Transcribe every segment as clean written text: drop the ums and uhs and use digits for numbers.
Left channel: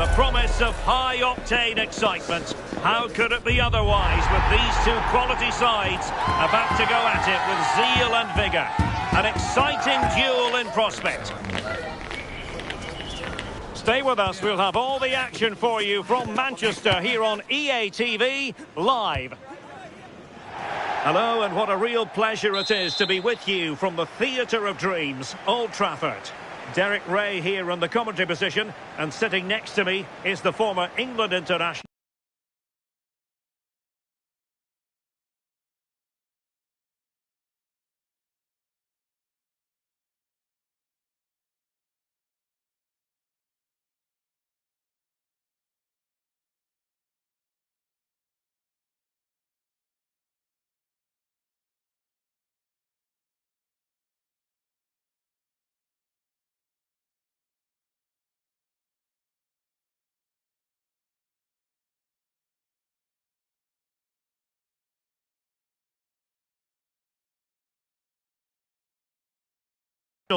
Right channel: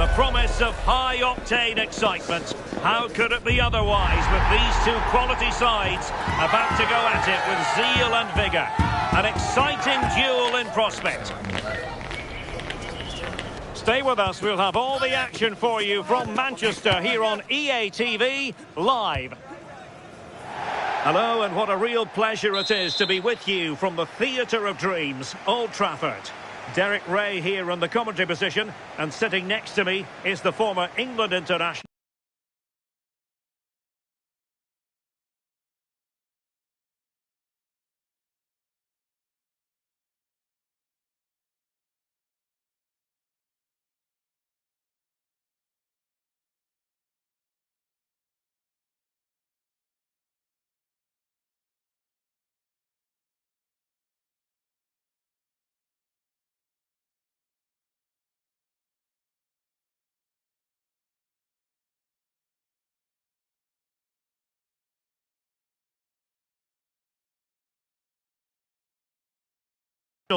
The promise of high-octane excitement. How could it be otherwise with these two quality sides about to go at it with zeal and vigour? An exciting duel in prospect. Stay with us, we'll have all the action for you from Manchester here on EA TV Live. Hello, and what a real pleasure it is to be with you from the Theatre of Dreams, Old Trafford. Derek Ray here in the commentary position, and sitting next to me is the former England international.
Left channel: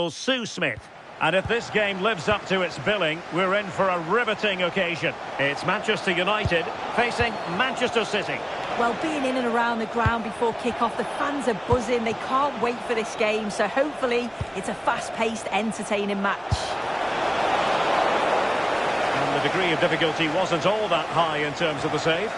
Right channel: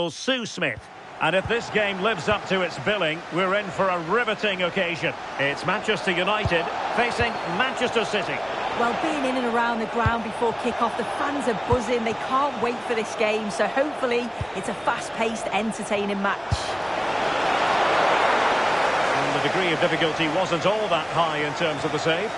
Sue Smith. And if this game lives up to its billing, we're in for a riveting occasion. It's Manchester United facing Manchester City. Well, being in and around the ground before kick-off, the fans are buzzing. They can't wait for this game, so hopefully it's a fast-paced, entertaining match. And the degree of difficulty wasn't all that high in terms of the save.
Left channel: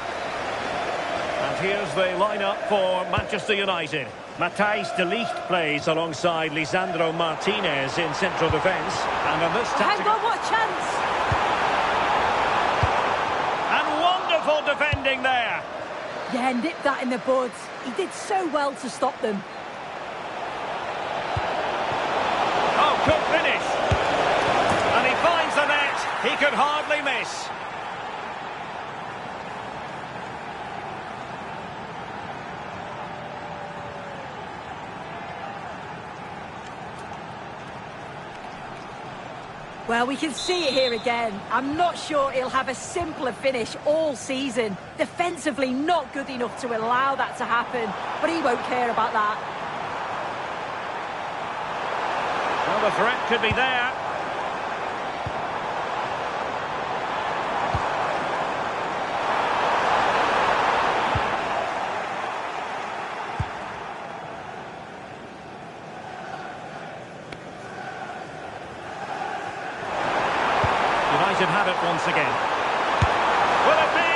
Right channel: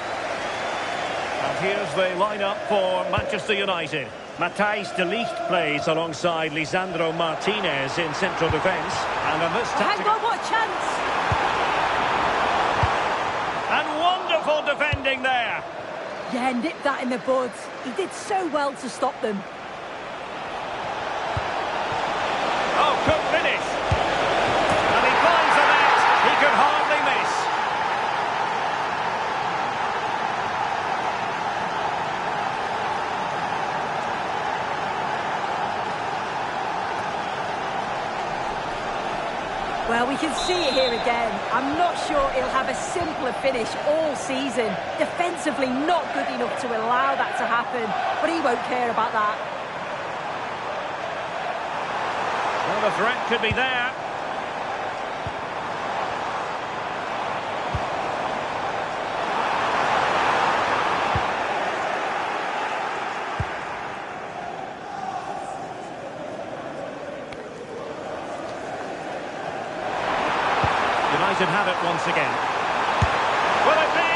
And here's the lineup for Manchester United. Matthijs de Ligt plays alongside Lisandro Martinez in central defence. And in this tactical... Hang on, what a chance! And wonderful defending there. Yeah, nipped that in the bud. He did so well to stop them. Oh, good finish. And he finds the net. He could hardly miss. Well, we can see it here again. I'm not sure he'll have a simpler finish all season. Defensively, not good enough to allow that to happen, but he won't care about that. Well, the threat could be there. United have it once again. Will it be?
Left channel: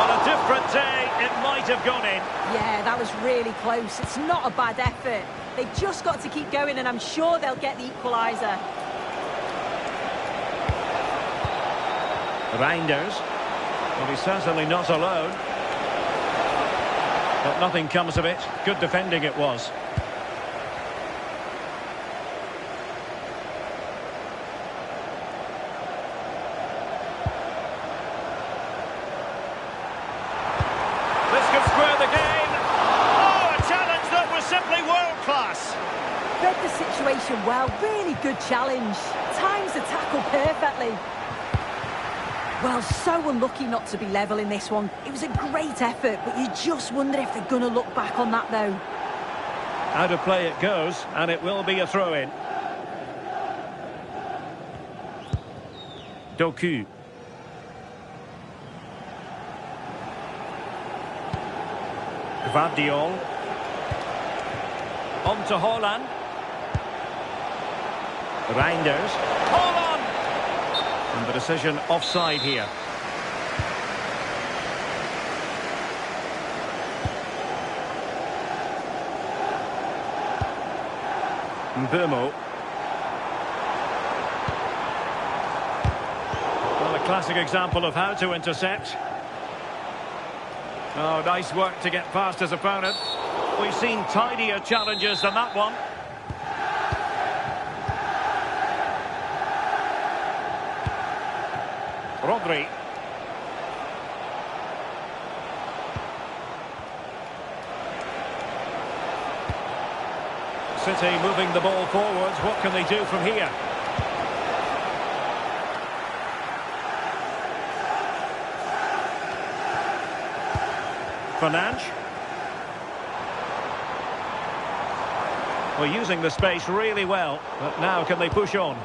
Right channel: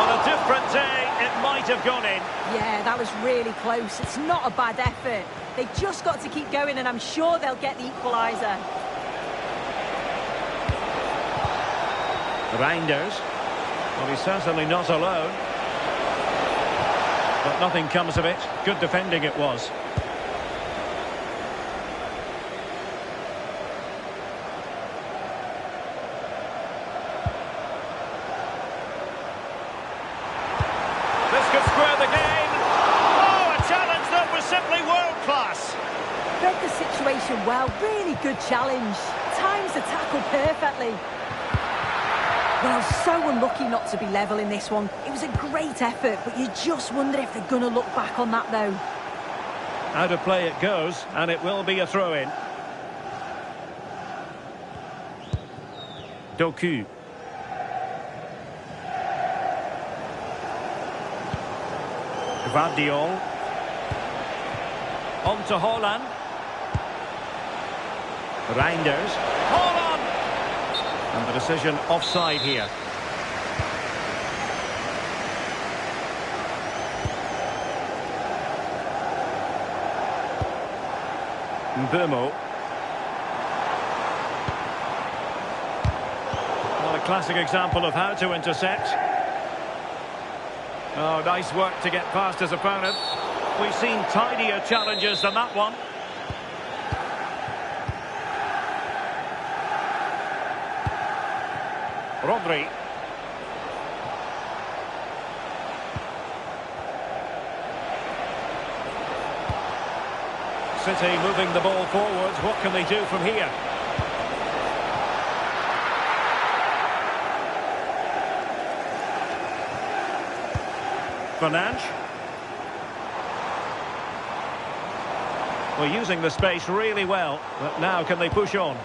On a different day, it might have gone in. Yeah, that was really close. It's not a bad effort. They've just got to keep going, and I'm sure they'll get the equaliser. Reinders. Well, he's certainly not alone. But nothing comes of it. Good defending it was. This could square the game. Oh, a challenge that was simply world-class. Read the situation well. Really good challenge. Times the tackle perfectly. Well, so unlucky not to be level in this one. It was a great effort, but you just wonder if they're going to look back on that, though. Out of play it goes, and it will be a throw-in. Doku. Gvardiol. On to Haaland. Reinders. Haaland! And the decision offside here. Mbeumo. Well, a classic example of how to intercept. Oh, nice work to get past his opponent. We've seen tidier challenges than that one. Rodri. City moving the ball forwards. What can they do from here? Fernandes. Well, using the space really well, but now can they push on?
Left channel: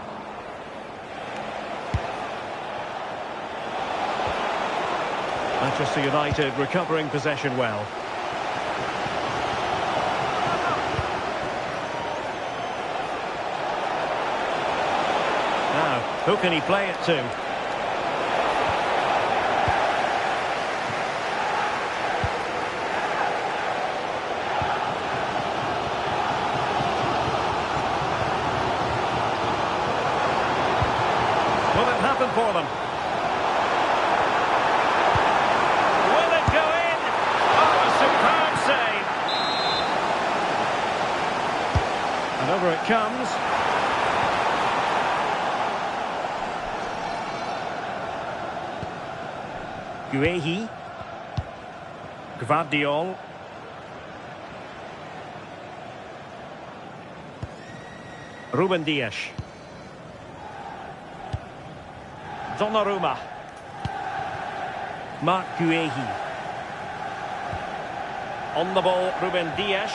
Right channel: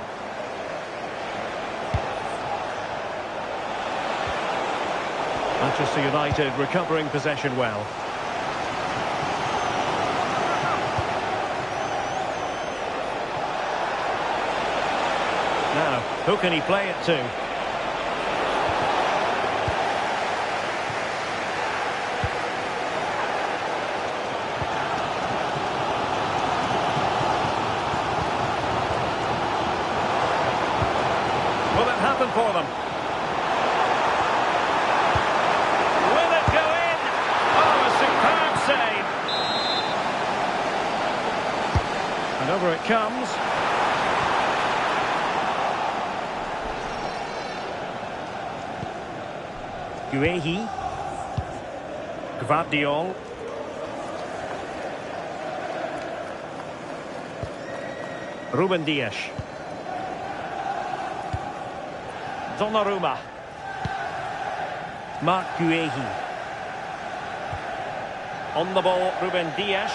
Manchester United recovering possession well. Now, who can he play it to? Will it happen for them? Will it go in? Oh, a superb save. And over it comes. Guehi. Gvardiol. Ruben Dias. Donnarumma. Marc Guehi. On the ball, Ruben Dias.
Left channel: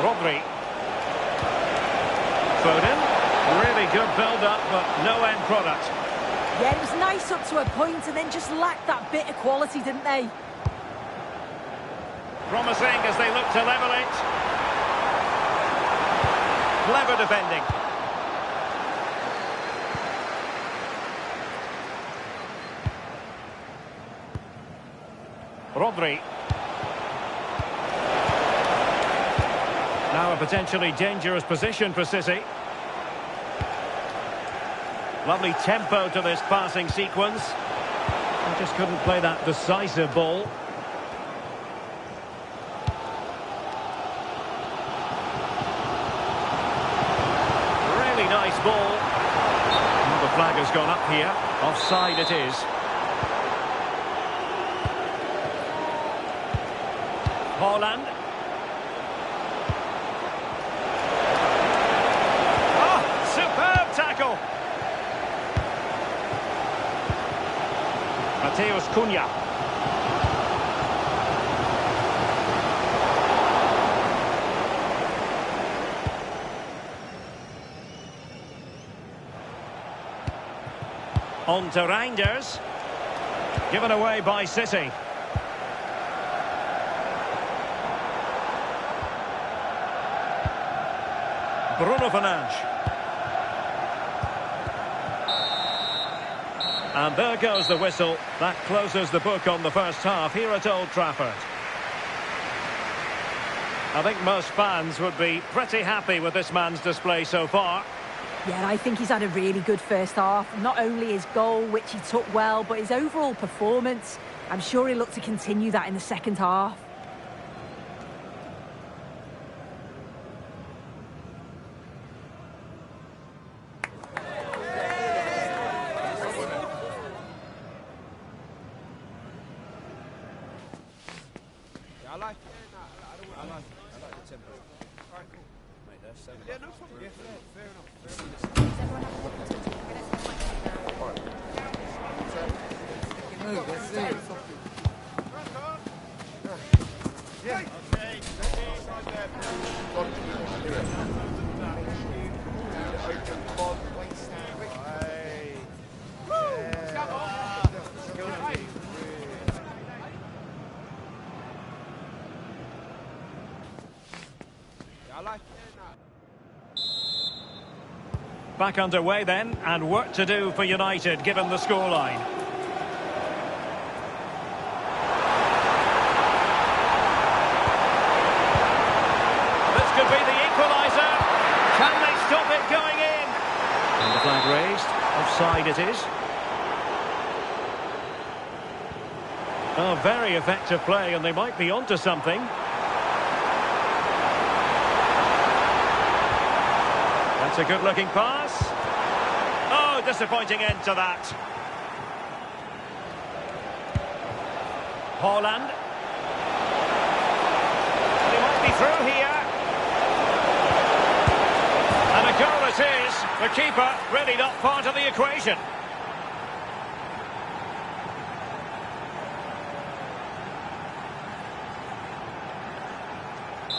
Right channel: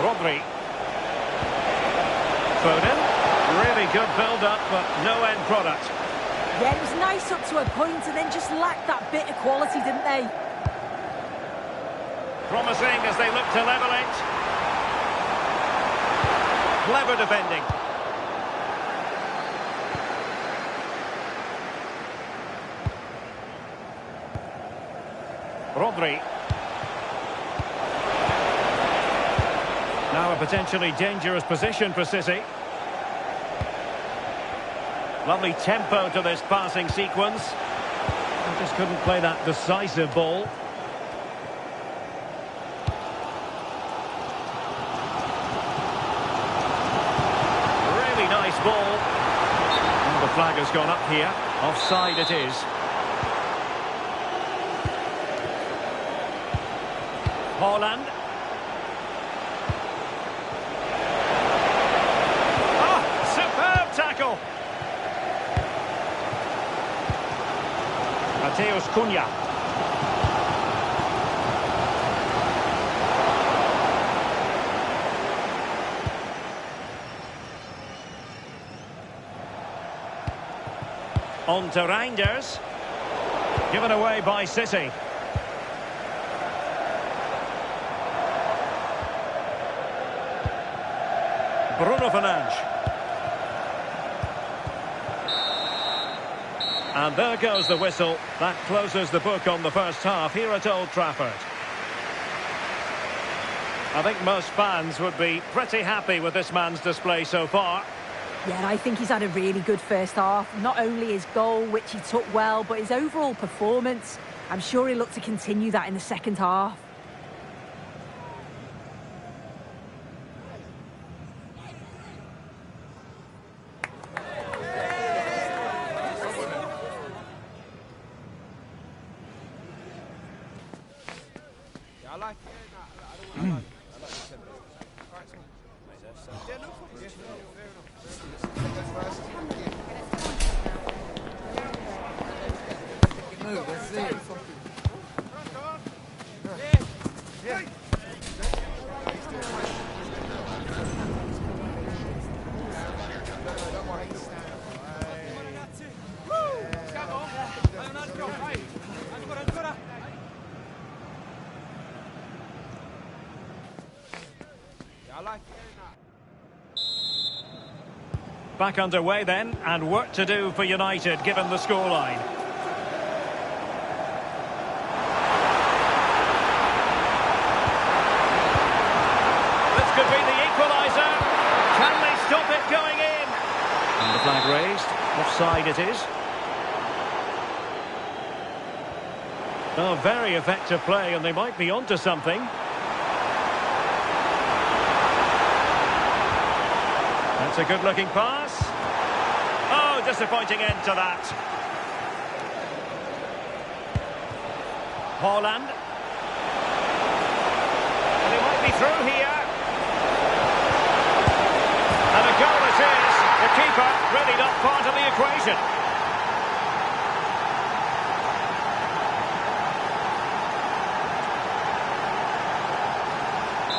Rodri. Foden. Really good build-up, but no end product. Yeah, it was nice up to a point and then just lacked that bit of quality, didn't they? Promising as they look to level it. Clever defending. Rodri. Now a potentially dangerous position for City. Lovely tempo to this passing sequence. I just couldn't play that decisive ball. Really nice ball. And the flag has gone up here. Offside it is. Haaland. Oh, superb tackle. Mateus Cunha. On to Reinders. Given away by City. Bruno Fernandes. And there goes the whistle. That closes the book on the first half here at Old Trafford. I think most fans would be pretty happy with this man's display so far. Yeah, I think he's had a really good first half. Not only his goal, which he took well, but his overall performance. I'm sure he'll look to continue that in the second half. I like it. I like the tempo. All right, cool. Mate, that's yeah, no problem. Yeah, fair enough. Move, let's see. Yeah. Back underway then, and work to do for United given the scoreline. This could be the equaliser. Can they stop it going in? And the flag raised. Offside it is. Oh, very effective play, and they might be onto something. That's a good-looking pass. Oh, disappointing end to that. Haaland. And he might be through here. And a goal it is. The keeper really not part of the equation.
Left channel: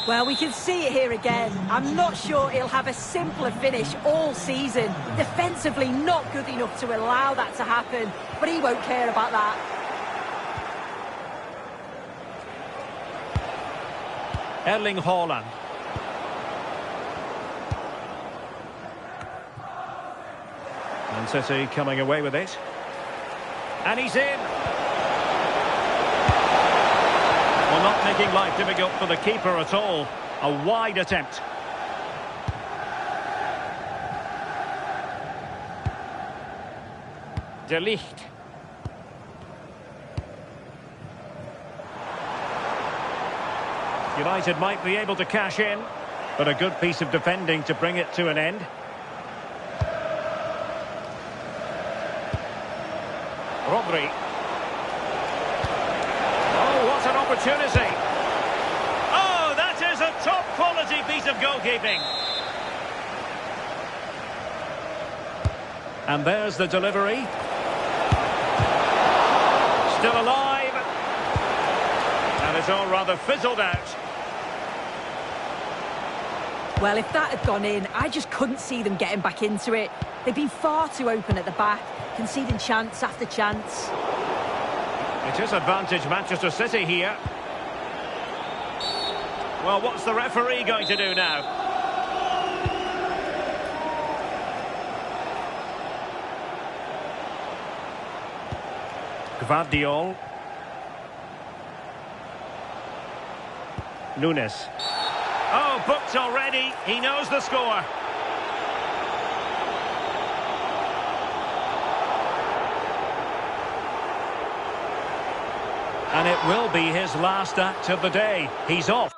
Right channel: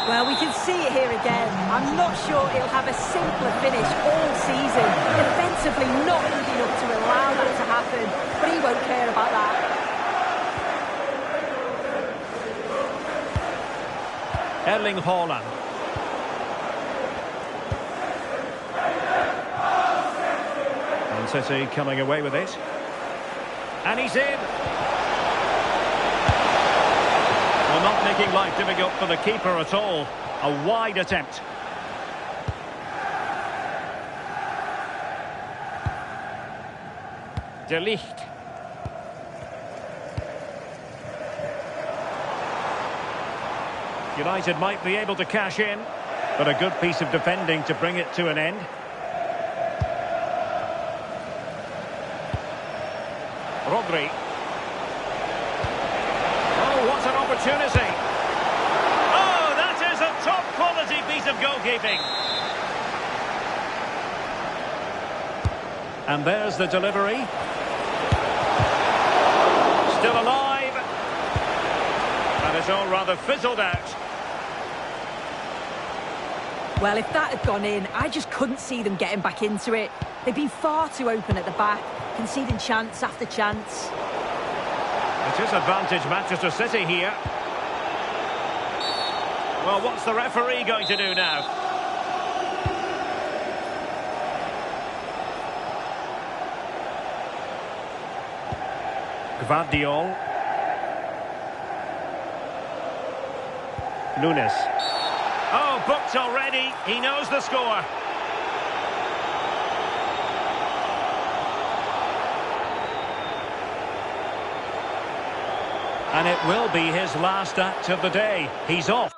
Well, we can see it here again. I'm not sure he'll have a simpler finish all season. Defensively not good enough to allow that to happen, but he won't care about that. Erling Haaland. And City coming away with it. And he's in. Well, not making life difficult for the keeper at all. A wide attempt. De Ligt. United might be able to cash in, but a good piece of defending to bring it to an end. Rodri. Oh, what an opportunity. Oh, that is a top-quality piece of goalkeeping. And there's the delivery. Still alive. And it's all rather fizzled out. Well, if that had gone in, I just couldn't see them getting back into it. They've been far too open at the back, conceding chance after chance. It is advantage Manchester City here. Well, what's the referee going to do now? Gvardiol. Nunes. Oh, booked already. He knows the score. And it will be his last act of the day. He's off.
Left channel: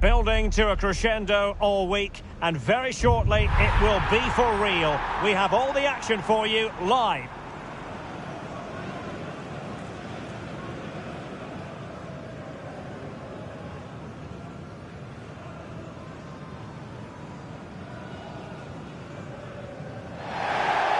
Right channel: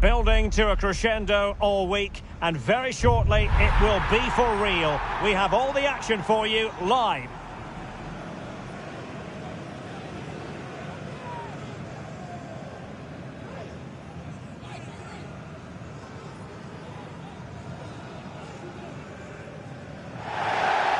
Building to a crescendo all week, and very shortly it will be for real. We have all the action for you live.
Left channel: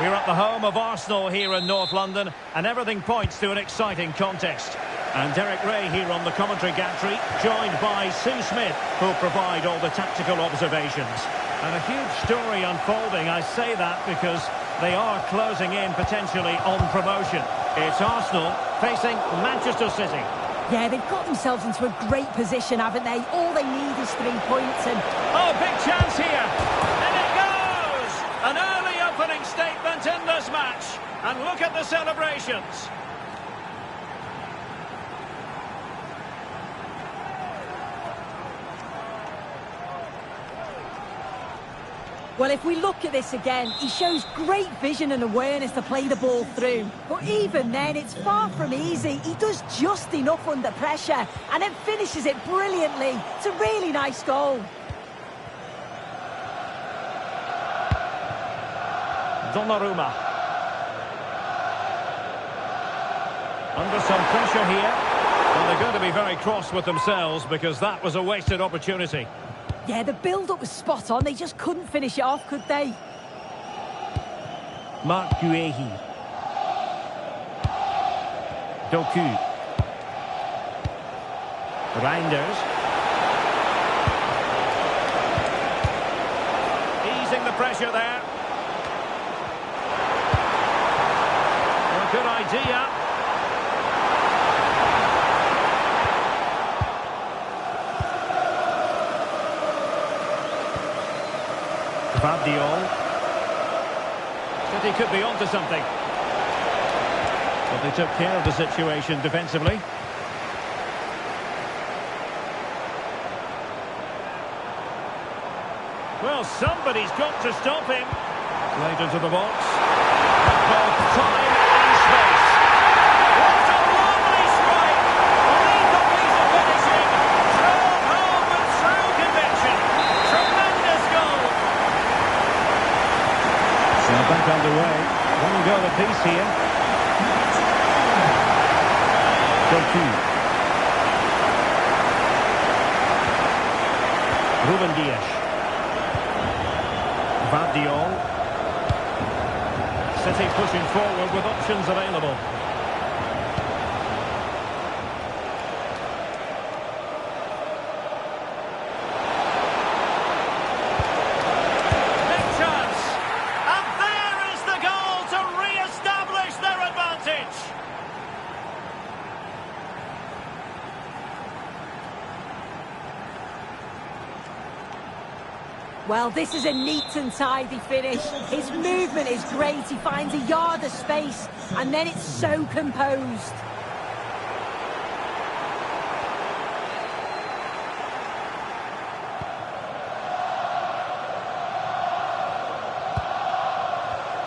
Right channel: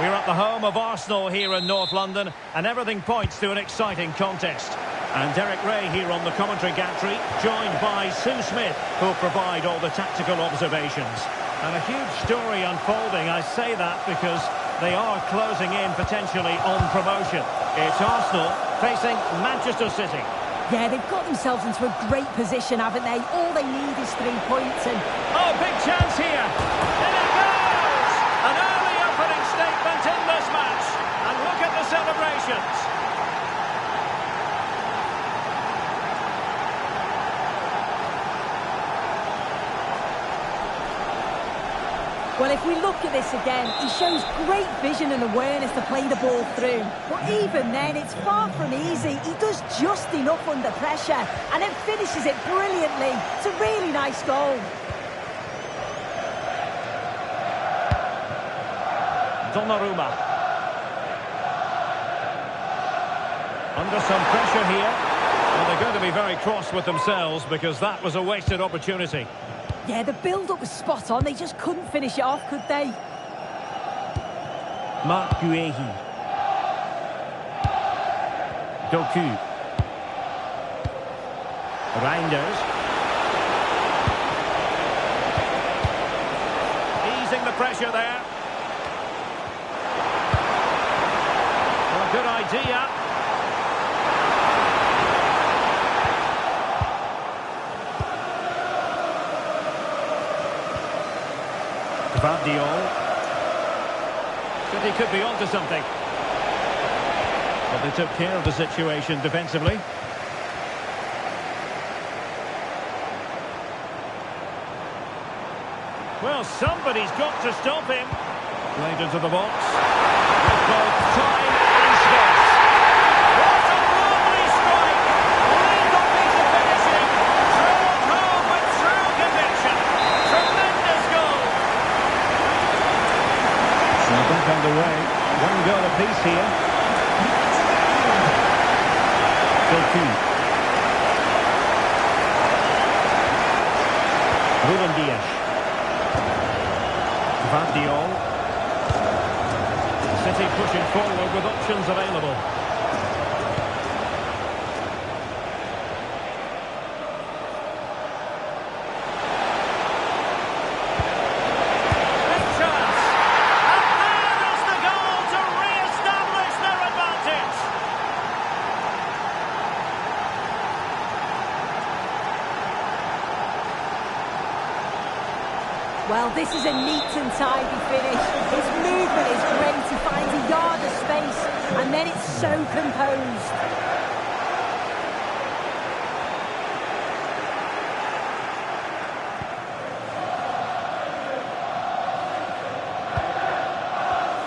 We're at the home of Arsenal here in North London, and everything points to an exciting contest. And Derek Ray here on the commentary gantry, joined by Sue Smith, who'll provide all the tactical observations. And a huge story unfolding. I say that because they are closing in potentially on promotion. It's Arsenal facing Manchester City. Yeah, they've got themselves into a great position, haven't they? All they need is 3 points and... Oh, big chance here! And it goes! An early opening statement in this match. And look at the celebrations. Well, if we look at this again, he shows great vision and awareness to play the ball through. But even then, it's far from easy. He does just enough under pressure and then finishes it brilliantly. It's a really nice goal. Donnarumma. Under some pressure here. Well, they're going to be very cross with themselves because that was a wasted opportunity. Yeah, the build-up was spot on. They just couldn't finish it off, could they? Marc Guéhi. Doku. Reinders. Easing the pressure there. Well, good idea. Gvardiol. City could be onto something. But they took care of the situation defensively. Well, somebody's got to stop him. Played into the box. With both time and space. What a lovely strike! Lethal piece of finishing. Drove home with Well, back underway. One goal apiece here. Doku. Ruben Dias. Gvardiol. City pushing forward with options available. Big chance. And there is the goal to re-establish their advantage. Well, this is a neat and tidy finish. His movement is great. He finds a yard of space, and then it's so composed.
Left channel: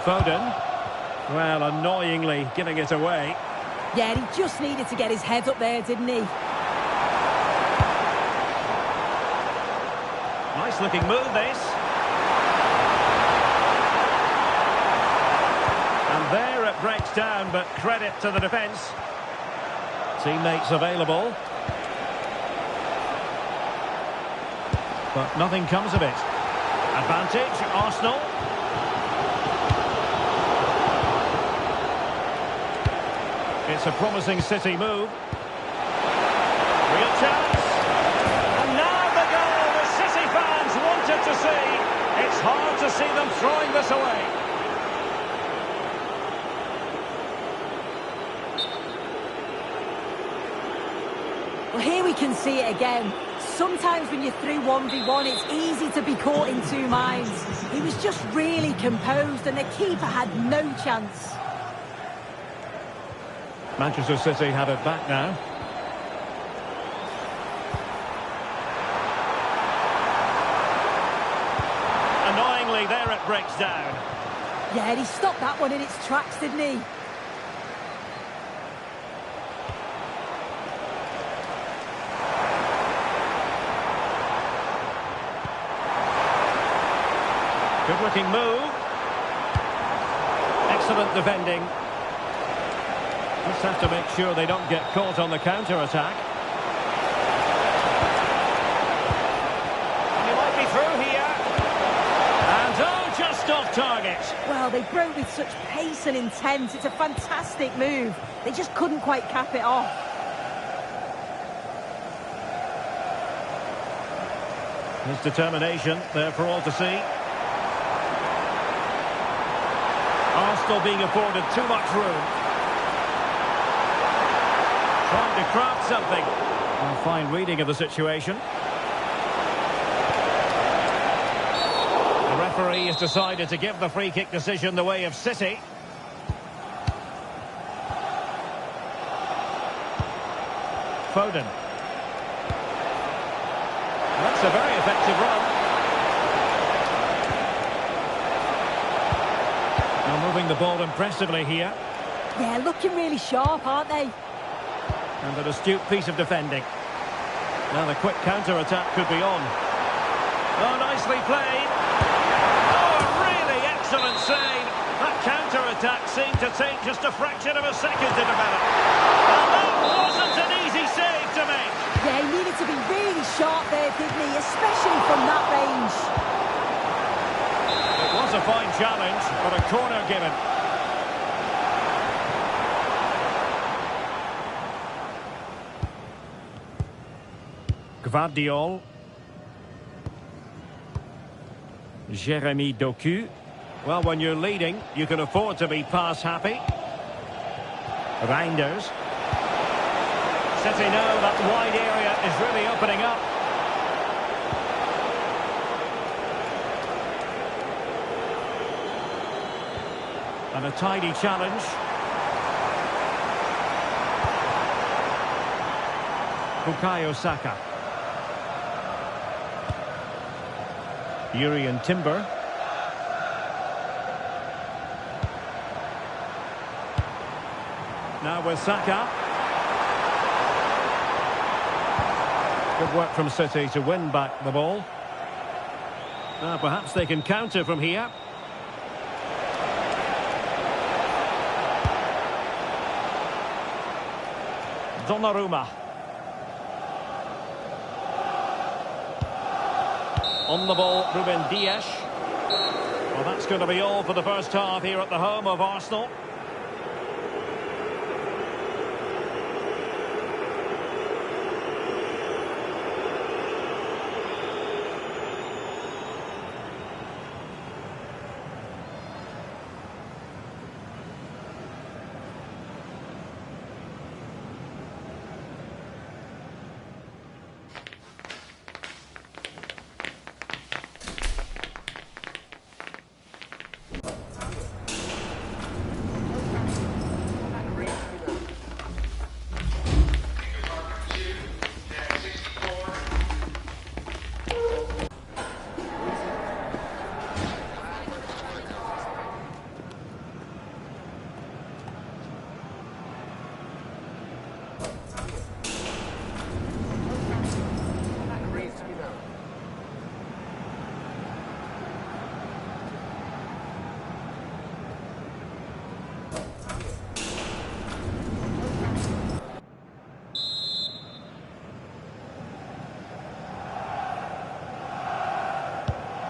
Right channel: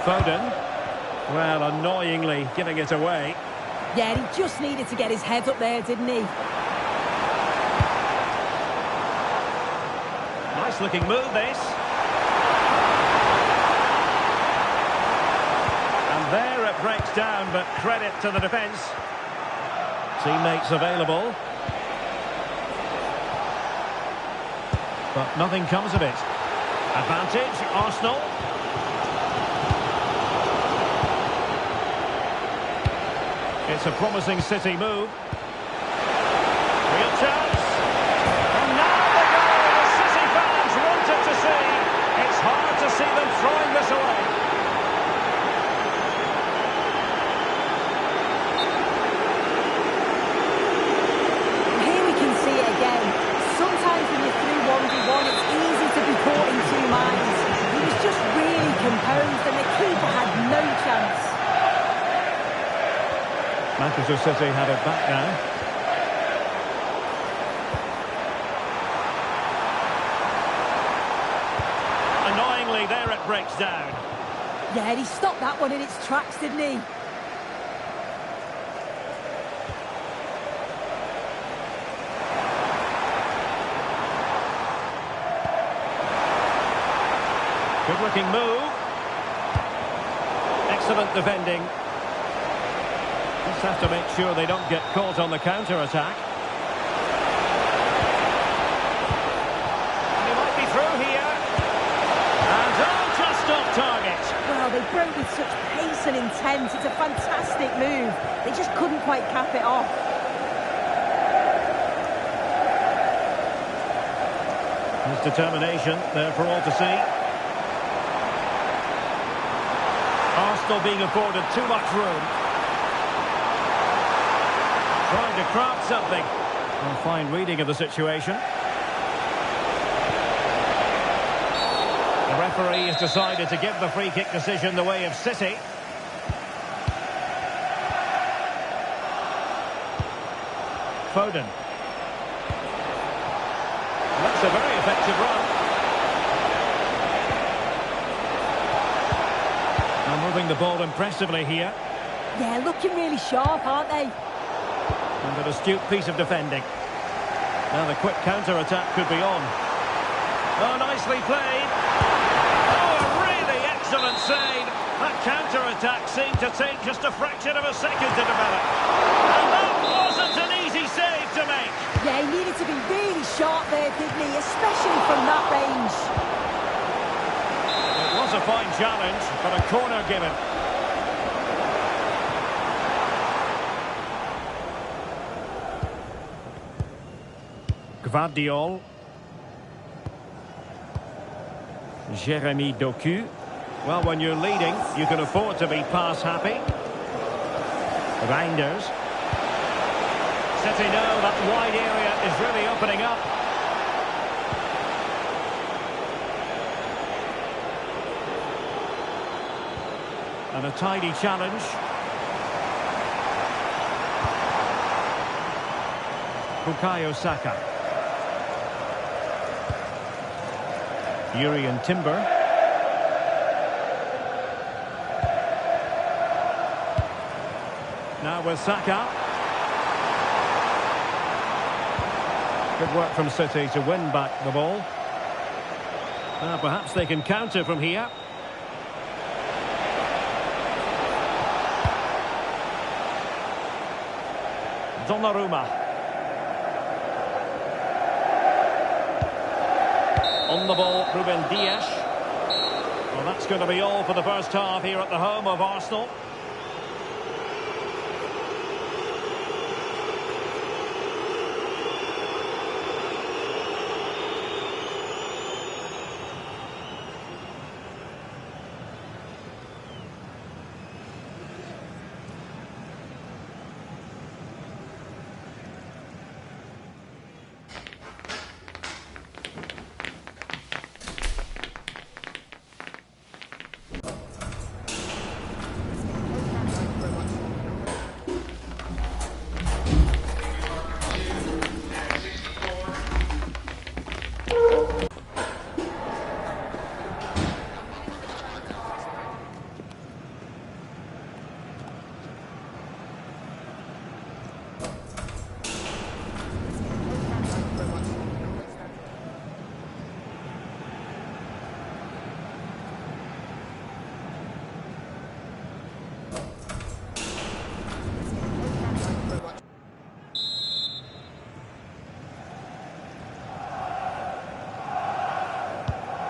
Foden. Well, annoyingly giving it away. Yeah, he just needed to get his head up there, didn't he? Nice looking move, this. And there it breaks down, but credit to the defence. Teammates available. But nothing comes of it. Advantage, Arsenal. It's a promising City move. Real chance. And now the goal the City fans wanted to see. It's hard to see them throwing this away. Well, here we can see it again. Sometimes when you're through 1v1, it's easy to be caught in two minds. He was just really composed, and the keeper had no chance. Manchester City have it back now. Annoyingly, there it breaks down. Yeah, he stopped that one in its tracks, didn't he? Good-looking move. Excellent defending. Just have to make sure they don't get caught on the counter-attack. And he might be through here. And oh, just off target. Well, they broke with such pace and intent. It's a fantastic move. They just couldn't quite cap it off. His determination there for all to see. Arsenal being afforded too much room. Trying to craft something. A fine reading of the situation. The referee has decided to give the free kick decision the way of City. Foden. That's a very effective run. Now moving the ball impressively here. Yeah, looking really sharp, aren't they? And an astute piece of defending. Now the quick counter-attack could be on. Oh, nicely played. Oh, a really excellent save. That counter-attack seemed to take just a fraction of a second to develop. And that wasn't an easy save to make. Yeah, he needed to be really sharp there, didn't he? Especially from that range. It was a fine challenge, but a corner given. Gvardiol. Jeremy Doku. Well, when you're leading, you can afford to be pass happy. Reinders. City know that wide area is really opening up. And a tidy challenge. Bukayo Saka. Yuri and Timber. Now with Saka. Good work from City to win back the ball. Now perhaps they can counter from here. Donnarumma. On the ball, Ruben Dias. Well, that's going to be all for the first half here at the home of Arsenal.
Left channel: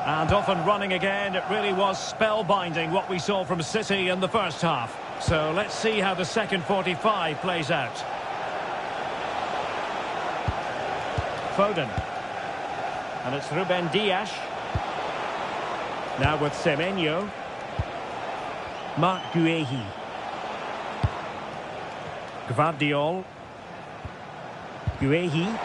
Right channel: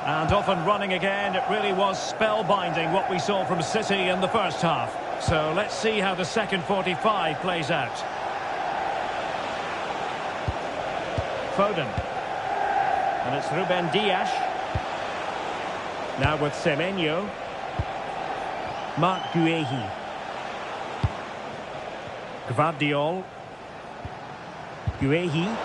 And off and running again. It really was spellbinding what we saw from City in the first half. So let's see how the second 45 plays out. Foden. And it's Ruben Dias. Now with Semenyo. Marc Guehi. Gvardiol. Guehi.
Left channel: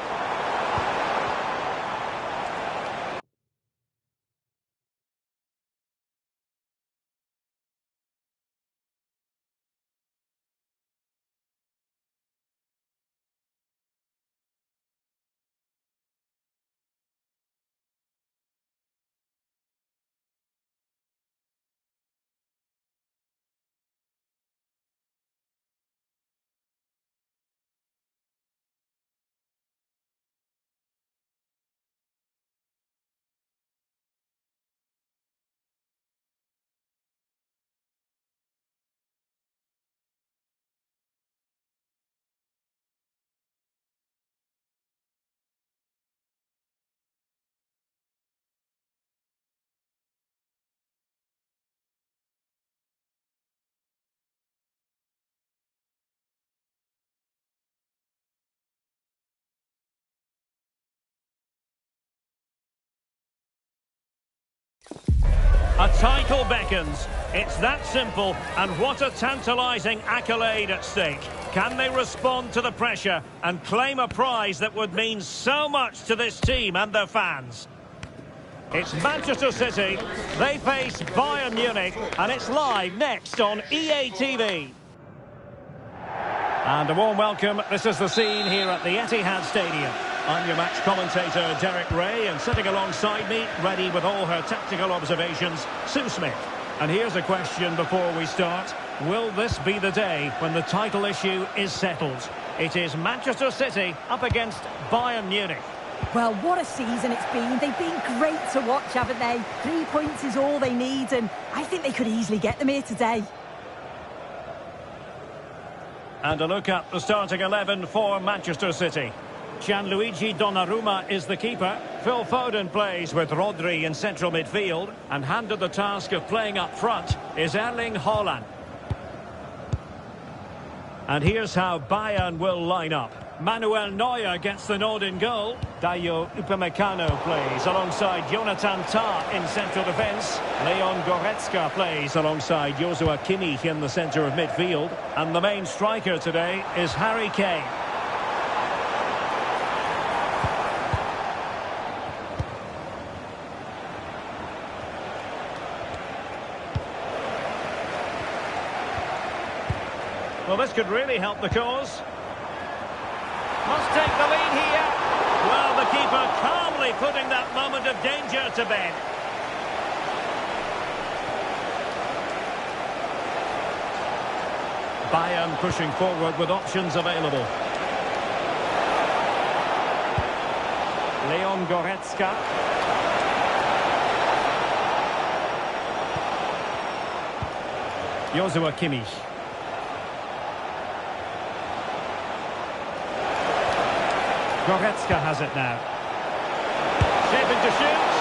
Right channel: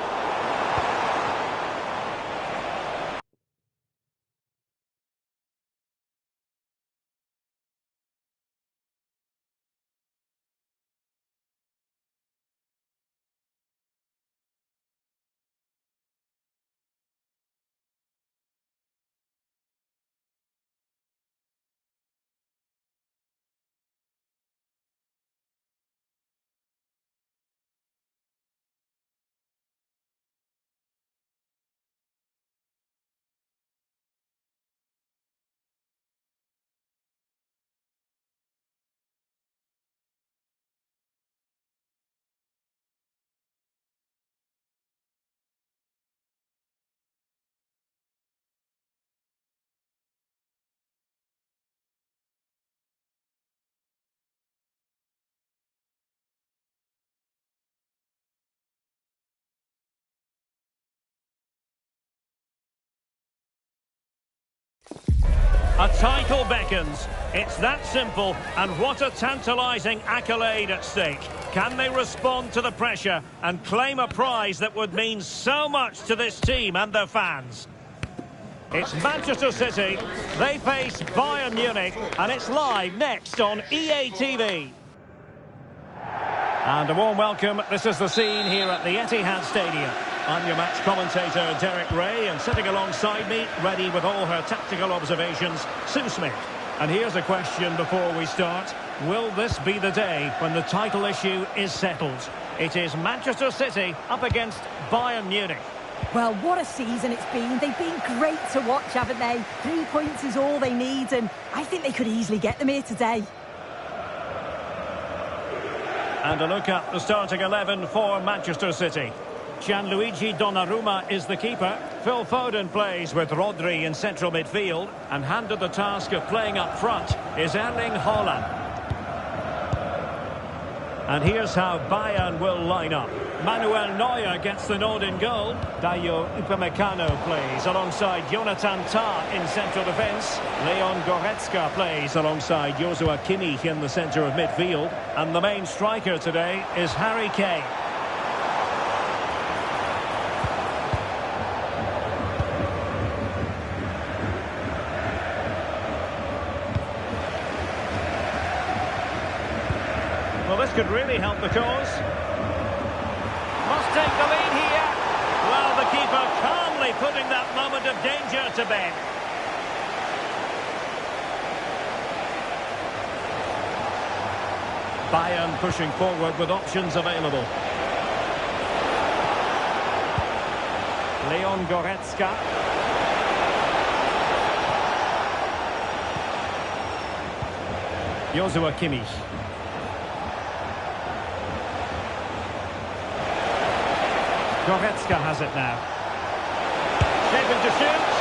A title beckons. It's that simple, and what a tantalising accolade at stake. Can they respond to the pressure and claim a prize that would mean so much to this team and their fans? It's Manchester City. They face Bayern Munich, and it's live next on EA TV. And a warm welcome. This is the scene here at the Etihad Stadium. I'm your match commentator, Derek Ray, and sitting alongside me, ready with all her tactical observations, Sue Smith. And here's a question before we start. Will this be the day when the title issue is settled? It is Manchester City up against Bayern Munich. Well, what a season it's been. They've been great to watch, haven't they? 3 points is all they need, and I think they could easily get them here today. And a look at the starting 11 for Manchester City. Gianluigi Donnarumma is the keeper. Phil Foden plays with Rodri in central midfield, and handed the task of playing up front is Erling Haaland. And here's how Bayern will line up. Manuel Neuer gets the nod in goal. Dayo Upamecano plays alongside Jonathan Tah in central defence. Leon Goretzka plays alongside Joshua Kimmich in the centre of midfield. And the main striker today is Harry Kane. Well, this could really help the cause. Must take the lead here. Well, the keeper calmly putting that moment of danger to bed. Bayern pushing forward with options available. Leon Goretzka. Joshua Kimmich. Goretzka has it now. Shaping to shoot.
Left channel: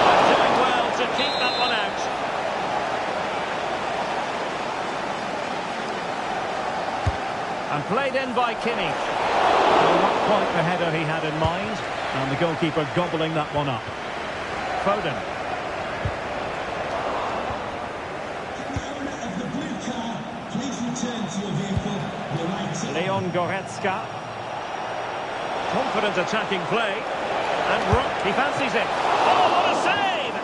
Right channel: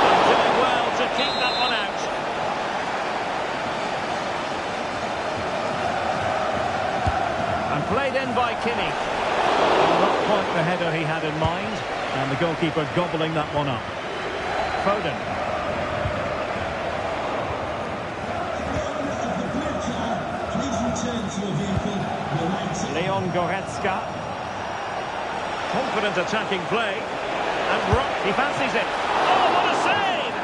And doing well to keep that one out. And played in by Kimmich. Well, not quite the header he had in mind. And the goalkeeper gobbling that one up. Foden. Leon Goretzka. Confident attacking play. And Rock, he fancies it. Oh, what a save!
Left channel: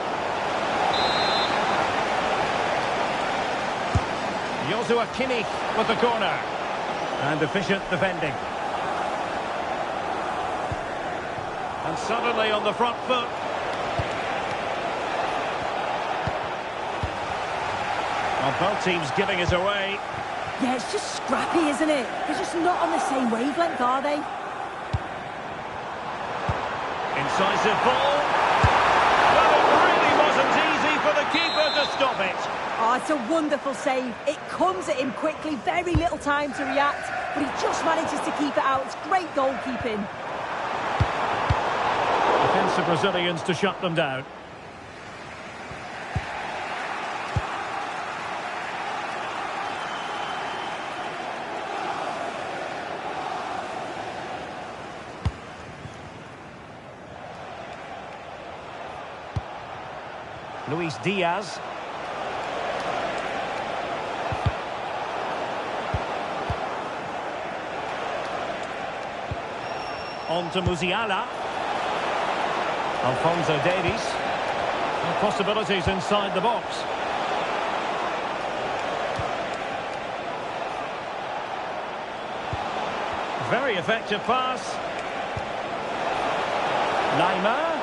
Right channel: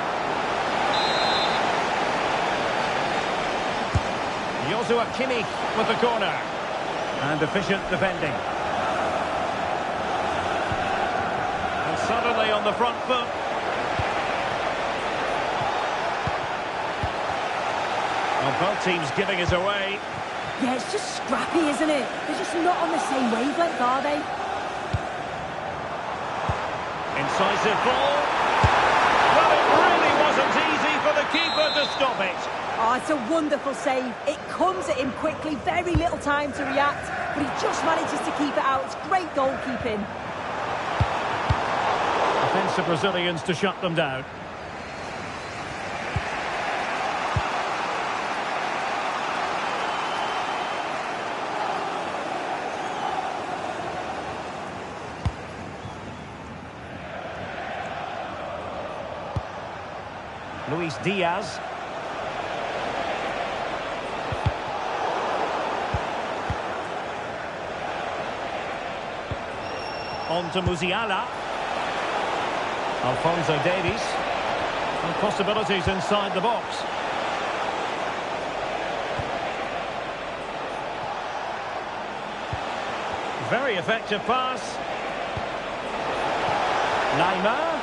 Joshua Kimmich with the corner. And efficient defending. And suddenly on the front foot. Well, both teams giving it away. Yeah, it's just scrappy, isn't it? They're just not on the same wavelength, are they? Incisive ball. Well, it really wasn't easy for the keeper to stop it. Oh, it's a wonderful save. It comes at him quickly, very little time to react, but he just manages to keep it out. It's great goalkeeping. Defensive Brazilians to shut them down. Luis Diaz. On to Musiala. Alphonso Davies. And possibilities inside the box. Very effective pass. Neymar.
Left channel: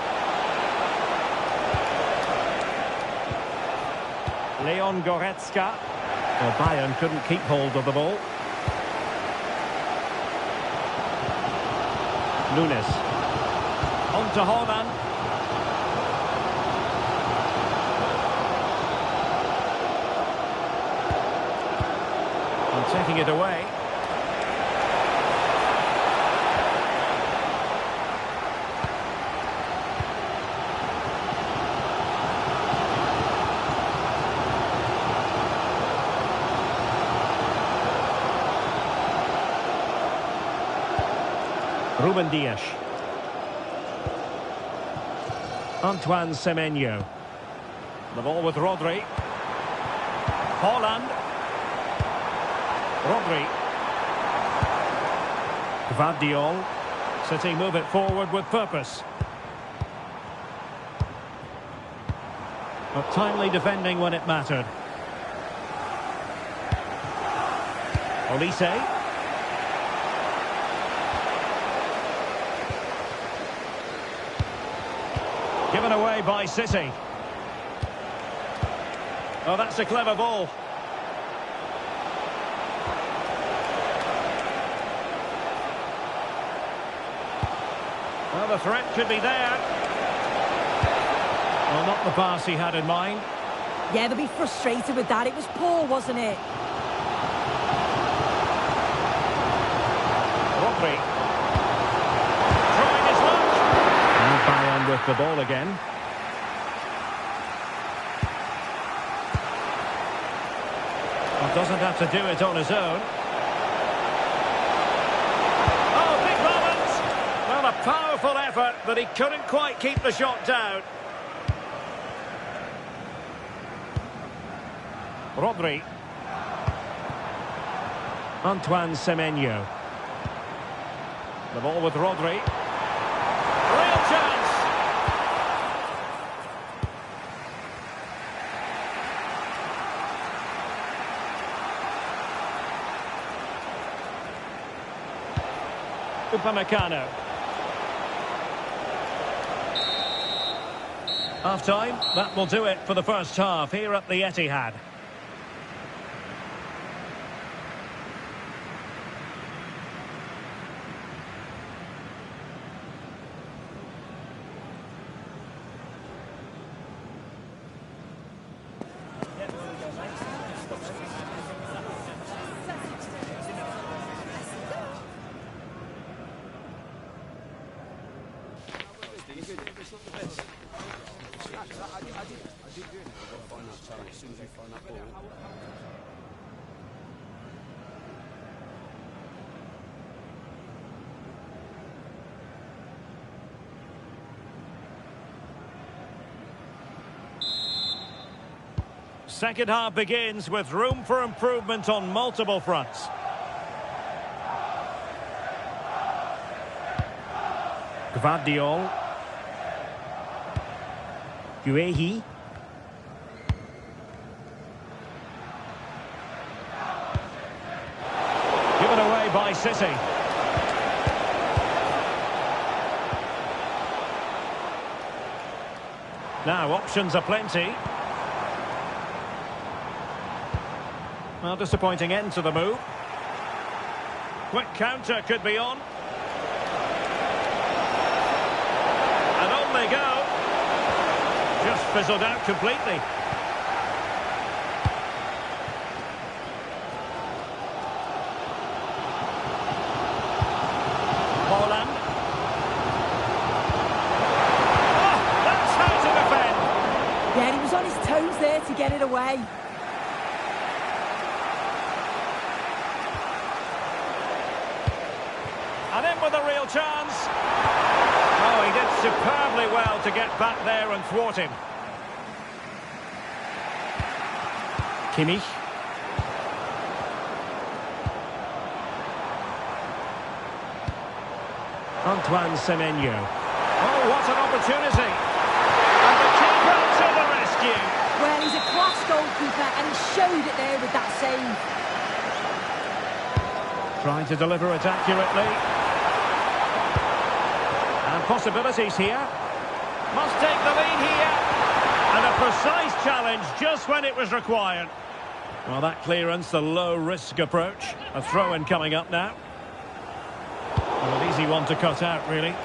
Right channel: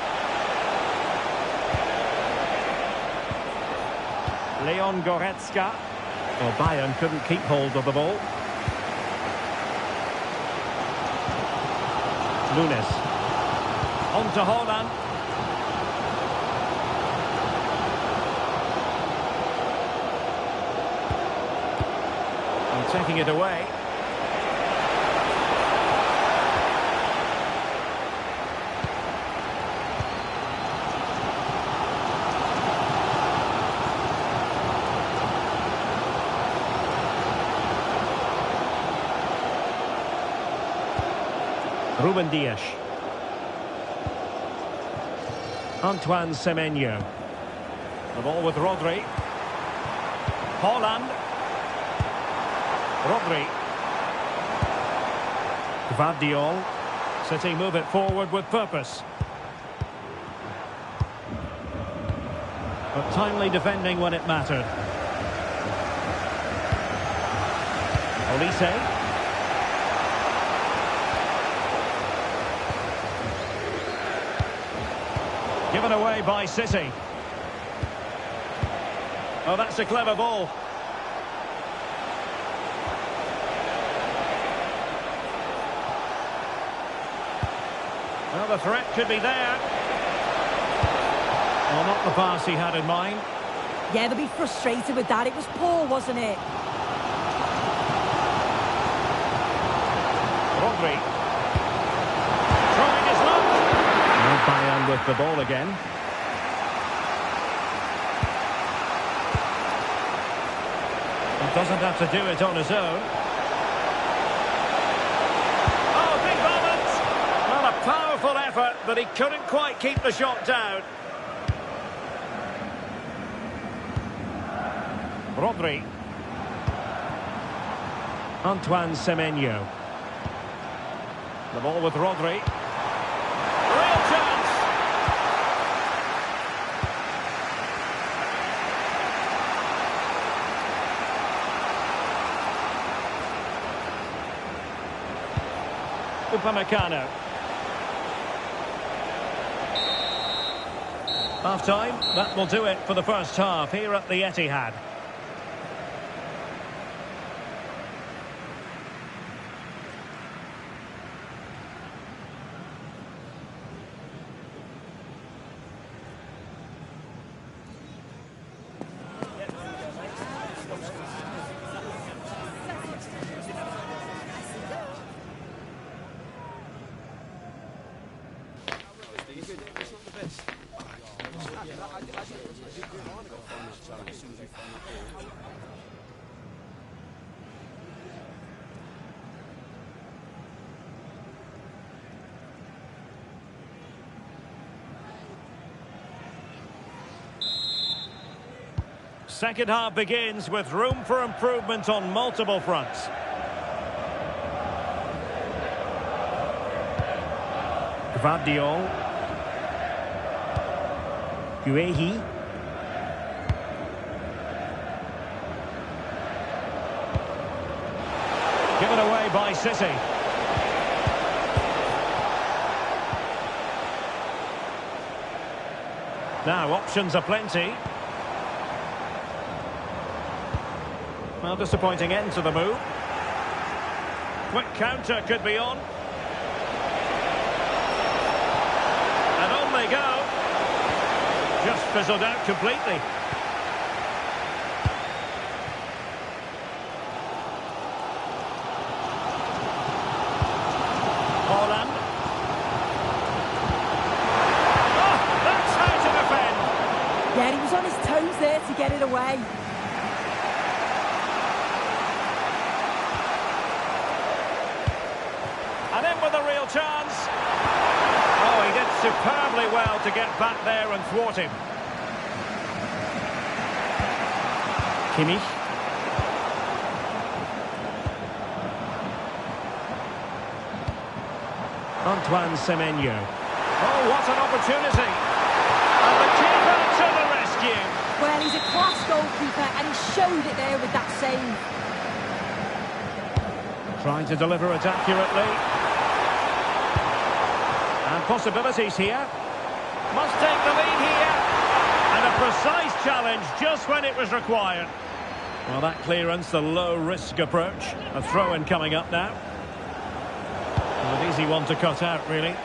Leon Goretzka. Well, Bayern couldn't keep hold of the ball. Nunes. On to Haaland. And taking it away. Ruben Dias. Antoine Semenyo. The ball with Rodri. Haaland. Rodri. Gvardiol. City move it forward with purpose. But timely defending when it mattered. Olise. Given away by City. Oh, that's a clever ball. Well, the threat could be there. Well, not the pass he had in mind. Yeah, they'll be frustrated with that. It was poor, wasn't it? Rodri. Trying his luck. Now Bayern with the ball again. Well, doesn't have to do it on his own. Oh, big moment. Well, a powerful effort, but he couldn't quite keep the shot down. Rodri. Antoine Semenyo. The ball with Rodri. Real chance. Upamecano. Half time. That will do it for the first half here at the Etihad. not the best. I did good. You've got to find that challenge. As soon as you find that ball. Second half begins with room for improvement on multiple fronts. Gvardiol. Guehi. Given away by City. Now options are plenty. Well, disappointing end to the move. Quick counter could be on. And on they go. Just fizzled out completely. Haaland. Oh, that's how to defend. Yeah, he was on his toes there to get it away. And in with a real chance. Oh, he did superbly well to get back there and thwart him. Kimmich. Antoine Semenyo. Oh, what an opportunity. And the keeper to the rescue. Well, he's a class goalkeeper and he showed it there with that save. Trying to deliver it accurately. And possibilities here. Must take the lead here. And a precise challenge just when it was required. Well, that clearance, the low-risk approach. A throw-in coming up now. Well, an easy one to cut out, really.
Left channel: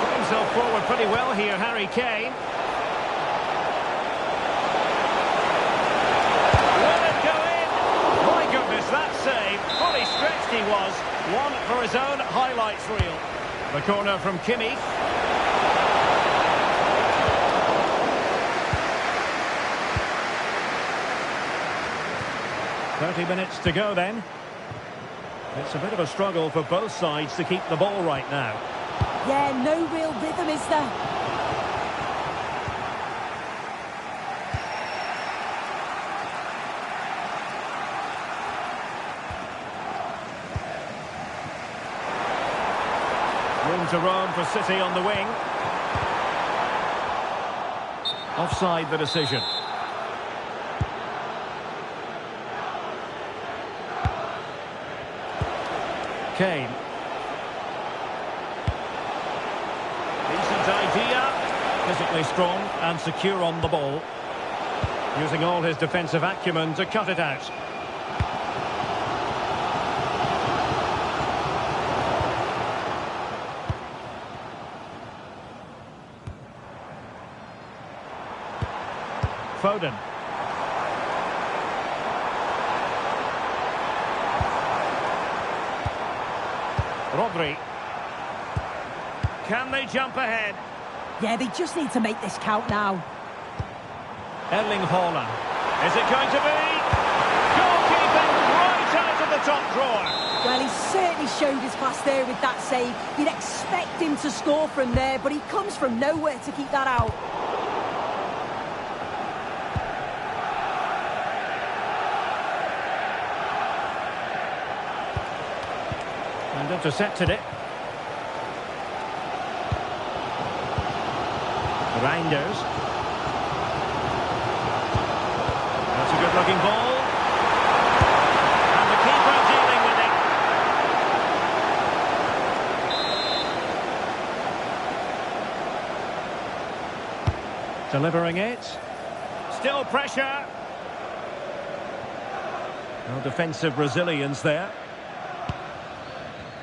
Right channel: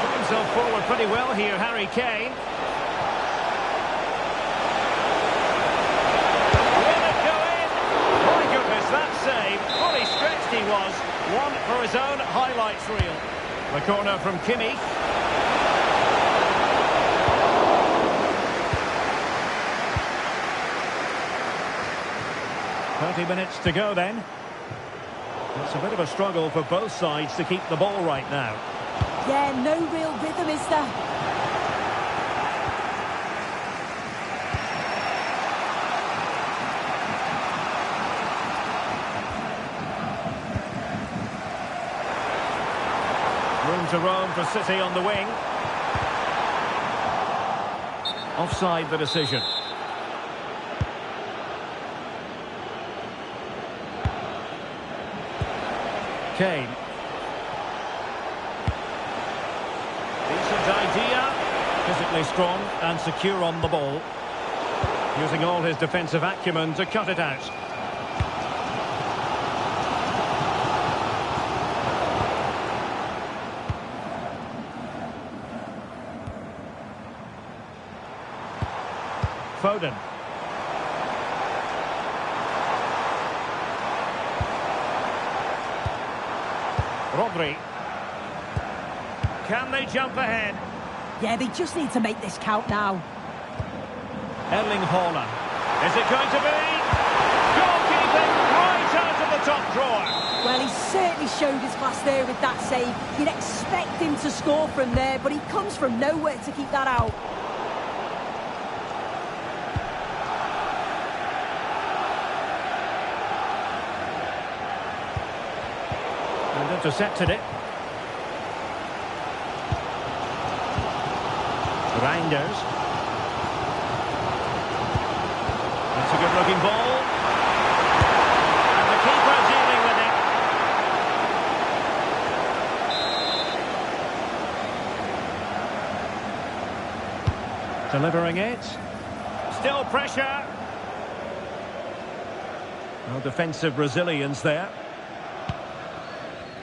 Put himself forward pretty well here, Harry Kane. Will it go in? My goodness, that save. Fully stretched he was. One for his own highlights reel. The corner from Kimmich. "30 minutes to go then. It's a bit of a struggle for both sides to keep the ball right now. Yeah, no real rhythm, is there? Room to roam for City on the wing. Offside the decision. Kane. Decent idea. Physically strong and secure on the ball. Using all his defensive acumen to cut it out. Foden. Rodri. Can they jump ahead? Yeah, they just need to make this count now. Erling Haaland. Is it going to be? Goalkeeping right out of the top drawer. Well, he certainly showed his class there with that save. You'd expect him to score from there, but he comes from nowhere to keep that out. And intercepted it. Reinders. That's a good-looking ball. And the keeper dealing with it. Delivering it. Still pressure. No defensive resilience there.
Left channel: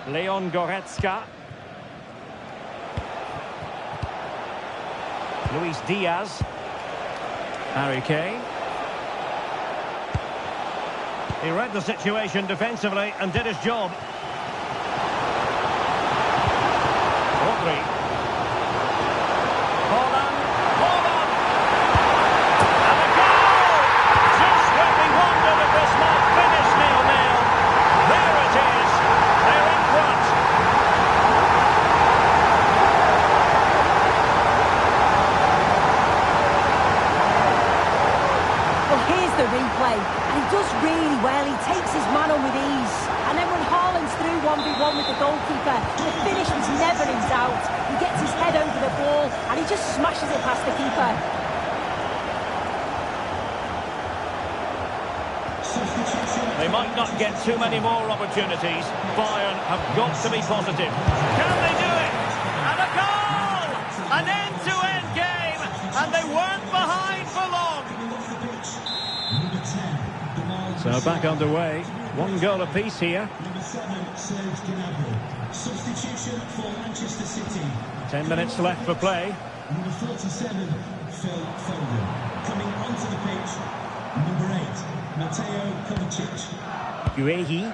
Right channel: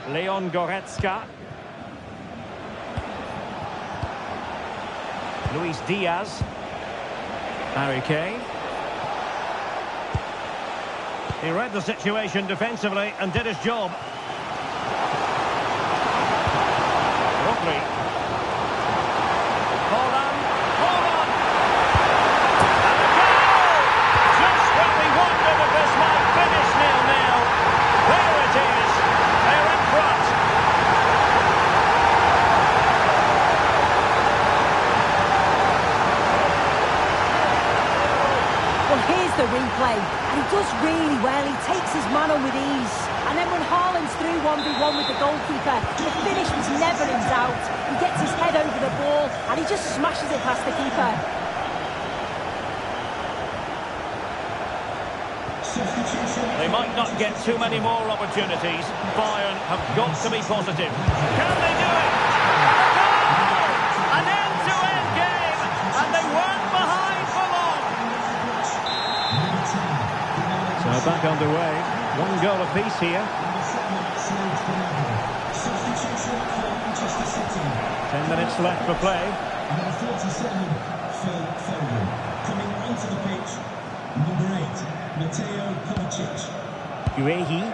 Leon Goretzka. Luis Diaz. Harry Kane. He read the situation defensively and did his job. Rodri. Haaland. Haaland! And a goal! Just when we wondered if this might finish 0-0. There it is. They're in front. Well, here's the replay, and he does really well. He takes his man on with ease. And then when Haaland's through 1v1 with the goalkeeper, the finish was never in doubt. He gets his head over the ball, and he just smashes it past the keeper. They might not get too many more opportunities. Bayern have got to be positive. Can they do it? And a goal! An end-to-end game, and they weren't behind for long. So back underway. 1 goal apiece here. Substitution for Manchester City. 10 minutes left for play. Number 47, Phil Foden. Coming onto the pitch, number 8, Mateo Kovacic. Guehi.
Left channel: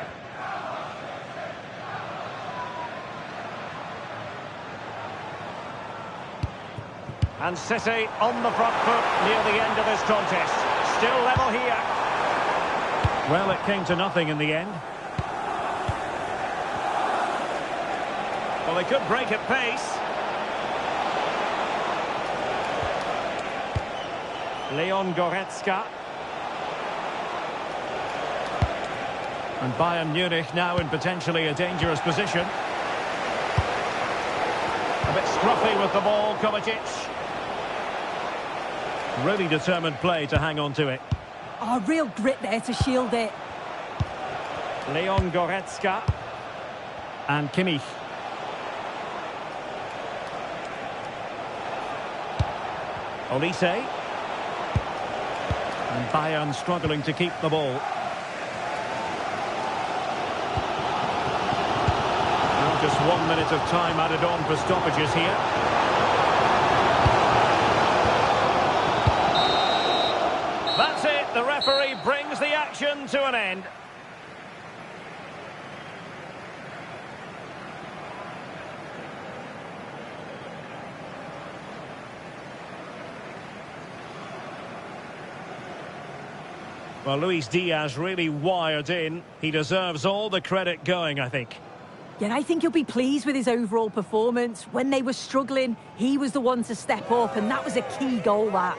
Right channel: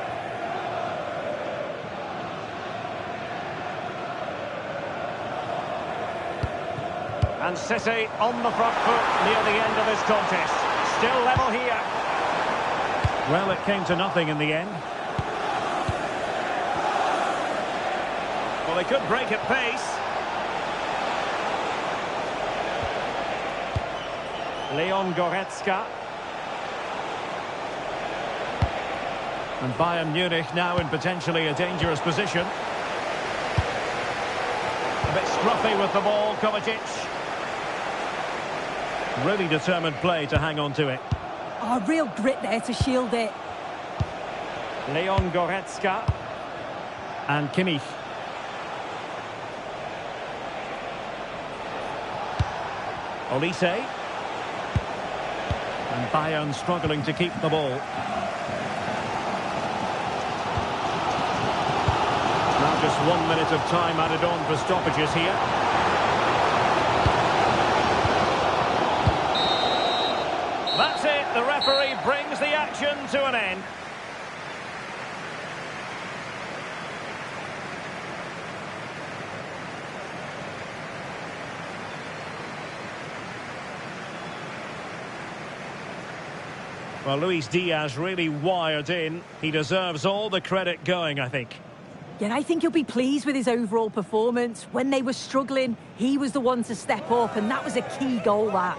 And City on the front foot near the end of this contest. Still level here. Well, it came to nothing in the end. Well, they could break at pace. Leon Goretzka. And Bayern Munich now in potentially a dangerous position. A bit scruffy with the ball, Kovacic. Really determined play to hang on to it. Oh, real grit there to shield it. Leon Goretzka. And Kimmich. Olise. And Bayern struggling to keep the ball. Now just 1 minute of time added on for stoppages here. That's it. The referee brings the action to an end. Well, Luis Diaz really wired in. He deserves all the credit going, I think. Yeah, I think he'll be pleased with his overall performance. When they were struggling, he was the one to step up, and that was a key goal, that.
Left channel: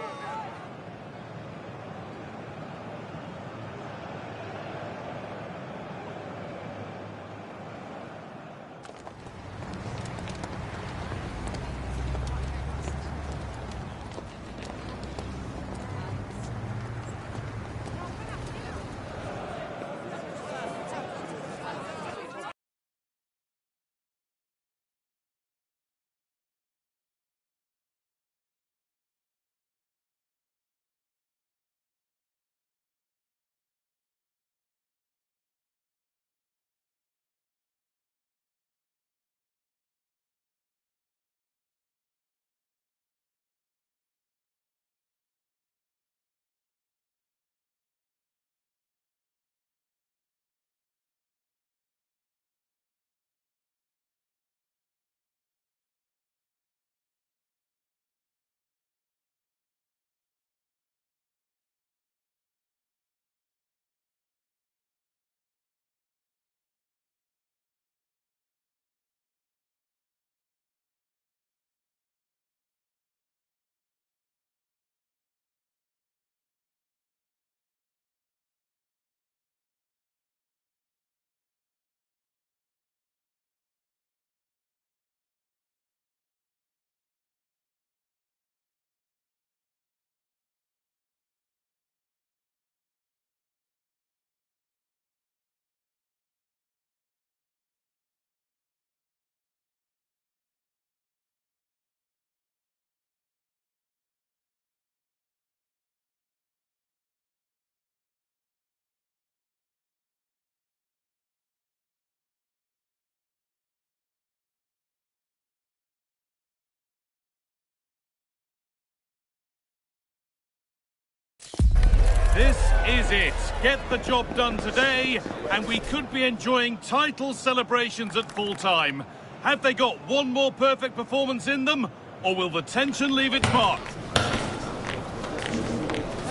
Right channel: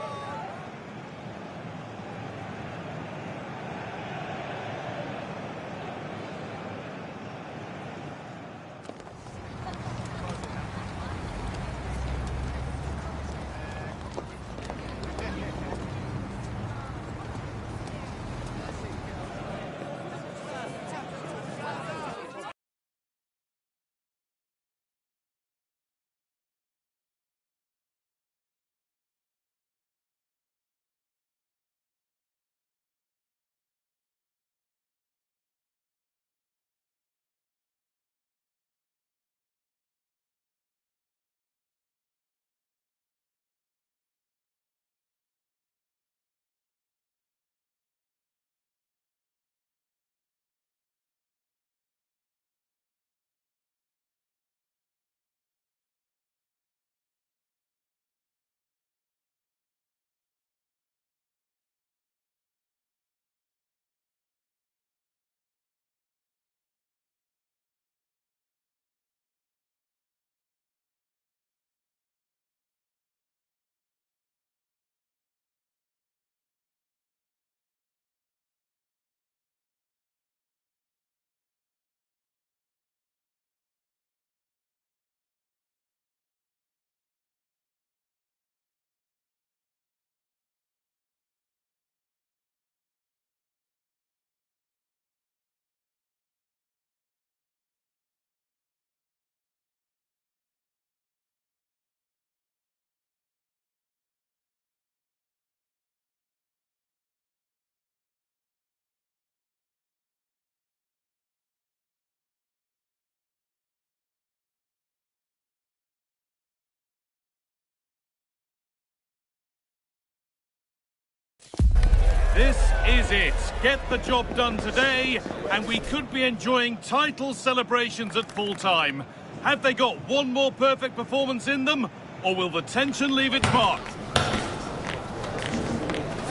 This is it. Get the job done today, and we could be enjoying title celebrations at full time. Have they got one more perfect performance in them, or will the tension leave its mark?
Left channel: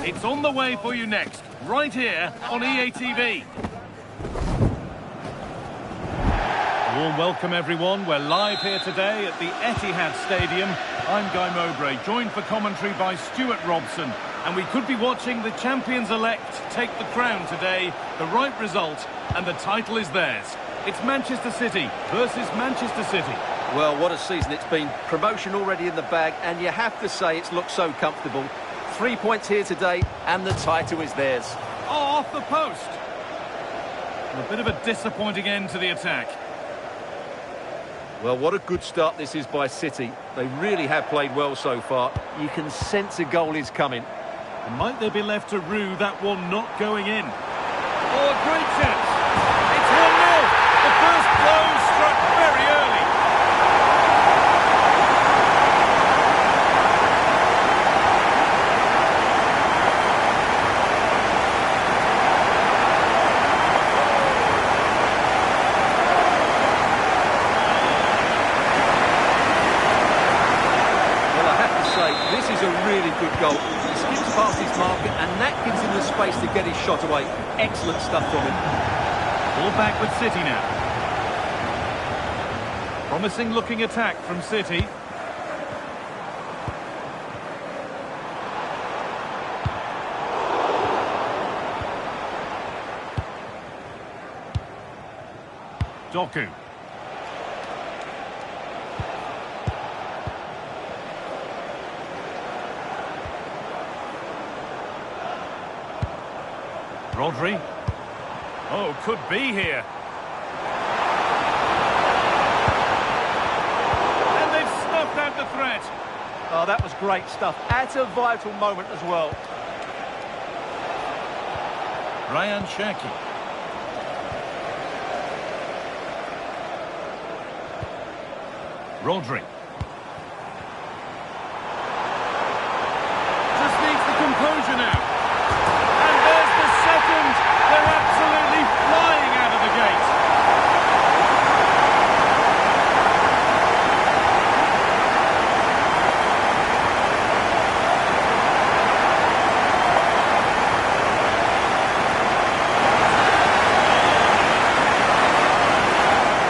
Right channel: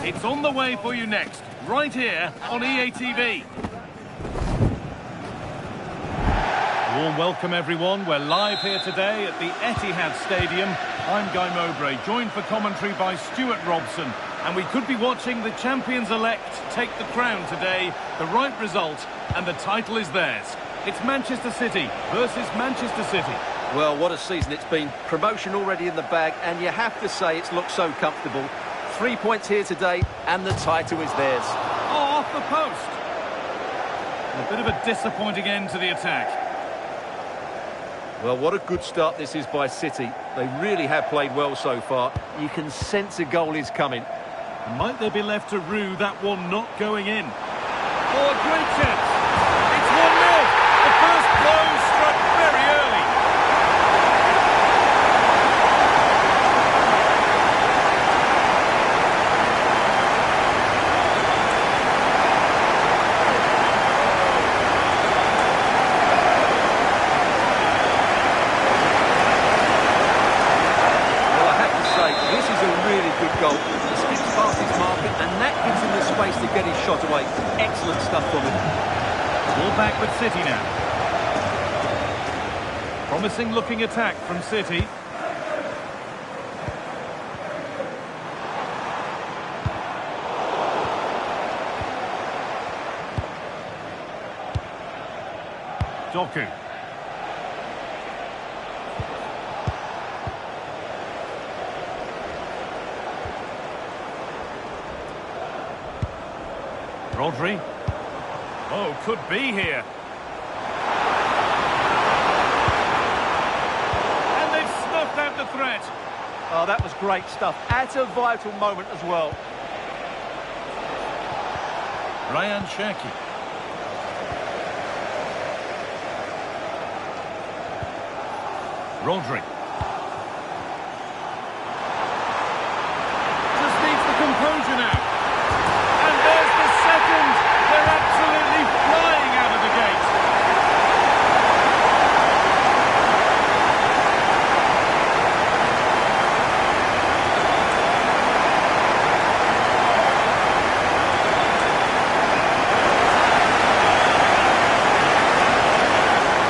It's on the way for you next, right here on EA TV. A warm welcome, everyone. We're live here today at the Etihad Stadium. I'm Guy Mowbray, joined for commentary by Stuart Robson. And we could be watching the champions-elect take the crown today. The right result, and the title is theirs. It's Manchester City versus Manchester City. Well, what a season it's been. Promotion already in the bag, and you have to say it's looked so comfortable. 3 points here today, and the title is theirs. Oh, off the post. And a bit of a disappointing end to the attack. Well, what a good start this is by City. They really have played well so far. You can sense a goal is coming. Might they be left to rue that one not going in? Oh, a great chance. It's 1-0. The first blow struck very early. Well, I have to say, this is a really good goal. He skips past his marker, and that gives him the space to get his shot away. Excellent stuff from him. Ball back with City now. Promising looking attack from City. Doku. Rodri. Oh, could be here. And they've snuffed out the threat. Oh, that was great stuff. At a vital moment as well. Ryan Cherki. Rodri. Just needs the composure now. And there's the second. They're absolutely flying out of the gate.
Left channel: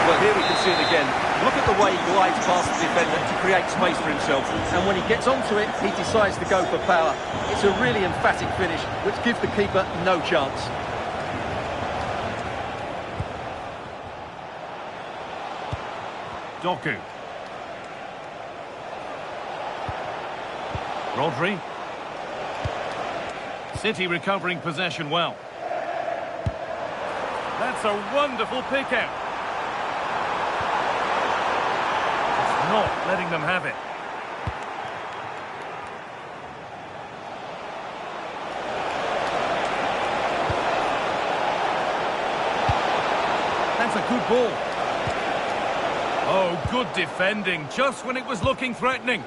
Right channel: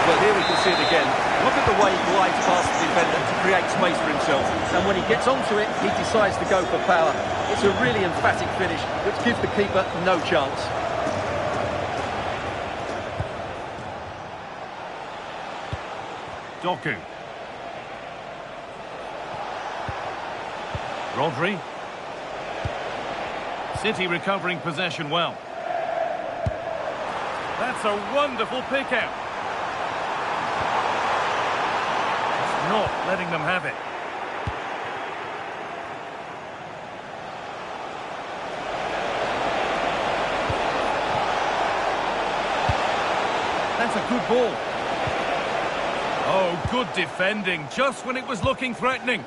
Well, here we can see it again. Look at the way he glides past the defender to create space for himself. And when he gets onto it, he decides to go for power. It's a really emphatic finish, which gives the keeper no chance. Doku. Rodri. City recovering possession well. That's a wonderful pick-out. Just not letting them have it. That's a good ball. Oh, good defending, just when it was looking threatening.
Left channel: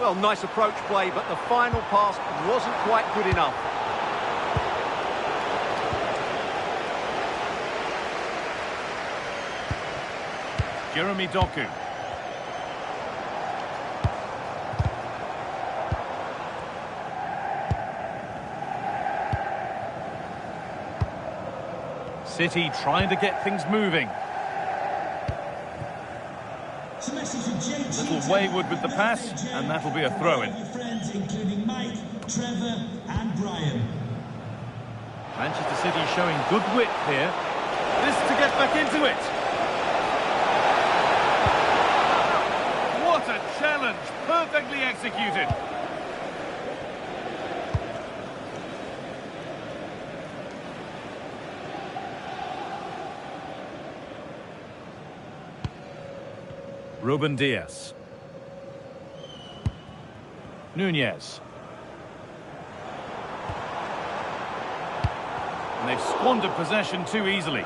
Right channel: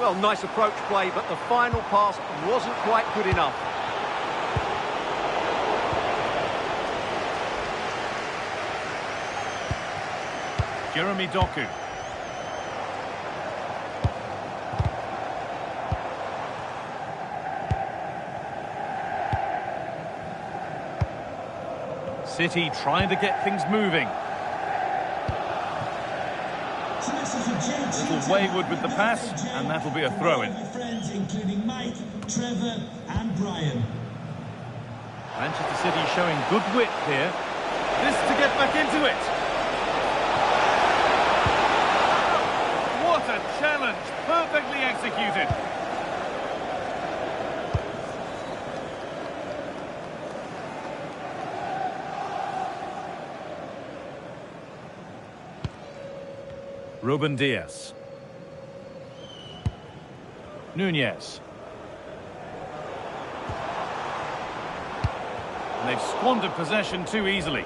Well, nice approach play, but the final pass wasn't quite good enough. Jeremy Doku. City trying to get things moving. Little wayward with the pass, and that'll be a throw-in. Friends, including Mike, Trevor, and Brian. Manchester City showing good width here. This to get back into it. What a challenge! Perfectly executed. Ruben Dias. Nunez. And they've squandered possession too easily.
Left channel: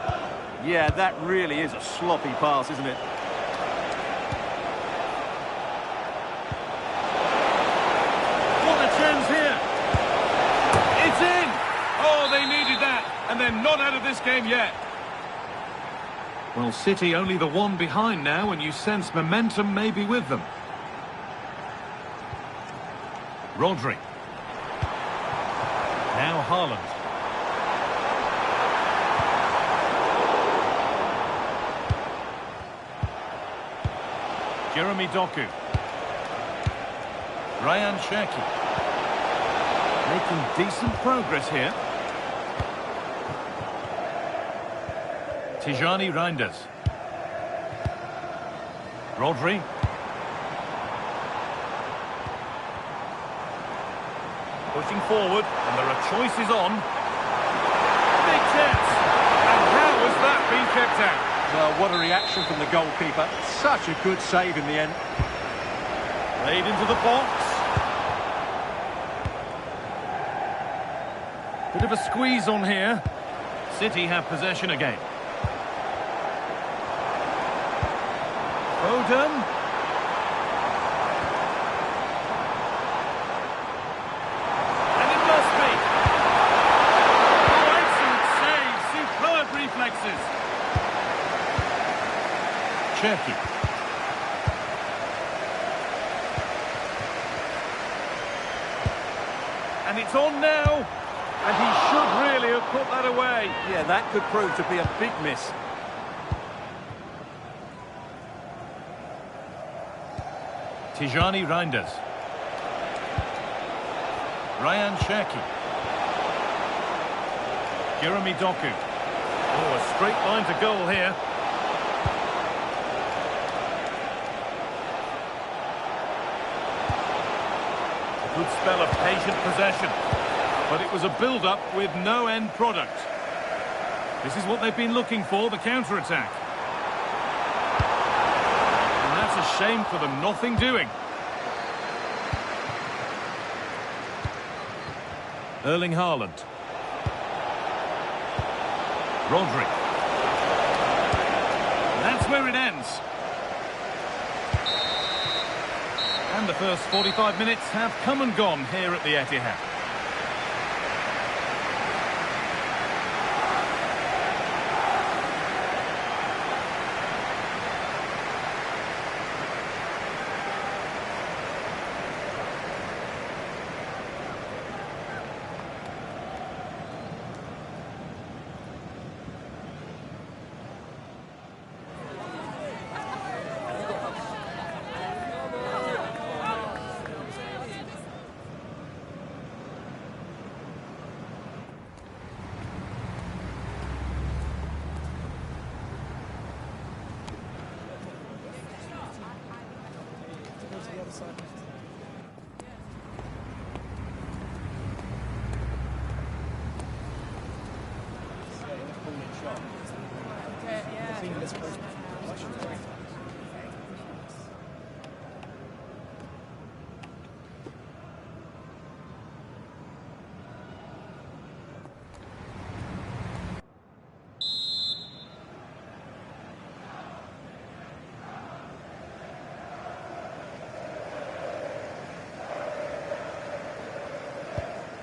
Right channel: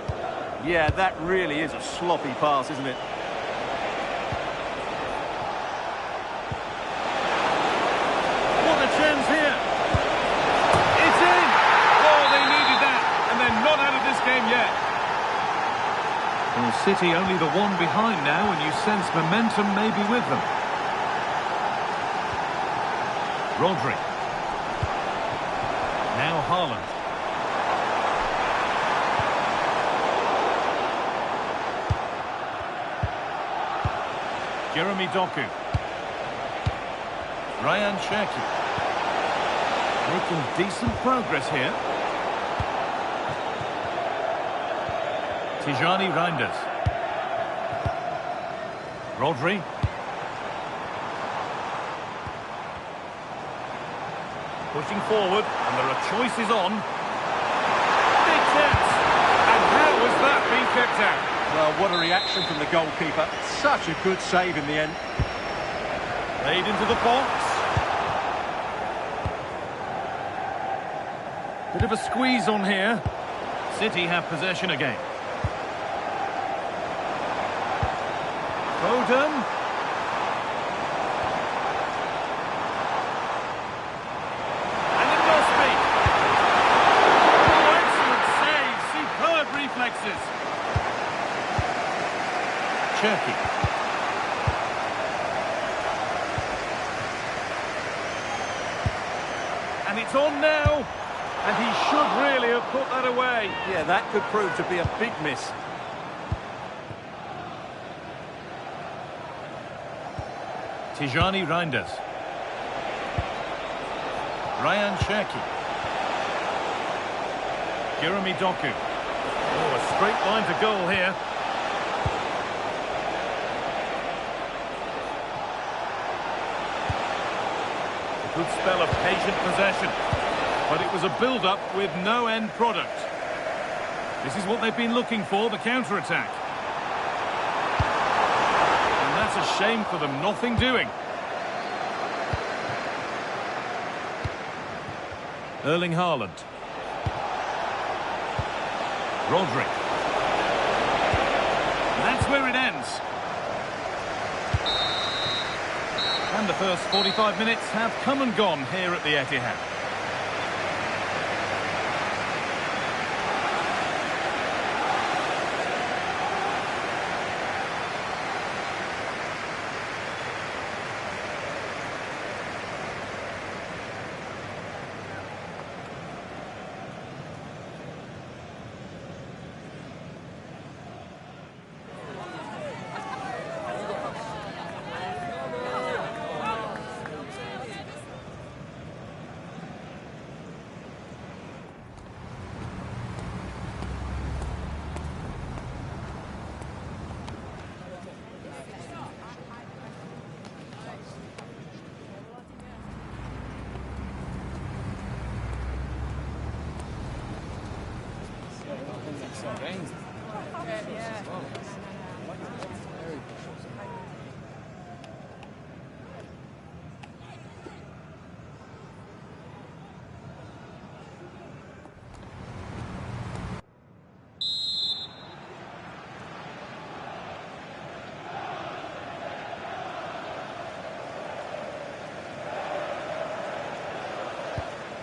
Yeah, that really is a sloppy pass, isn't it? What a chance here. It's in. Oh, they needed that. And they're not out of this game yet. Well, City only the one behind now, and you sense momentum may be with them. Rodri. Now Haaland. Jeremy Doku. Ryan Cherki. Making decent progress here. Tijani Reinders. Rodri. Pushing forward, and there are choices on. Big chance! And how has that been kept out? Well, what a reaction from the goalkeeper. Such a good save in the end. Played into the box. Bit of a squeeze on here. City have possession again. Foden. And it must be. Oh, excellent save. Superb reflexes. Cherki. And it's on now. And he should really have put that away. Yeah, that could prove to be a big miss. Tijani Reinders. Ryan Cherki. Jeremy Doku. Oh, a straight line to goal here. A good spell of patient possession. But it was a build-up with no end product. This is what they've been looking for, the counter-attack. And that's a shame for them, nothing doing. Erling Haaland. Rodri. And that's where it ends. And the first 45 minutes have come and gone here at the Etihad.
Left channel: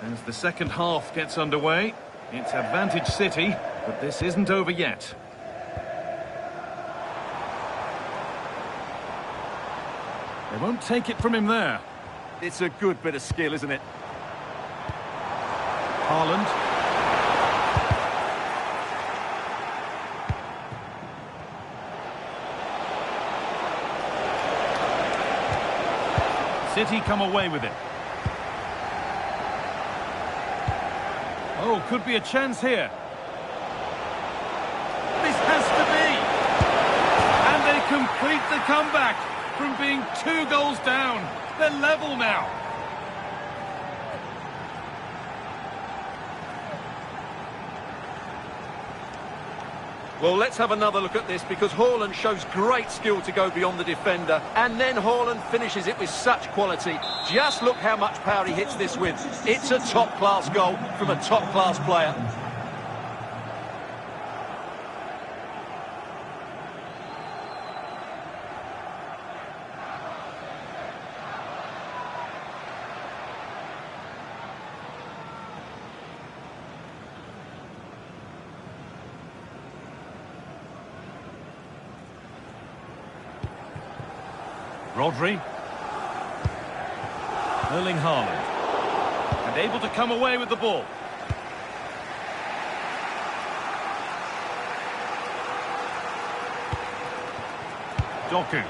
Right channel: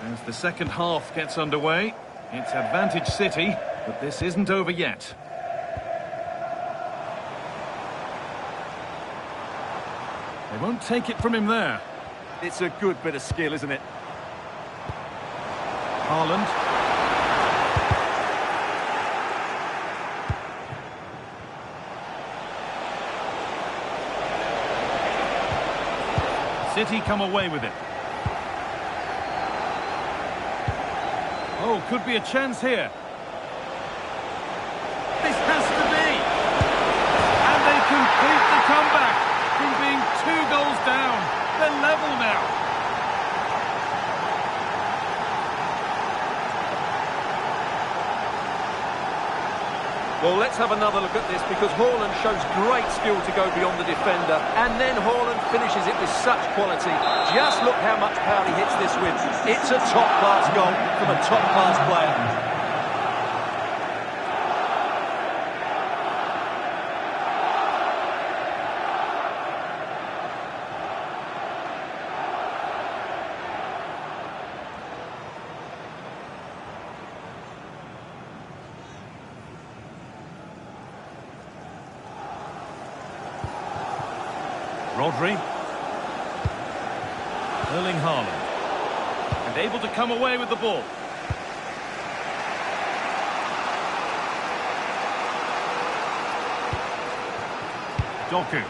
As the second half gets underway, it's advantage City, but this isn't over yet. They won't take it from him there. It's a good bit of skill, isn't it? Haaland. City come away with it. Oh, could be a chance here. This has to be. And they complete the comeback from being 2 goals down. They're level now. Well, let's have another look at this because Haaland shows great skill to go beyond the defender. And then Haaland finishes it with such quality. Just look how much power he hits this with. It's a top-class goal from a top-class player. Rodri. Erling Haaland. And able to come away with the ball. Doku.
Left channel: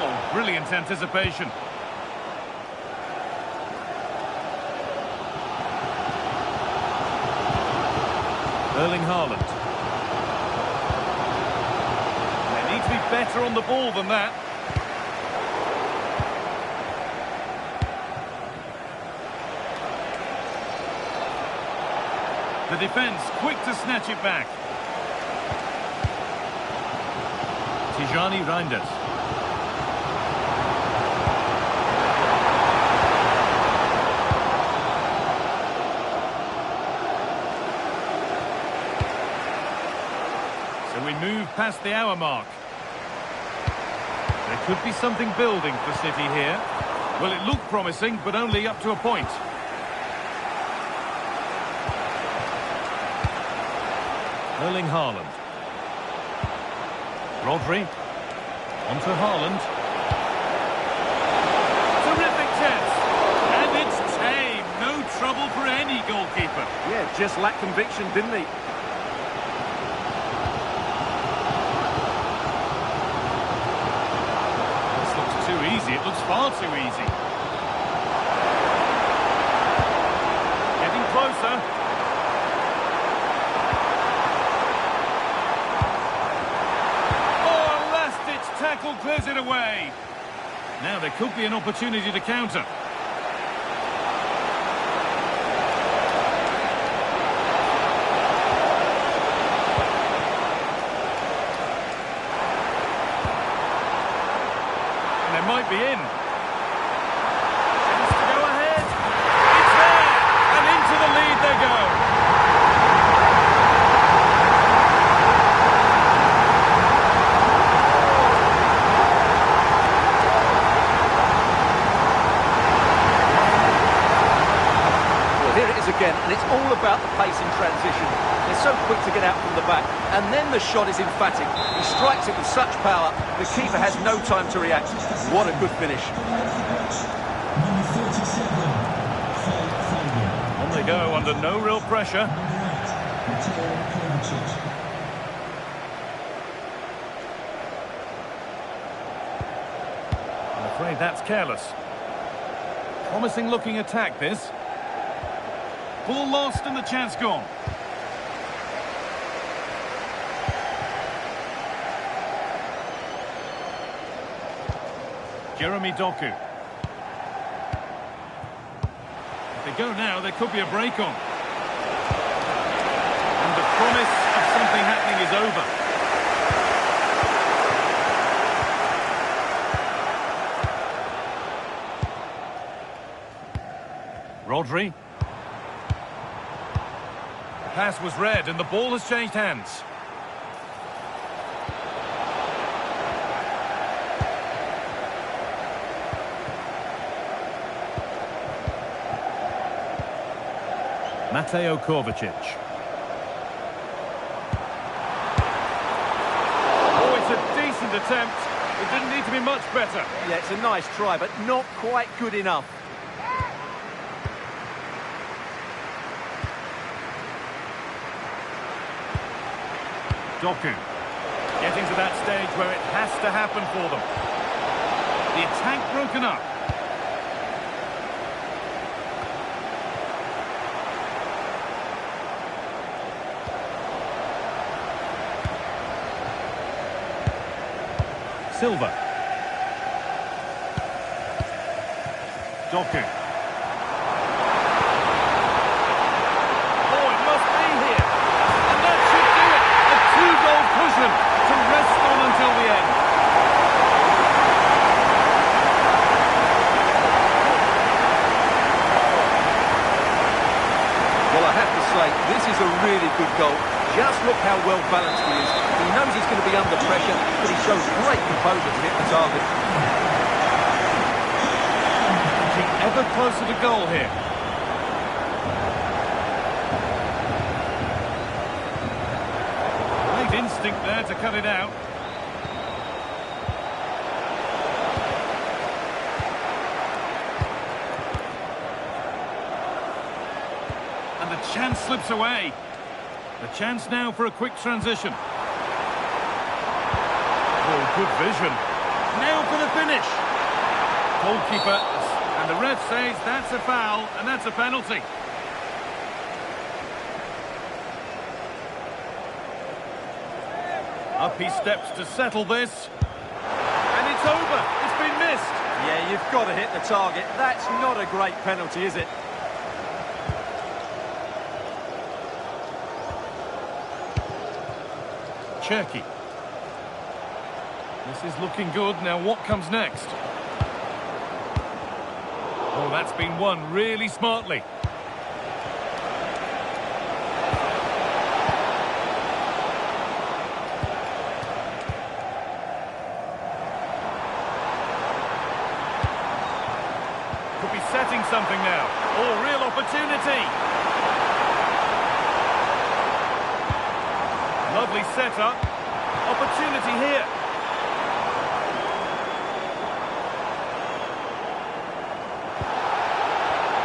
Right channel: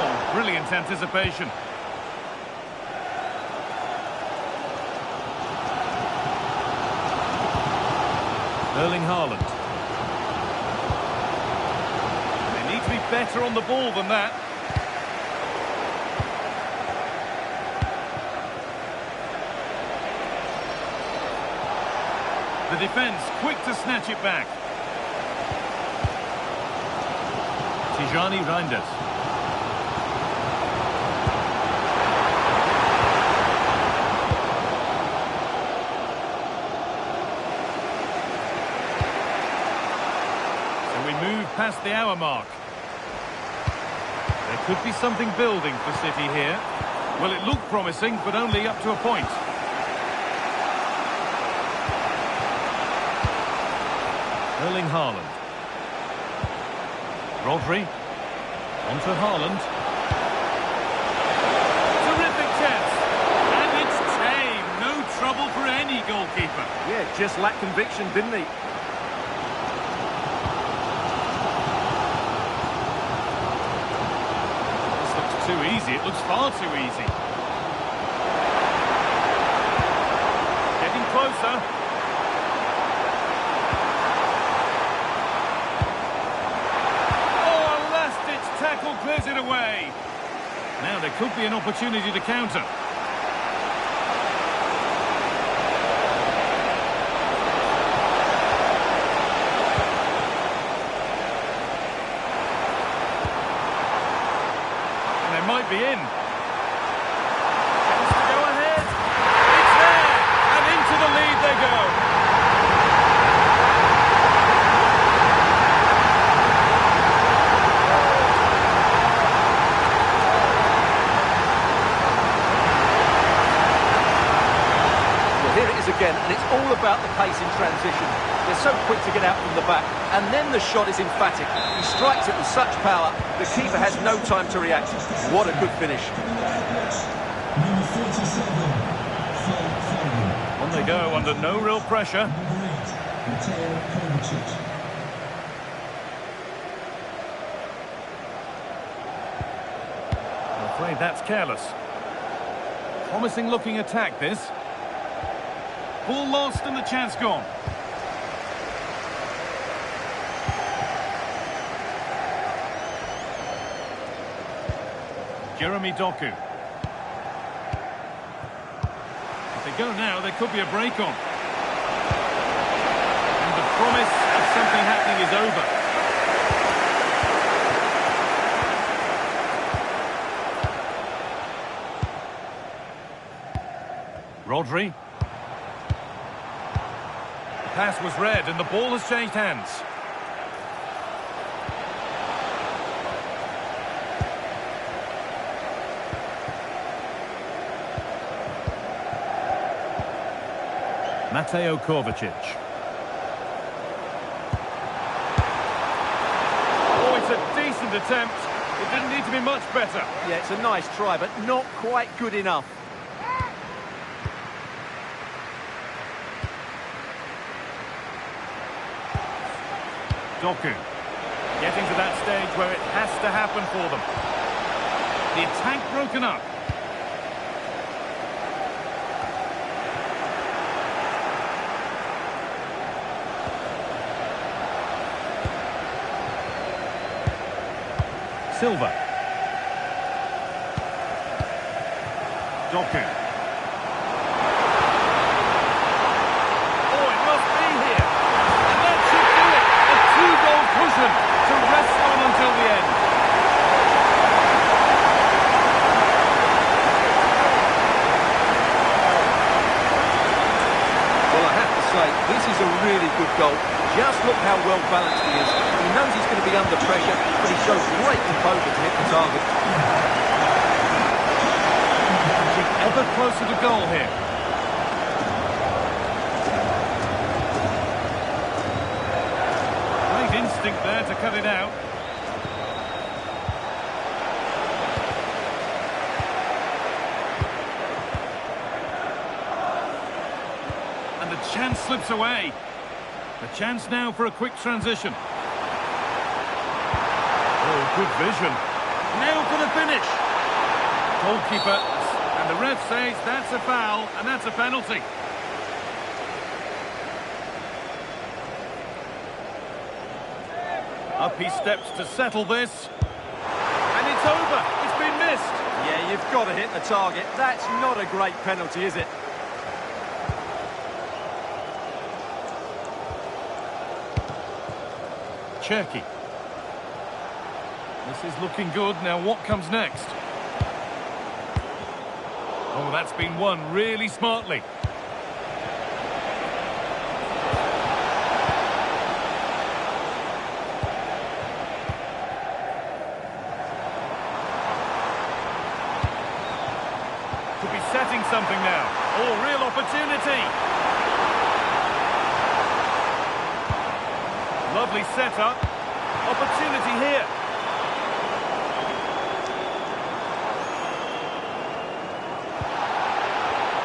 Oh, brilliant anticipation. Erling Haaland. And they need to be better on the ball than that. The defence quick to snatch it back. Tijani Reinders. So we move past the hour mark. There could be something building for City here. Well, it looked promising, but only up to a point. Erling Haaland. Rodri. On to Haaland. Terrific chance. And it's tame. No trouble for any goalkeeper. Yeah, just lacked conviction, didn't he? This looks too easy. It looks far too easy. Getting closer. Tackle clears it away. Now there could be an opportunity to counter. And they might be in. Chance to go ahead. It's there. And into the lead they go. Here it is again, and it's all about the pace in transition. They're so quick to get out from the back, and then the shot is emphatic. He strikes it with such power, the keeper has no time to react. What a good finish. Number 47, Phil Foden. On they go, under no real pressure. Number 8, Mateo Kovacic. I'm afraid that's careless. Promising looking attack, this. Ball lost and the chance gone. Jeremy Doku. If they go now, there could be a break on. And the promise of something happening is over. Rodri. The pass was read and the ball has changed hands. Mateo Kovacic. Oh, it's a decent attempt. It didn't need to be much better. Yeah, it's a nice try, but not quite good enough. Doku. Getting to that stage where it has to happen for them. The attack broken up. Silva. Doku. Oh, it must be here. And that should do it. A two-goal cushion to rest on until the end. Well, I have to say, this is a really good goal. Just look how well balanced he is. He knows he's going to be under pressure, but he shows great composure to hit the target. Inching ever closer to goal here. Played Instinct there to cut it out. And the chance slips away. The chance now for a quick transition. Oh, good vision. Now for the finish. Goalkeeper, and the ref says that's a foul, and that's a penalty. Up he steps to settle this. And it's over. It's been missed. Yeah, you've got to hit the target. That's not a great penalty, is it? Cherki. This is looking good. Now what comes next? Oh, that's been won really smartly. Could be setting something now. Oh, real opportunity. Lovely setup. Opportunity here.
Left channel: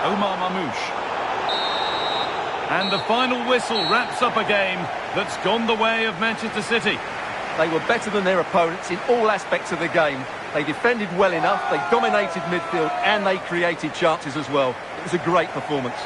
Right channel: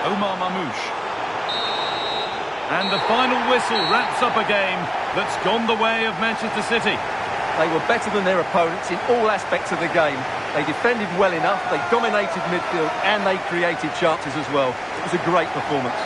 Omar Mamouche. And the final whistle wraps up a game that's gone the way of Manchester City. They were better than their opponents in all aspects of the game. They defended well enough, they dominated midfield, and they created chances as well. It was a great performance.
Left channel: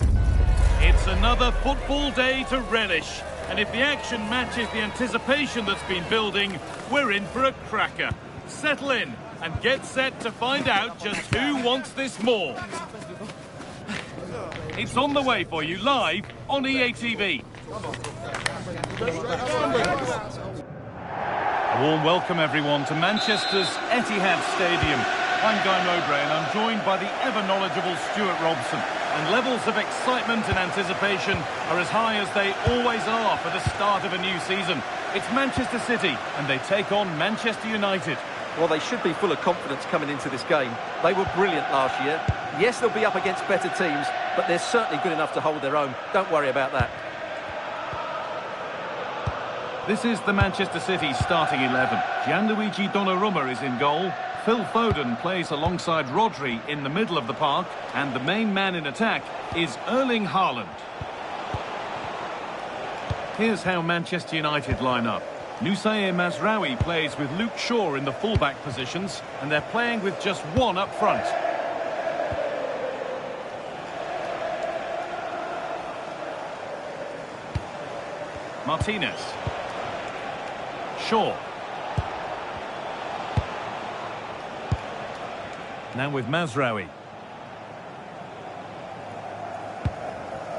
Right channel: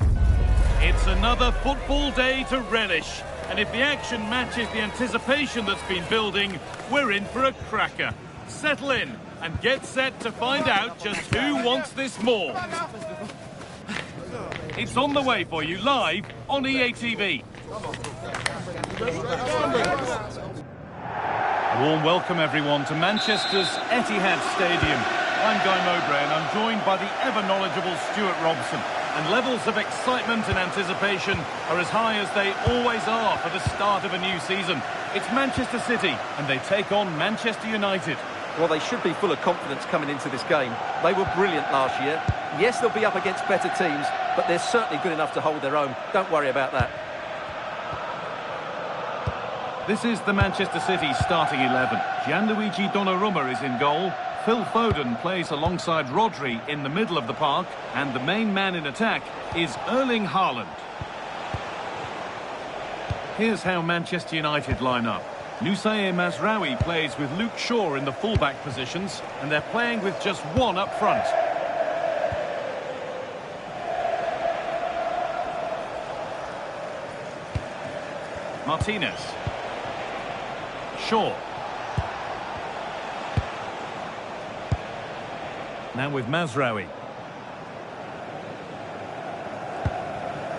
It's another football day to relish. And if the action matches the anticipation that's been building, we're in for a cracker. Settle in and get set to find out just who wants this more. It's on the way for you live on EA TV. A warm welcome everyone to Manchester's Etihad Stadium. I'm Guy Mowbray and I'm joined by the ever-knowledgeable Stuart Robson. And levels of excitement and anticipation are as high as they always are for the start of a new season. It's Manchester City and they take on Manchester United. Well, they should be full of confidence coming into this game. They were brilliant last year. Yes, they'll be up against better teams, but they're certainly good enough to hold their own. Don't worry about that. This is the Manchester City starting 11. Gianluigi Donnarumma is in goal. Phil Foden plays alongside Rodri in the middle of the park, and the main man in attack is Erling Haaland. Here's how Manchester United line up. Noussair Mazraoui plays with Luke Shaw in the fullback positions, and they're playing with just one up front. Martinez. Shaw. Now with Mazraoui.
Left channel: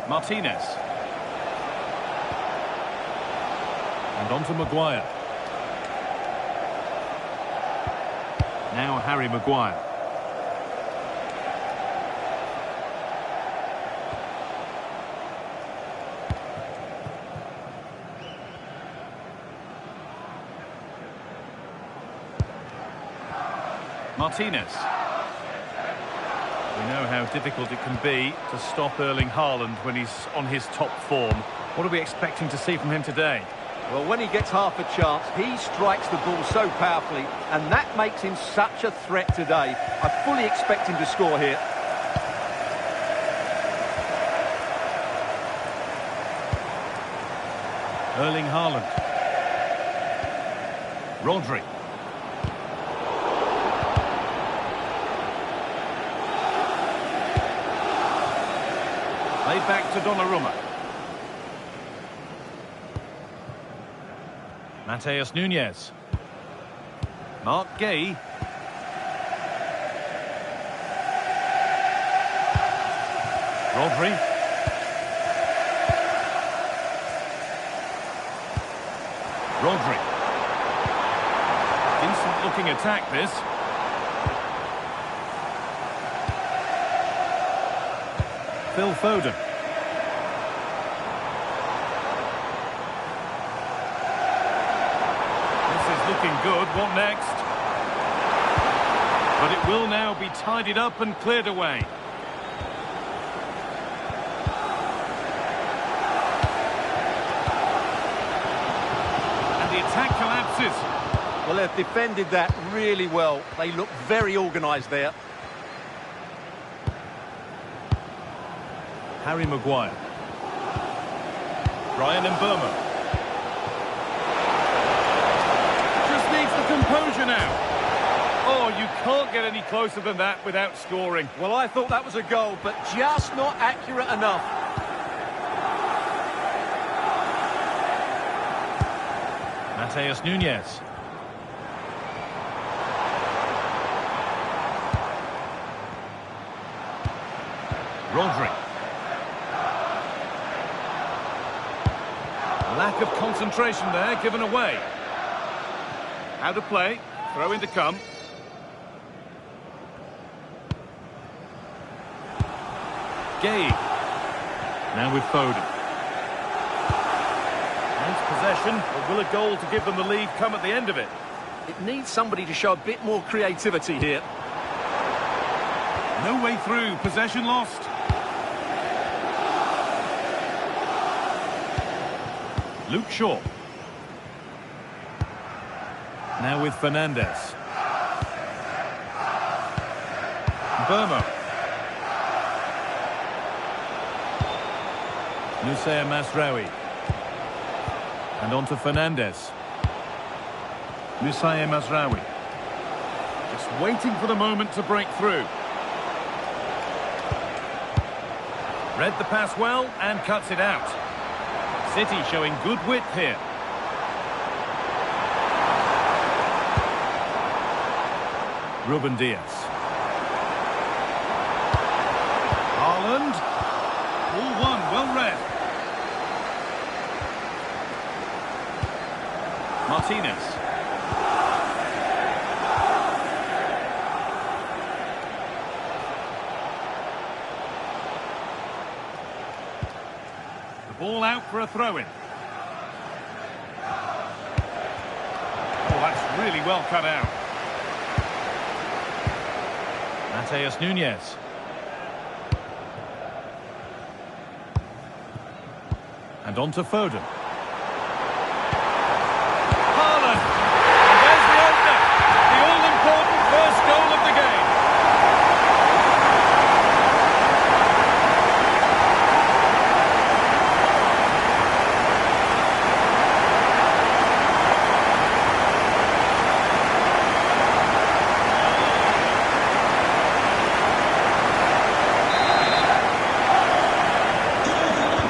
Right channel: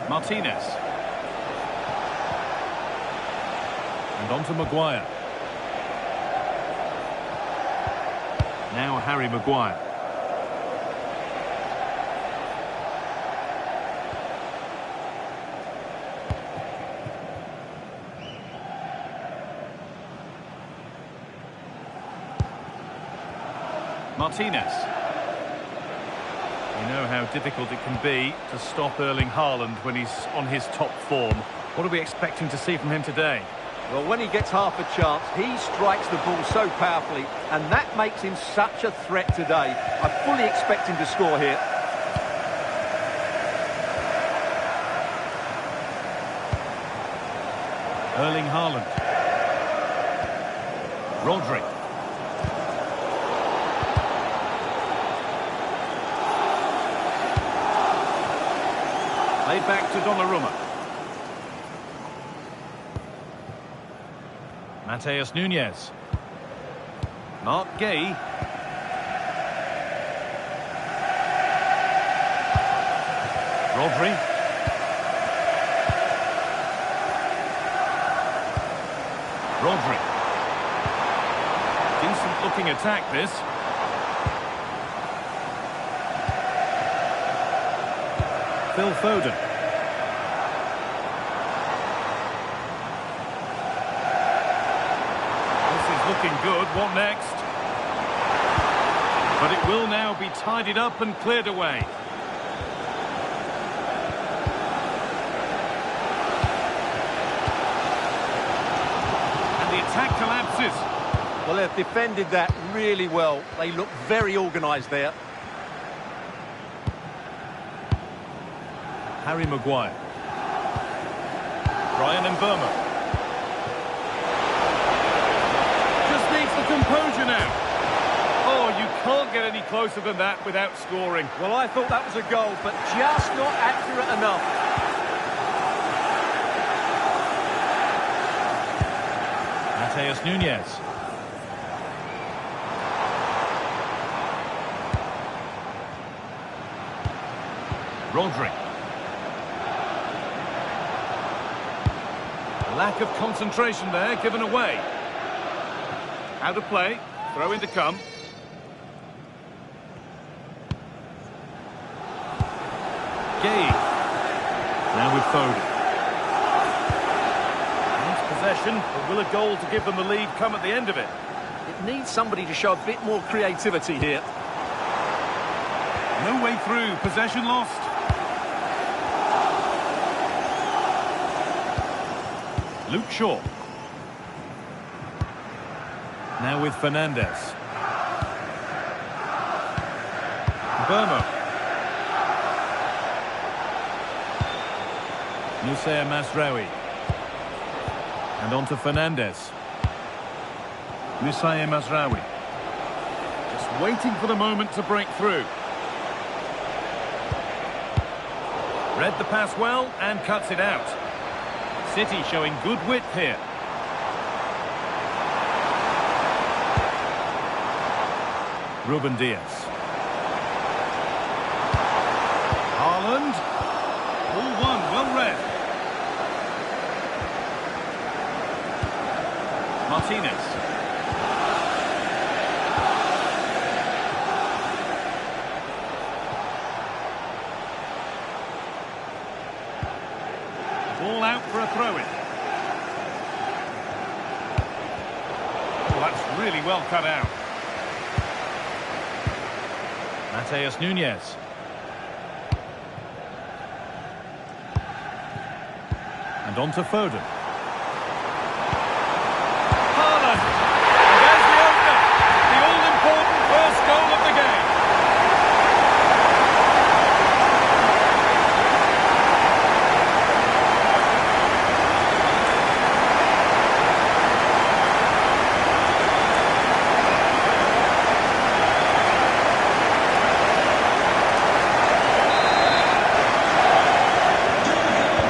Martinez. And on to Maguire. Now Harry Maguire. Martinez. We know how difficult it can be to stop Erling Haaland when he's on his top form. What are we expecting to see from him today? Well, when he gets half a chance, he strikes the ball so powerfully, and that makes him such a threat today. I fully expect him to score here. Erling Haaland. Rodri. Played back to Donnarumma. Matheus Nunes. Mark Gay. Rodri. Rodri. Decent looking attack this. Phil Foden. This is looking good. What next? But it will now be tidied up and cleared away. And the attack collapses. Well, they've defended that really well. They look very organised there. Harry Maguire. Bryan Mbeumo. Just needs the composure now. Oh, you can't get any closer than that without scoring. Well, I thought that was a goal, but just not accurate enough. Matheus Nunes. Rodri. Lack of concentration there, given away. Out of play, throw in to come. Gay. Now with Foden. Needs possession, but will a goal to give them the lead come at the end of it? It needs somebody to show a bit more creativity here. No way through, possession lost. Luke Shaw. Now with Fernandes. Mbeumo. Noussair Mazraoui. And on to Fernandes. Noussair Mazraoui. Just waiting for the moment to break through. Read the pass well and cuts it out. City showing good width here. Ruben Diaz. Haaland. Ball won, well read. Martinez. The ball out for a throw-in. Oh, that's really well cut out. Matheus Nunes. And on to Foden. Haaland. And there's the opener. The all-important first goal of the game.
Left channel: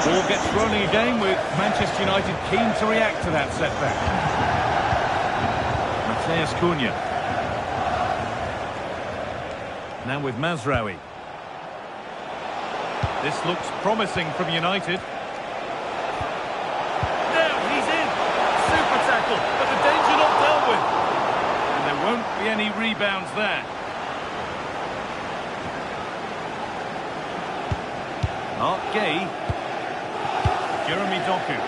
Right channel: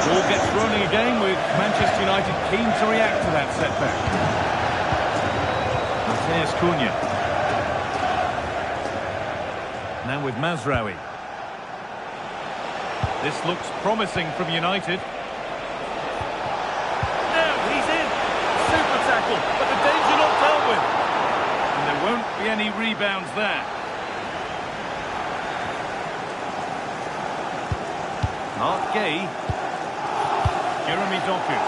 Ball gets rolling again with Manchester United keen to react to that setback. Matheus Cunha. Now with Mazraoui. This looks promising from United. Now he's in. Super tackle, but the danger not dealt with. And there won't be any rebounds there. Mark Gay. Jeremy Doku.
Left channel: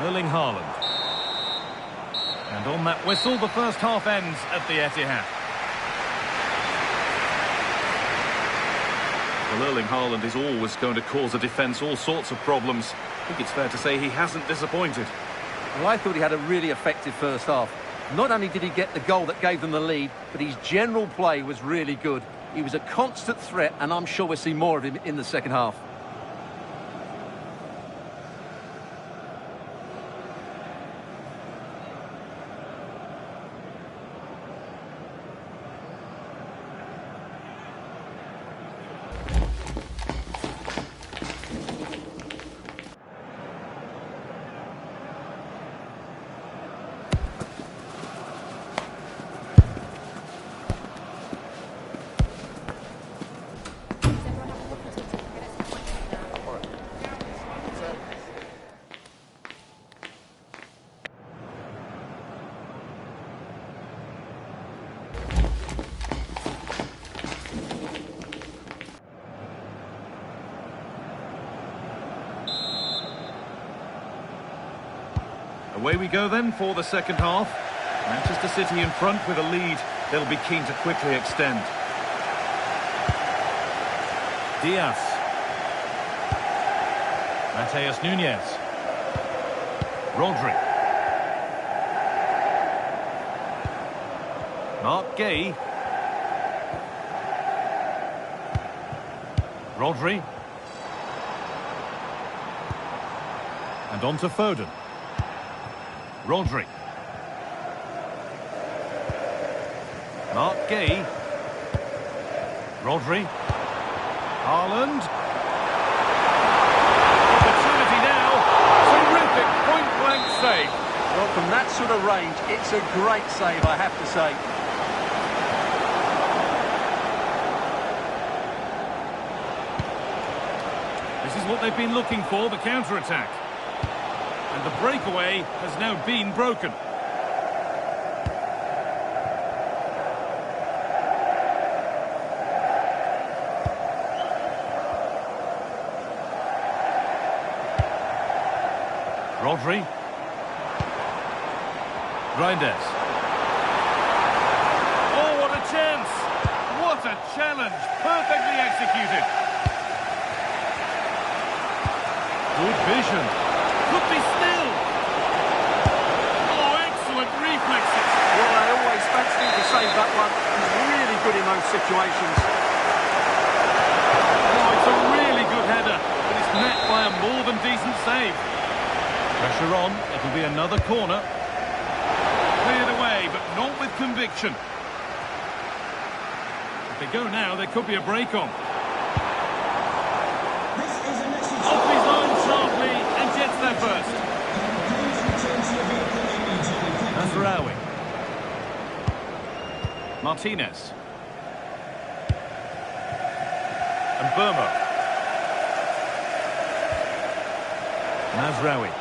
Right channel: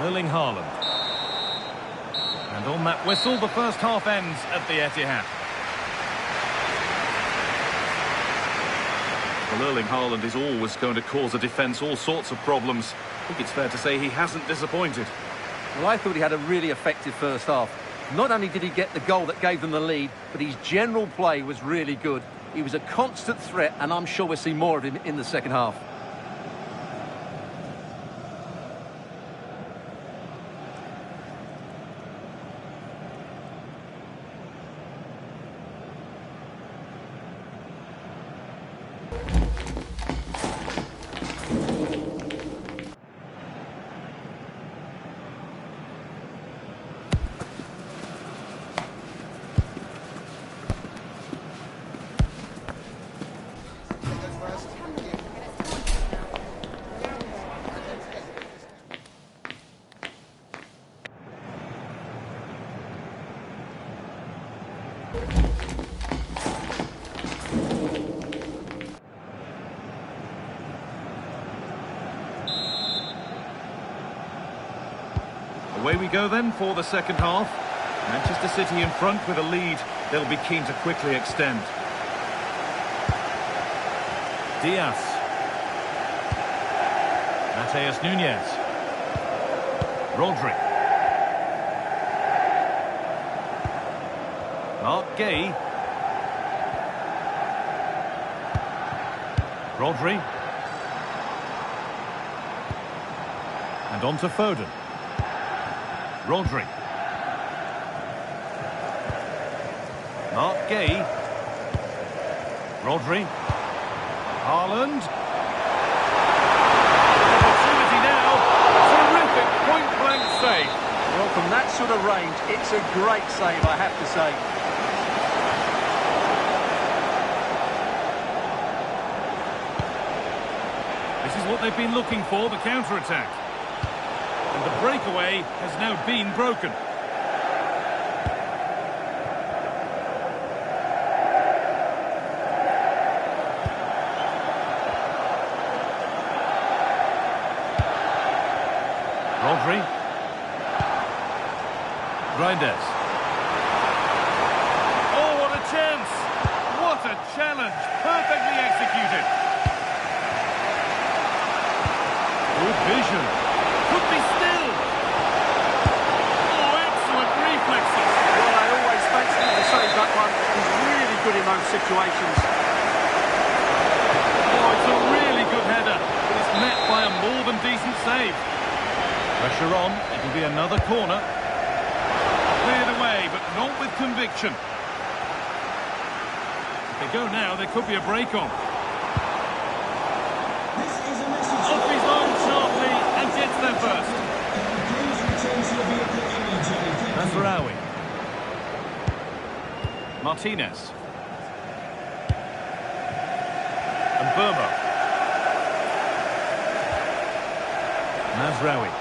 Erling Haaland. And on that whistle, the first half ends at the Etihad. Well, Erling Haaland is always going to cause a defence all sorts of problems. I think it's fair to say he hasn't disappointed. Well, I thought he had a really effective first half. Not only did he get the goal that gave them the lead, but his general play was really good. He was a constant threat, and I'm sure we'll see more of him in the second half. Away we go then for the second half. Manchester City in front with a lead. They'll be keen to quickly extend. Diaz. Matheus Nunes. Rodri. Mark Gay. Rodri. And on to Foden. Rodri. Mark Gay. Rodri. Haaland. Opportunity now. Terrific point-blank save. Well, from that sort of range, it's a great save, I have to say. This is what they've been looking for, the counter-attack. And the breakaway has now been broken. Rodri. Reinders. Oh, what a chance! What a challenge! Perfectly executed. Good vision. Could be still. Oh, excellent reflexes. Well, I always fancied him to save that one. He's really good in those situations. Oh, it's a really good header, but it's met by a more than decent save. Pressure on, it'll be another corner. Cleared away, but not with conviction. If they go now, there could be a break on. This is a message. Off his line sharply and gets there first. Please return to your vehicle immediately. Thank you. Mazraoui. Martinez. And Burma. Mazraoui.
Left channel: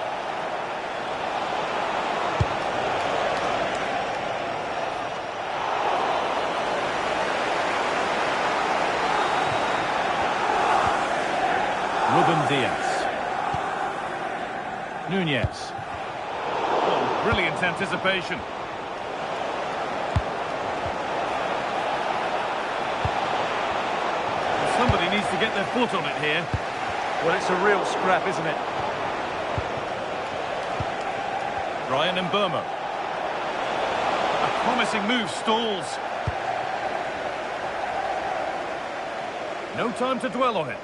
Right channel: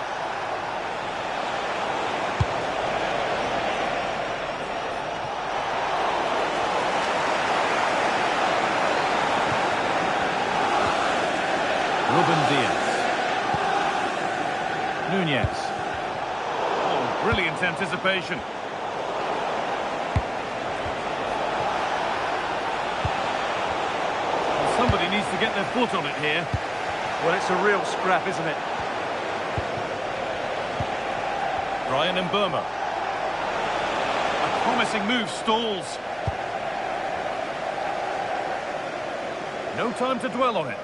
Ruben Diaz. Nunez. Oh, brilliant anticipation. Well, somebody needs to get their foot on it here. Well, it's a real scrap, isn't it? Ryan and Burma. A promising move stalls. No time to dwell on it.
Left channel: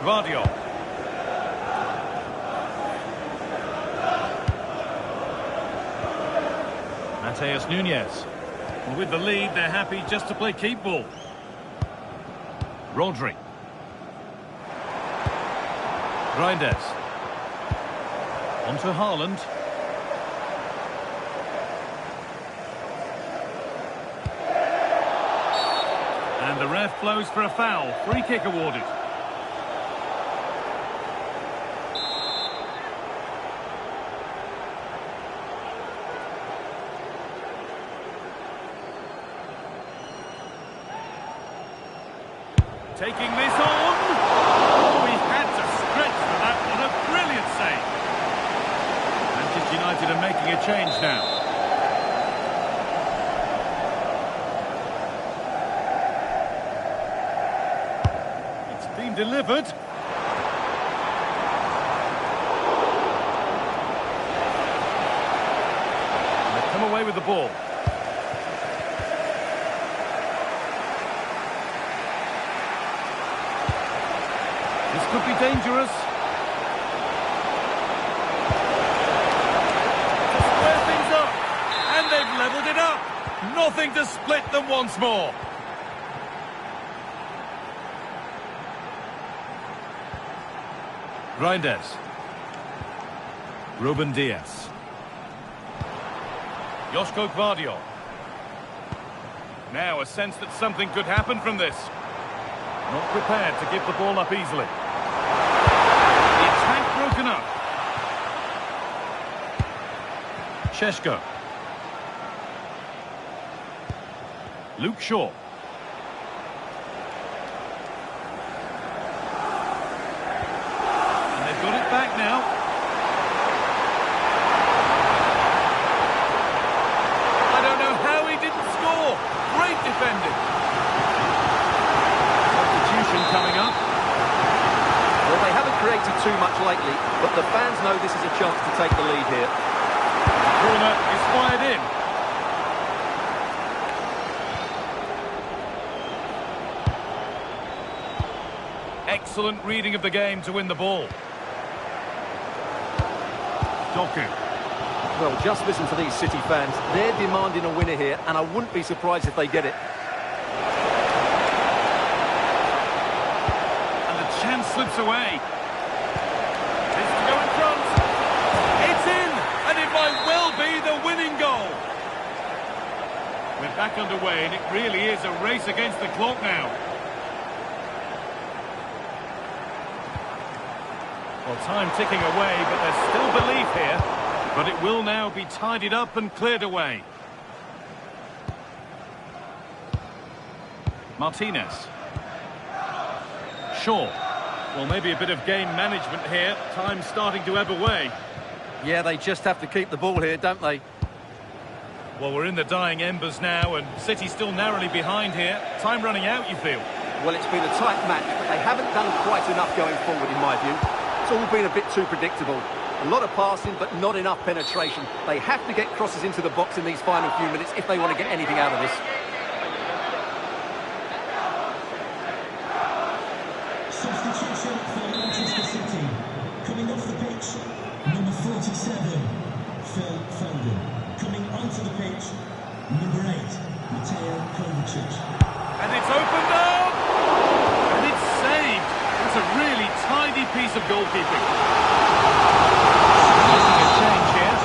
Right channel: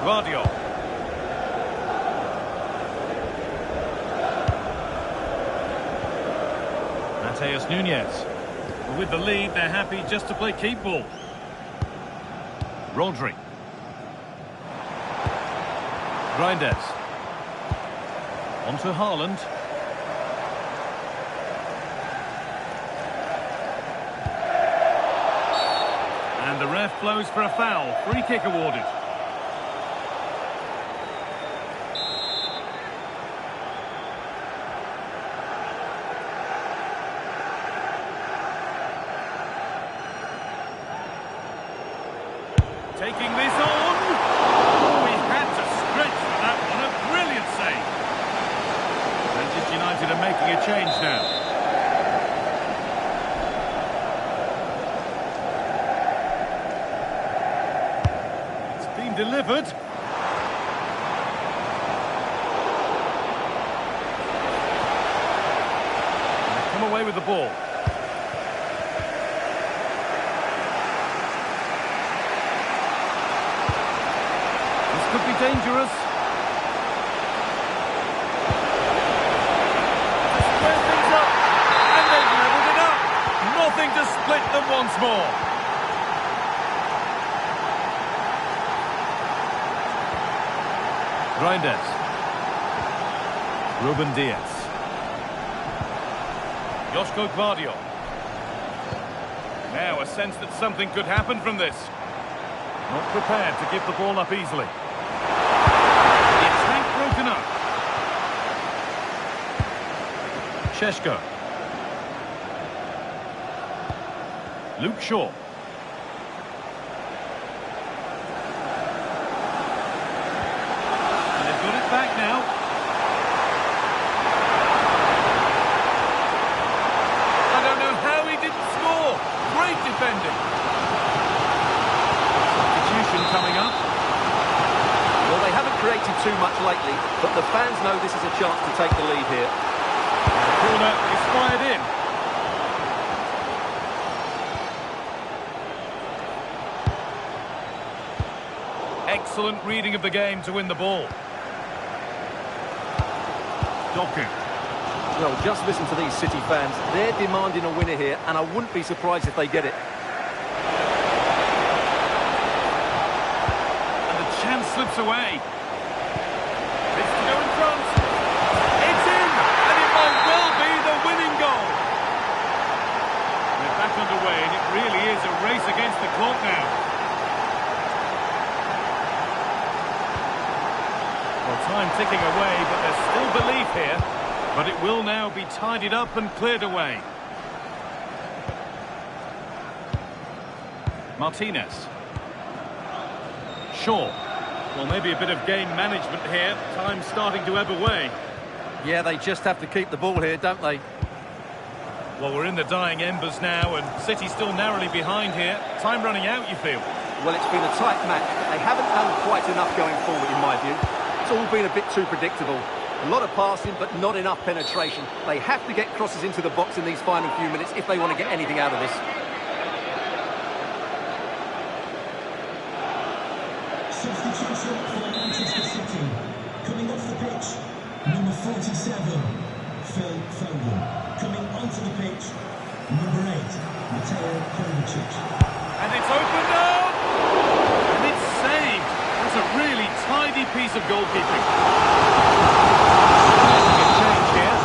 Guardiola. Mateus Nunez. Well, with the lead, they're happy just to play keep ball. Rodri. Reinders. On to Haaland. And the ref blows for a foul. Free kick awarded. Taking this on. Oh, he had to stretch for that one. A brilliant save. Manchester United are making a change now. It's been delivered. And they come away with the ball. This could be dangerous. To square things up. And they've levelled it up. Nothing to split them once more. Reinders. Ruben Diaz. Joško Gvardiol. Now a sense that something could happen from this. Not prepared to give the ball up easily. The attack broken up. Šeško. Luke Shaw. And they've got it back now. I don't know how he didn't score. Great defending. Substitution coming up. Well, they haven't created too much lately, but the fans know this is a chance to take the lead here. The corner is fired in. Excellent reading of the game to win the ball. Doku. Well, just listen to these City fans. They're demanding a winner here, and I wouldn't be surprised if they get it. Chance slips away. It's to go in front. It's in, and it might well be the winning goal. We're back underway, and it really is a race against the clock now. Well, time ticking away, but there's still belief here. But it will now be tidied up and cleared away. Martinez. Shaw. Well, maybe a bit of game management here. Time's starting to ebb away. Yeah, they just have to keep the ball here, don't they? Well, we're in the dying embers now, and City still narrowly behind here. Time running out, you feel? Well, it's been a tight match, but they haven't done quite enough going forward, in my view. It's all been a bit too predictable. A lot of passing, but not enough penetration. They have to get crosses into the box in these final few minutes if they want to get anything out of this. Substitution for Manchester City. Coming off the pitch, number 4. 47, Phil Foden. Coming onto the pitch, number 8, Mateo Kovacic. And it's opened up! And it's saved. That's a really tidy piece of goalkeeping. Making a change here.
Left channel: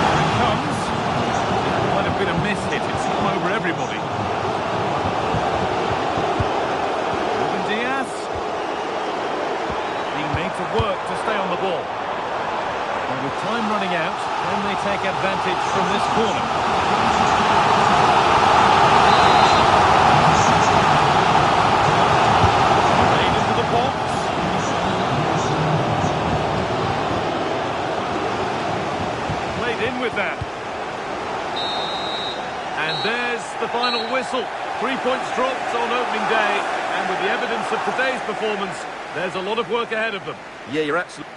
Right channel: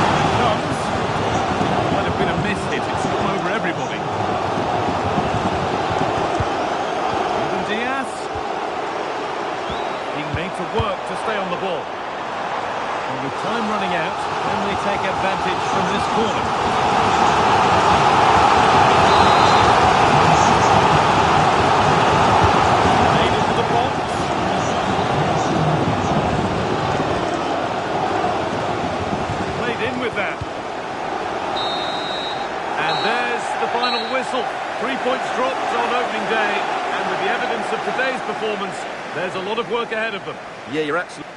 Here it comes. Might have been a miss hit. It's come over everybody. Ruben Diaz. Being made to work to stay on the ball. And with time running out, can they take advantage from this corner? Made into the box. Played in with that. And there's the final whistle. 3 points dropped on opening day. And with the evidence of today's performance, there's a lot of work ahead of them. Yeah, you're absolutely...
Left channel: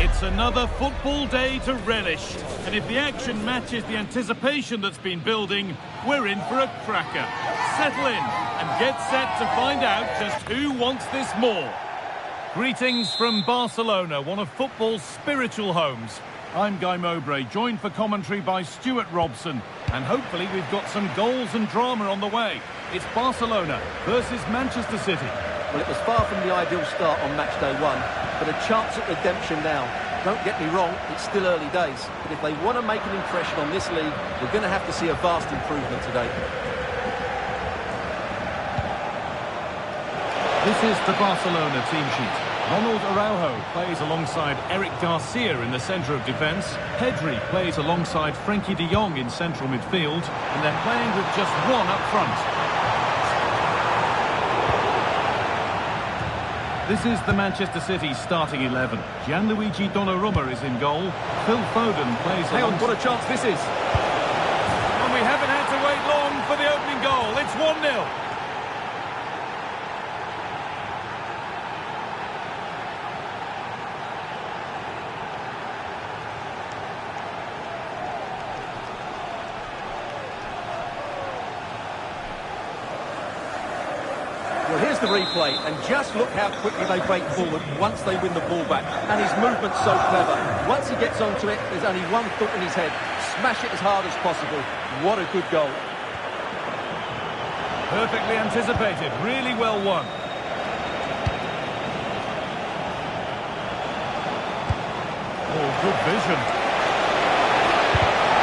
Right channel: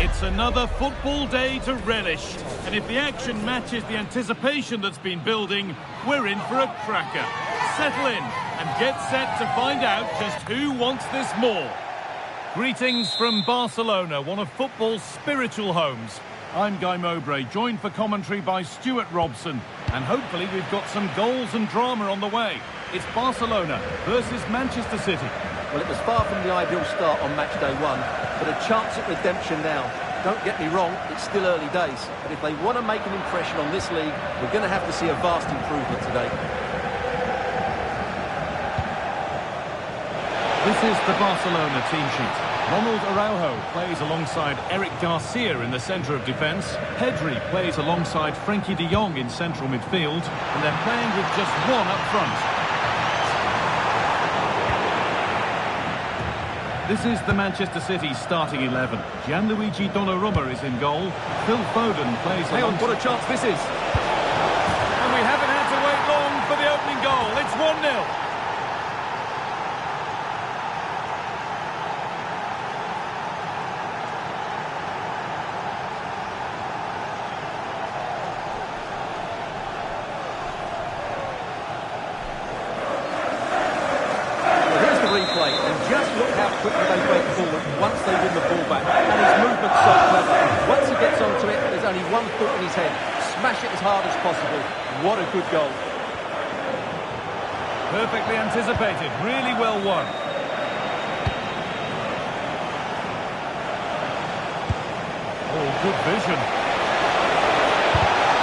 It's another football day to relish, and if the action matches the anticipation that's been building, we're in for a cracker. Settle in and get set to find out just who wants this more. Greetings from Barcelona, one of football's spiritual homes. I'm Guy Mowbray, joined for commentary by Stuart Robson, and hopefully we've got some goals and drama on the way. It's Barcelona versus Manchester City. Well, it was far from the ideal start on match day 1, but a chance at redemption now. Don't get me wrong, it's still early days, but if they want to make an impression on this league, we're going to have to see a vast improvement today. This is the Barcelona team sheet. Ronald Araujo plays alongside Eric Garcia in the centre of defence. Pedri plays alongside Frenkie de Jong in central midfield, and they're playing with just one up front. This is the Manchester City starting 11. Gianluigi Donnarumma is in goal. Phil Foden plays... Hang on, what a chance this is! And we haven't had to wait long for the opening goal. It's 1-0. The replay, and just look how quickly they break forward once they win the ball back, and his movement's so clever. Once he gets onto it, there's only one thought in his head: smash it as hard as possible. What a good goal. Perfectly anticipated, really well won. Oh, good vision.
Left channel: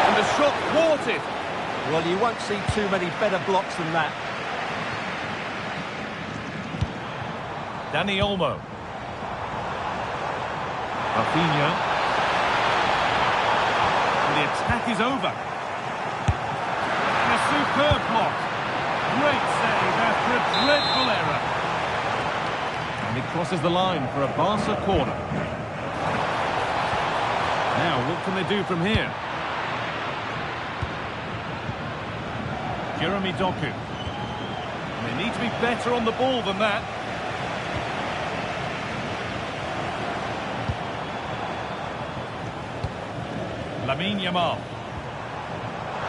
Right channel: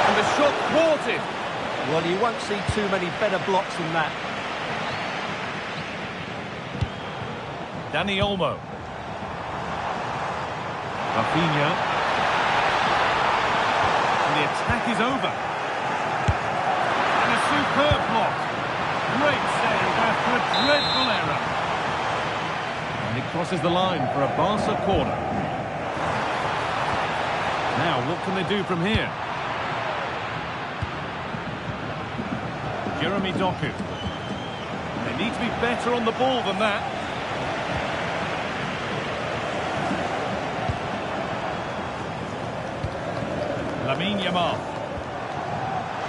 And the shot thwarted. Well, you won't see too many better blocks than that. Dani Olmo. Rafinha. And the attack is over. And a superb block. Great save after a dreadful error. And it crosses the line for a Barca corner. Now, what can they do from here? Jeremy Doku. And they need to be better on the ball than that. Lamine Yamal.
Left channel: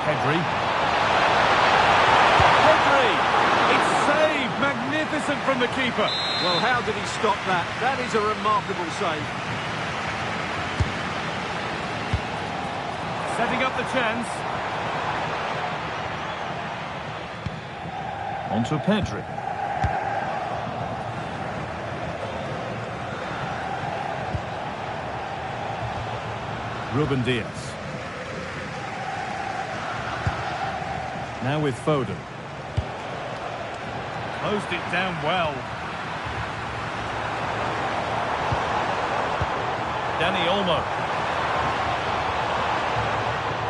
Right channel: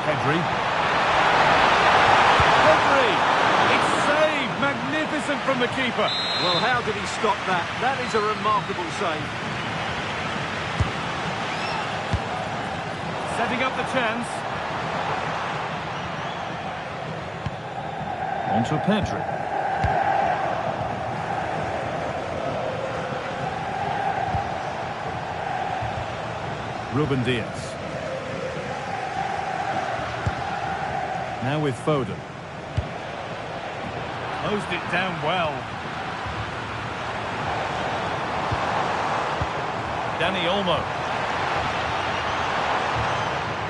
Pedri. Pedri! It's saved! Magnificent from the keeper. Well, how did he stop that? That is a remarkable save. Setting up the chance. On to Pedri. Ruben Diaz. Now with Foden. Closed it down well. Dani Olmo.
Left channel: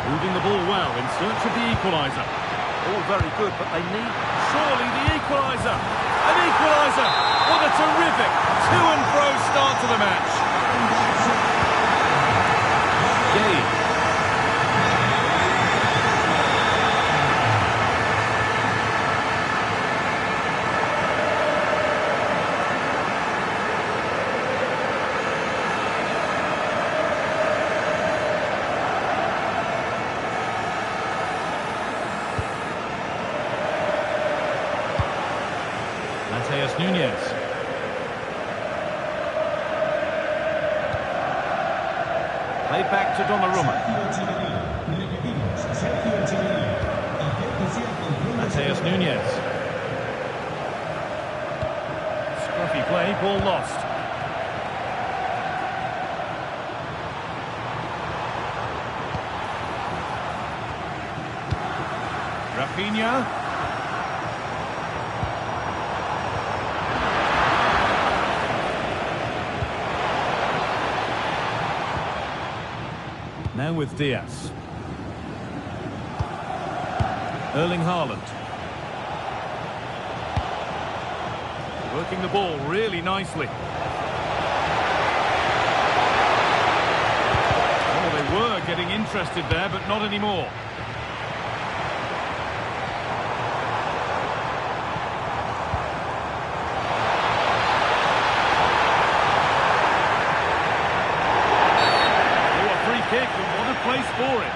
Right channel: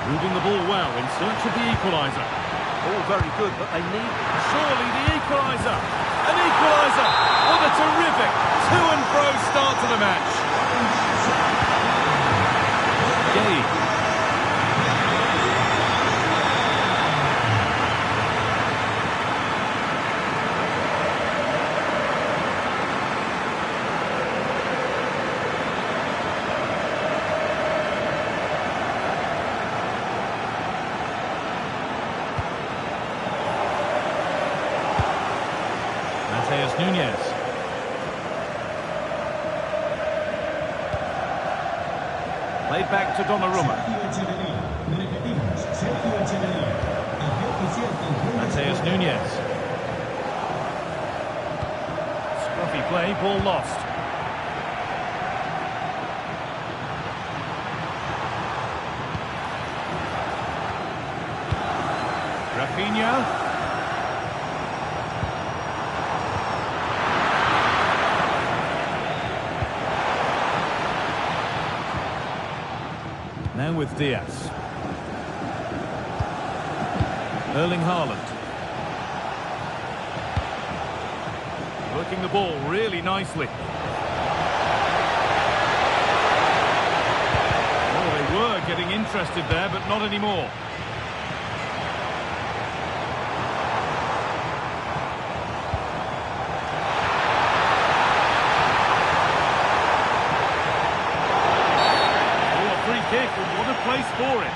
Moving the ball well in search of the equaliser. All very good, but they need... Surely the equaliser. An equaliser. What a terrific to-and-fro start to the match. Gay. Matheus Nunes. Played back to Donnarumma. Matheus Nunes. Scruffy play, ball lost. Rafinha. Now with Diaz. Erling Haaland. Working the ball really nicely. Oh, they were getting interested there, but not anymore. Free kick, and what a place for it.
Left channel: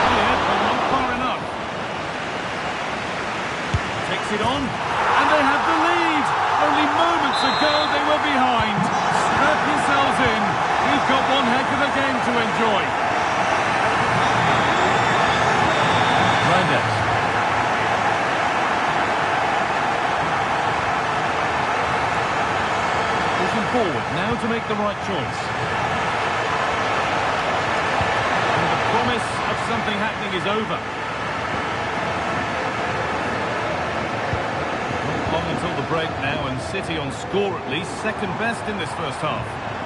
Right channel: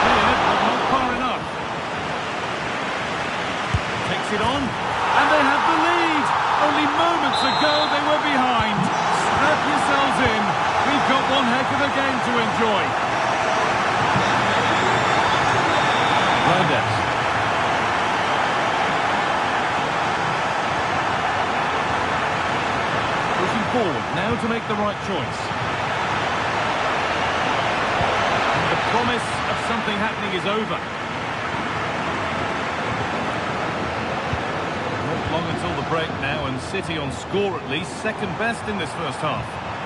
Cleared, but not far enough. Takes it on, and they have the lead. Only moments ago they were behind. Strap yourselves in. We've got one heck of a game to enjoy. Reinders. Pushing forward now to make the right choice. And the promise of something happening is over. Not long until the break now, and City on score at least, second best in this first half.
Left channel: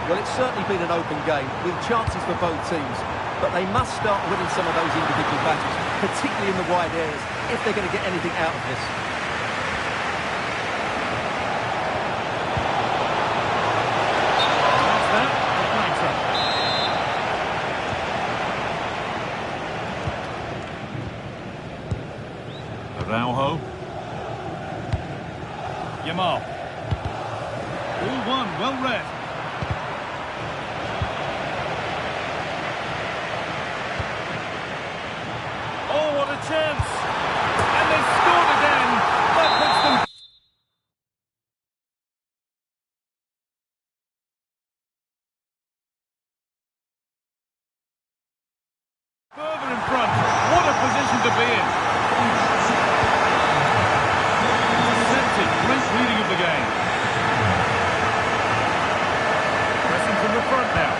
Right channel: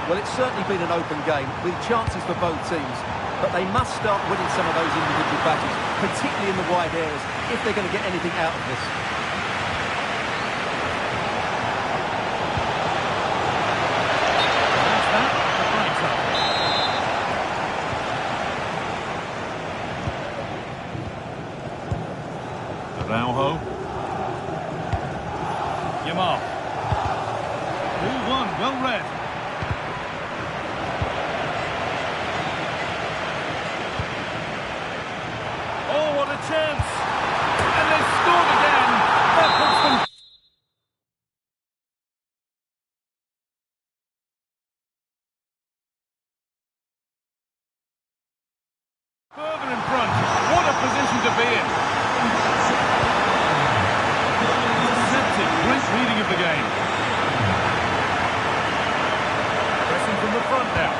Well, it's certainly been an open game, with chances for both teams. But they must start winning some of those individual battles, particularly in the wide areas, if they're going to get anything out of this. And that's that. The flag's up. Araujo. Yamal. Ball one, well read. Oh, what a chance! And they've scored again! That puts them... further in front. What a position to be in! Intercepted. Great reading of the game. Pressing from the front now.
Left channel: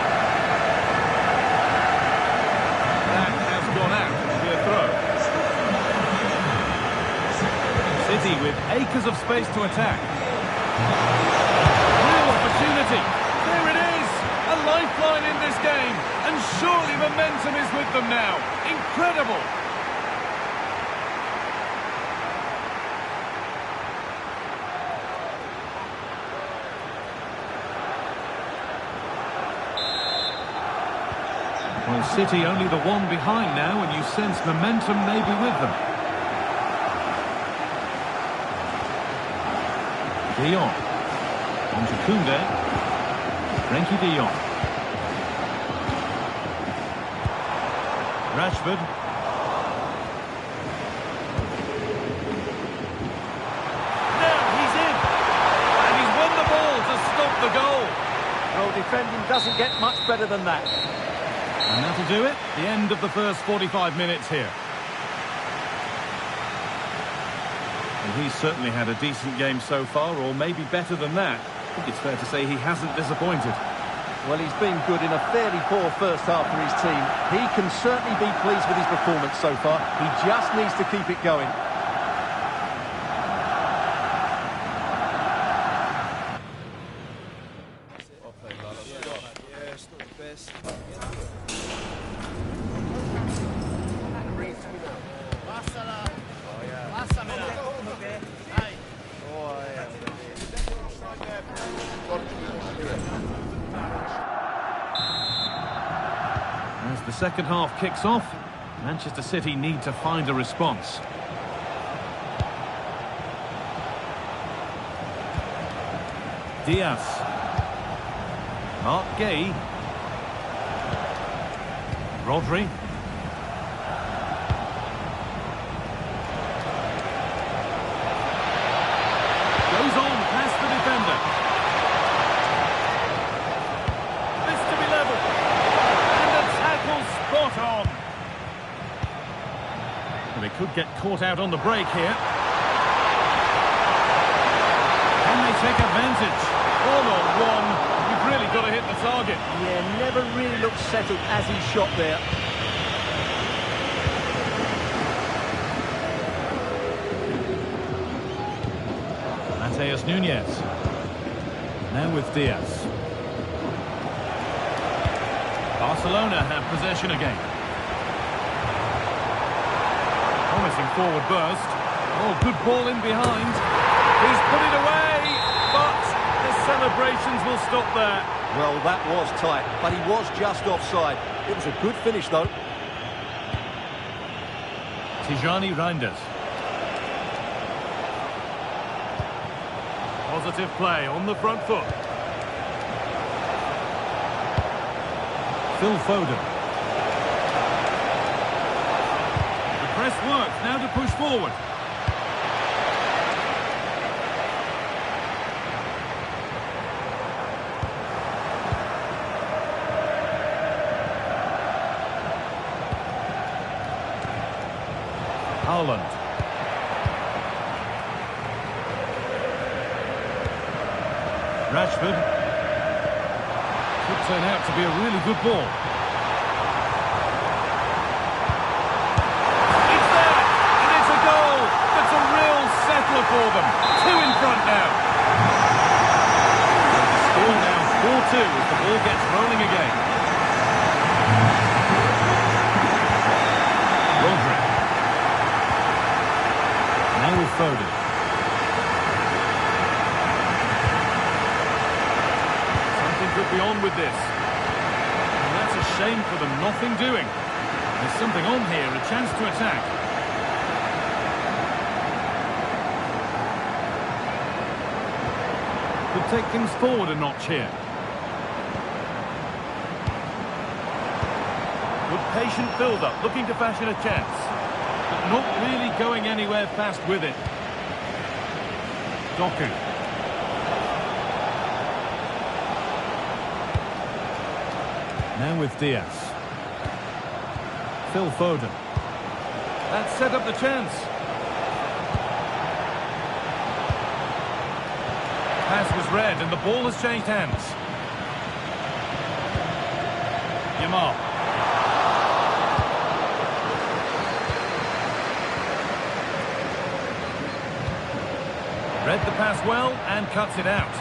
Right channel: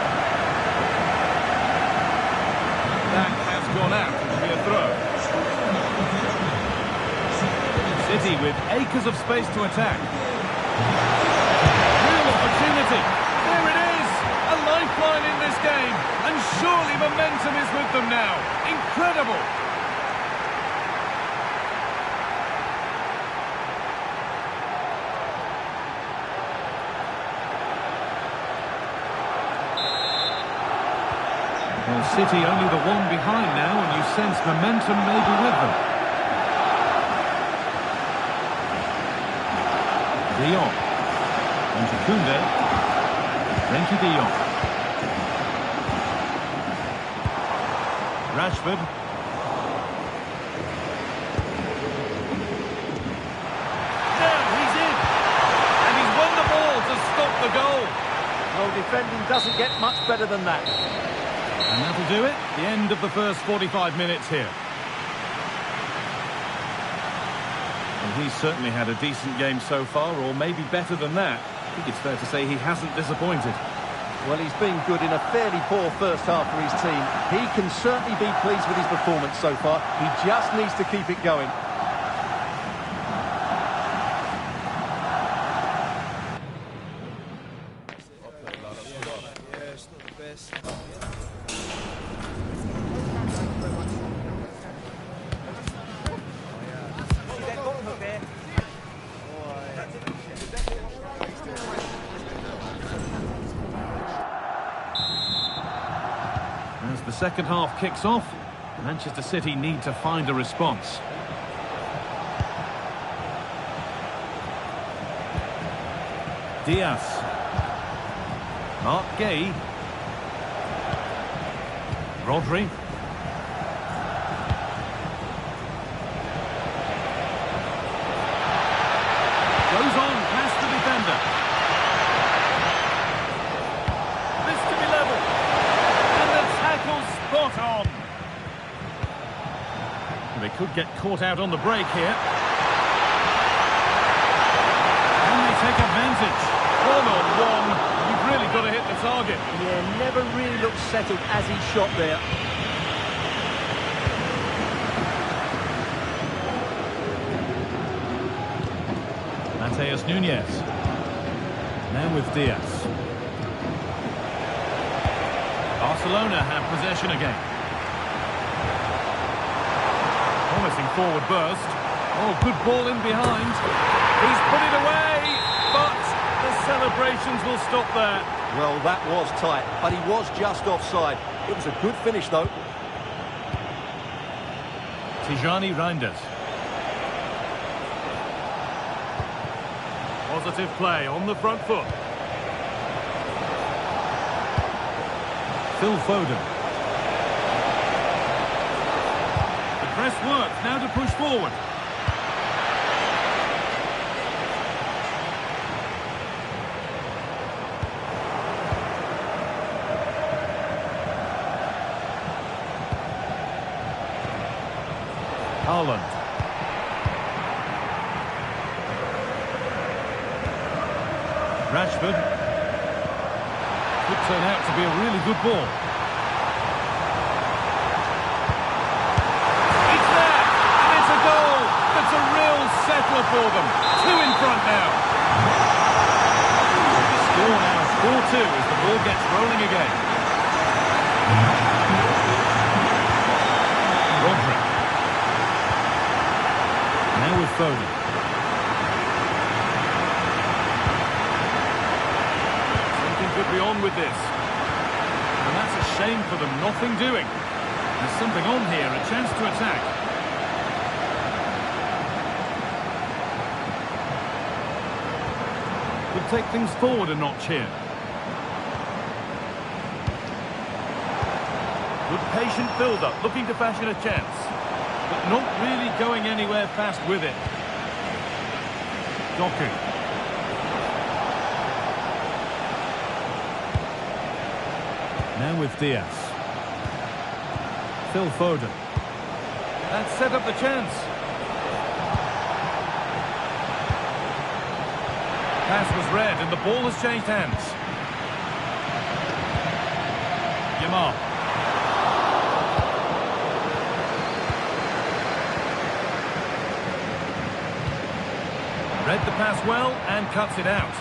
That has gone out. It'll be a throw. City with acres of space to attack. Real opportunity. There it is. A lifeline in this game. And surely momentum is with them now. Incredible. Well, City only the one behind now, and you sense momentum may be with them. De Jong. On to Koundé. Frenkie de Jong. Rashford. Now he's in. And he's won the ball to stop the goal. Well, defending doesn't get much better than that. And that'll do it. The end of the first 45 minutes here. And he's certainly had a decent game so far, or maybe better than that. I think it's fair to say he hasn't disappointed. Well, he's been good in a fairly poor first half for his team. He can certainly be pleased with his performance so far. He just needs to keep it going. Yeah, it's not the best. As the second half kicks off, Manchester City need to find a response. Diaz. Mark Gay. Rodri. Goes on past the defender. This to be level. And the tackle spot on. They could get caught out on the break here. Can they take advantage? 1-on-1. You've really got to hit the target. Yeah, never really looked settled as he shot there. Mateus Nunes. Now with Diaz. Barcelona have possession again. Promising forward burst. Oh, good ball in behind. He's put it away, but the celebrations will stop there. Well, that was tight, but he was just offside. It was a good finish, though. Tijani Reinders. Positive play on the front foot. Phil Foden. The press works, now to push forward. Haaland. Rashford. Could turn out to be a really good ball. It's there! And it's a goal! That's a real settler for them. 2 in front now. So the score now 4-2 as the ball gets rolling again. Rodri. Now with Foden. Something could be on with this. And that's a shame for them, nothing doing. There's something on here, a chance to attack. Could take things forward a notch here. Good patient build-up, looking to fashion a chance. But not really going anywhere fast with it. Doku. Now with Diaz. Phil Foden. That set up the chance. Pass was read and the ball has changed hands. Yamal. Read the pass well and cuts it out.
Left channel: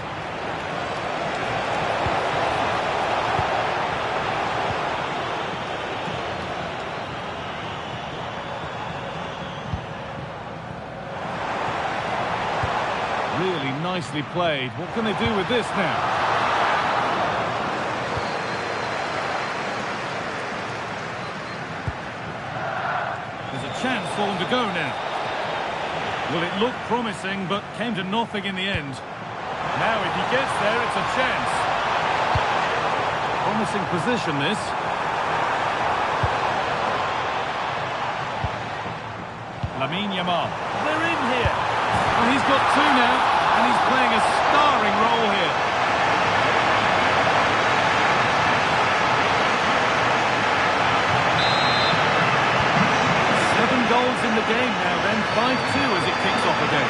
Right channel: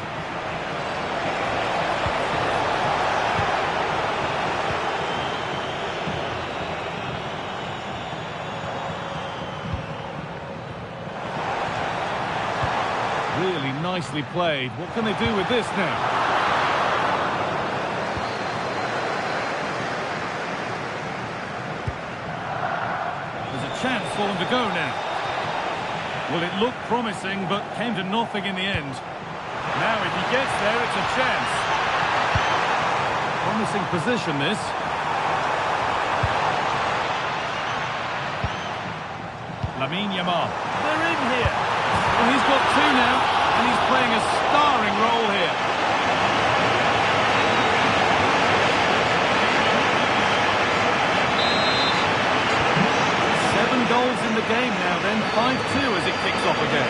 Really nicely played. What can they do with this now? There's a chance for them to go now. Well, it looked promising, but came to nothing in the end. Now, if he gets there, it's a chance. Promising position, this. Lamine Yamal. They're in here. Well, he's got 2 now, and he's playing a starring role here. Goals in the game now then, 5-2 as it kicks off again.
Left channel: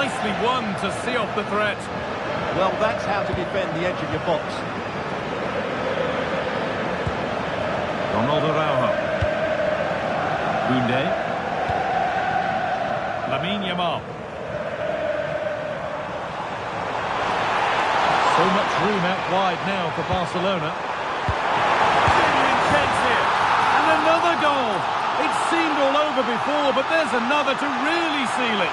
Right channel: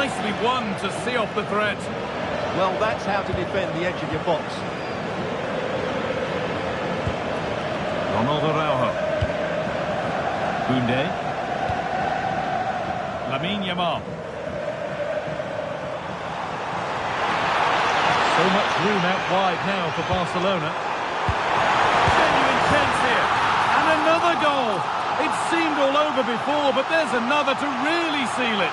nicely won to see off the threat. Well, that's how to defend the edge of your box. Ronald Araujo. Koundé. Lamine Yamal. So much room out wide now for Barcelona. Genuine chance here. And another goal. It seemed all over before, but there's another to really seal it.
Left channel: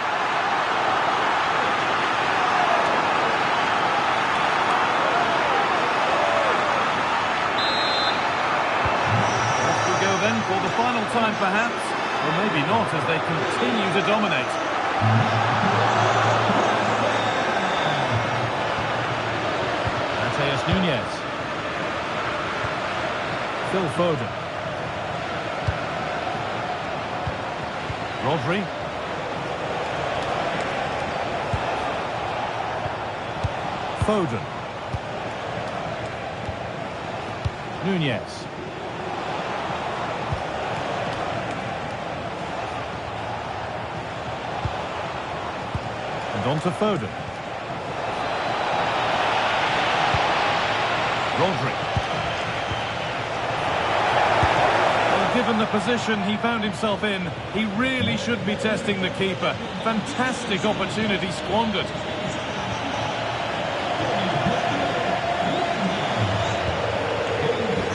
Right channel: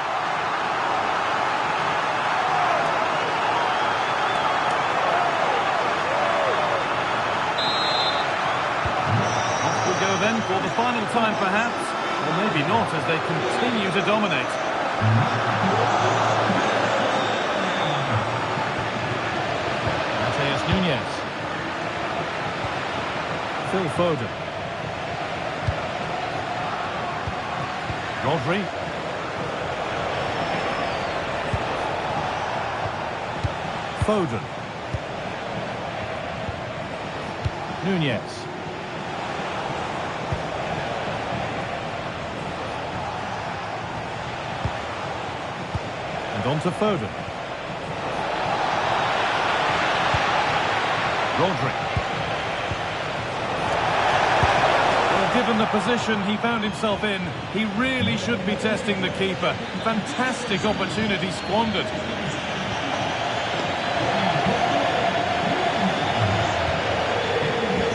Off we go then for the final time perhaps. Or maybe not, as they continue to dominate. Matheus Nunes. Phil Foden. Rodri. Foden. Nunes. And on to Foden. Rodri. Well, given the position he found himself in, he really should be testing the keeper. Fantastic opportunity squandered.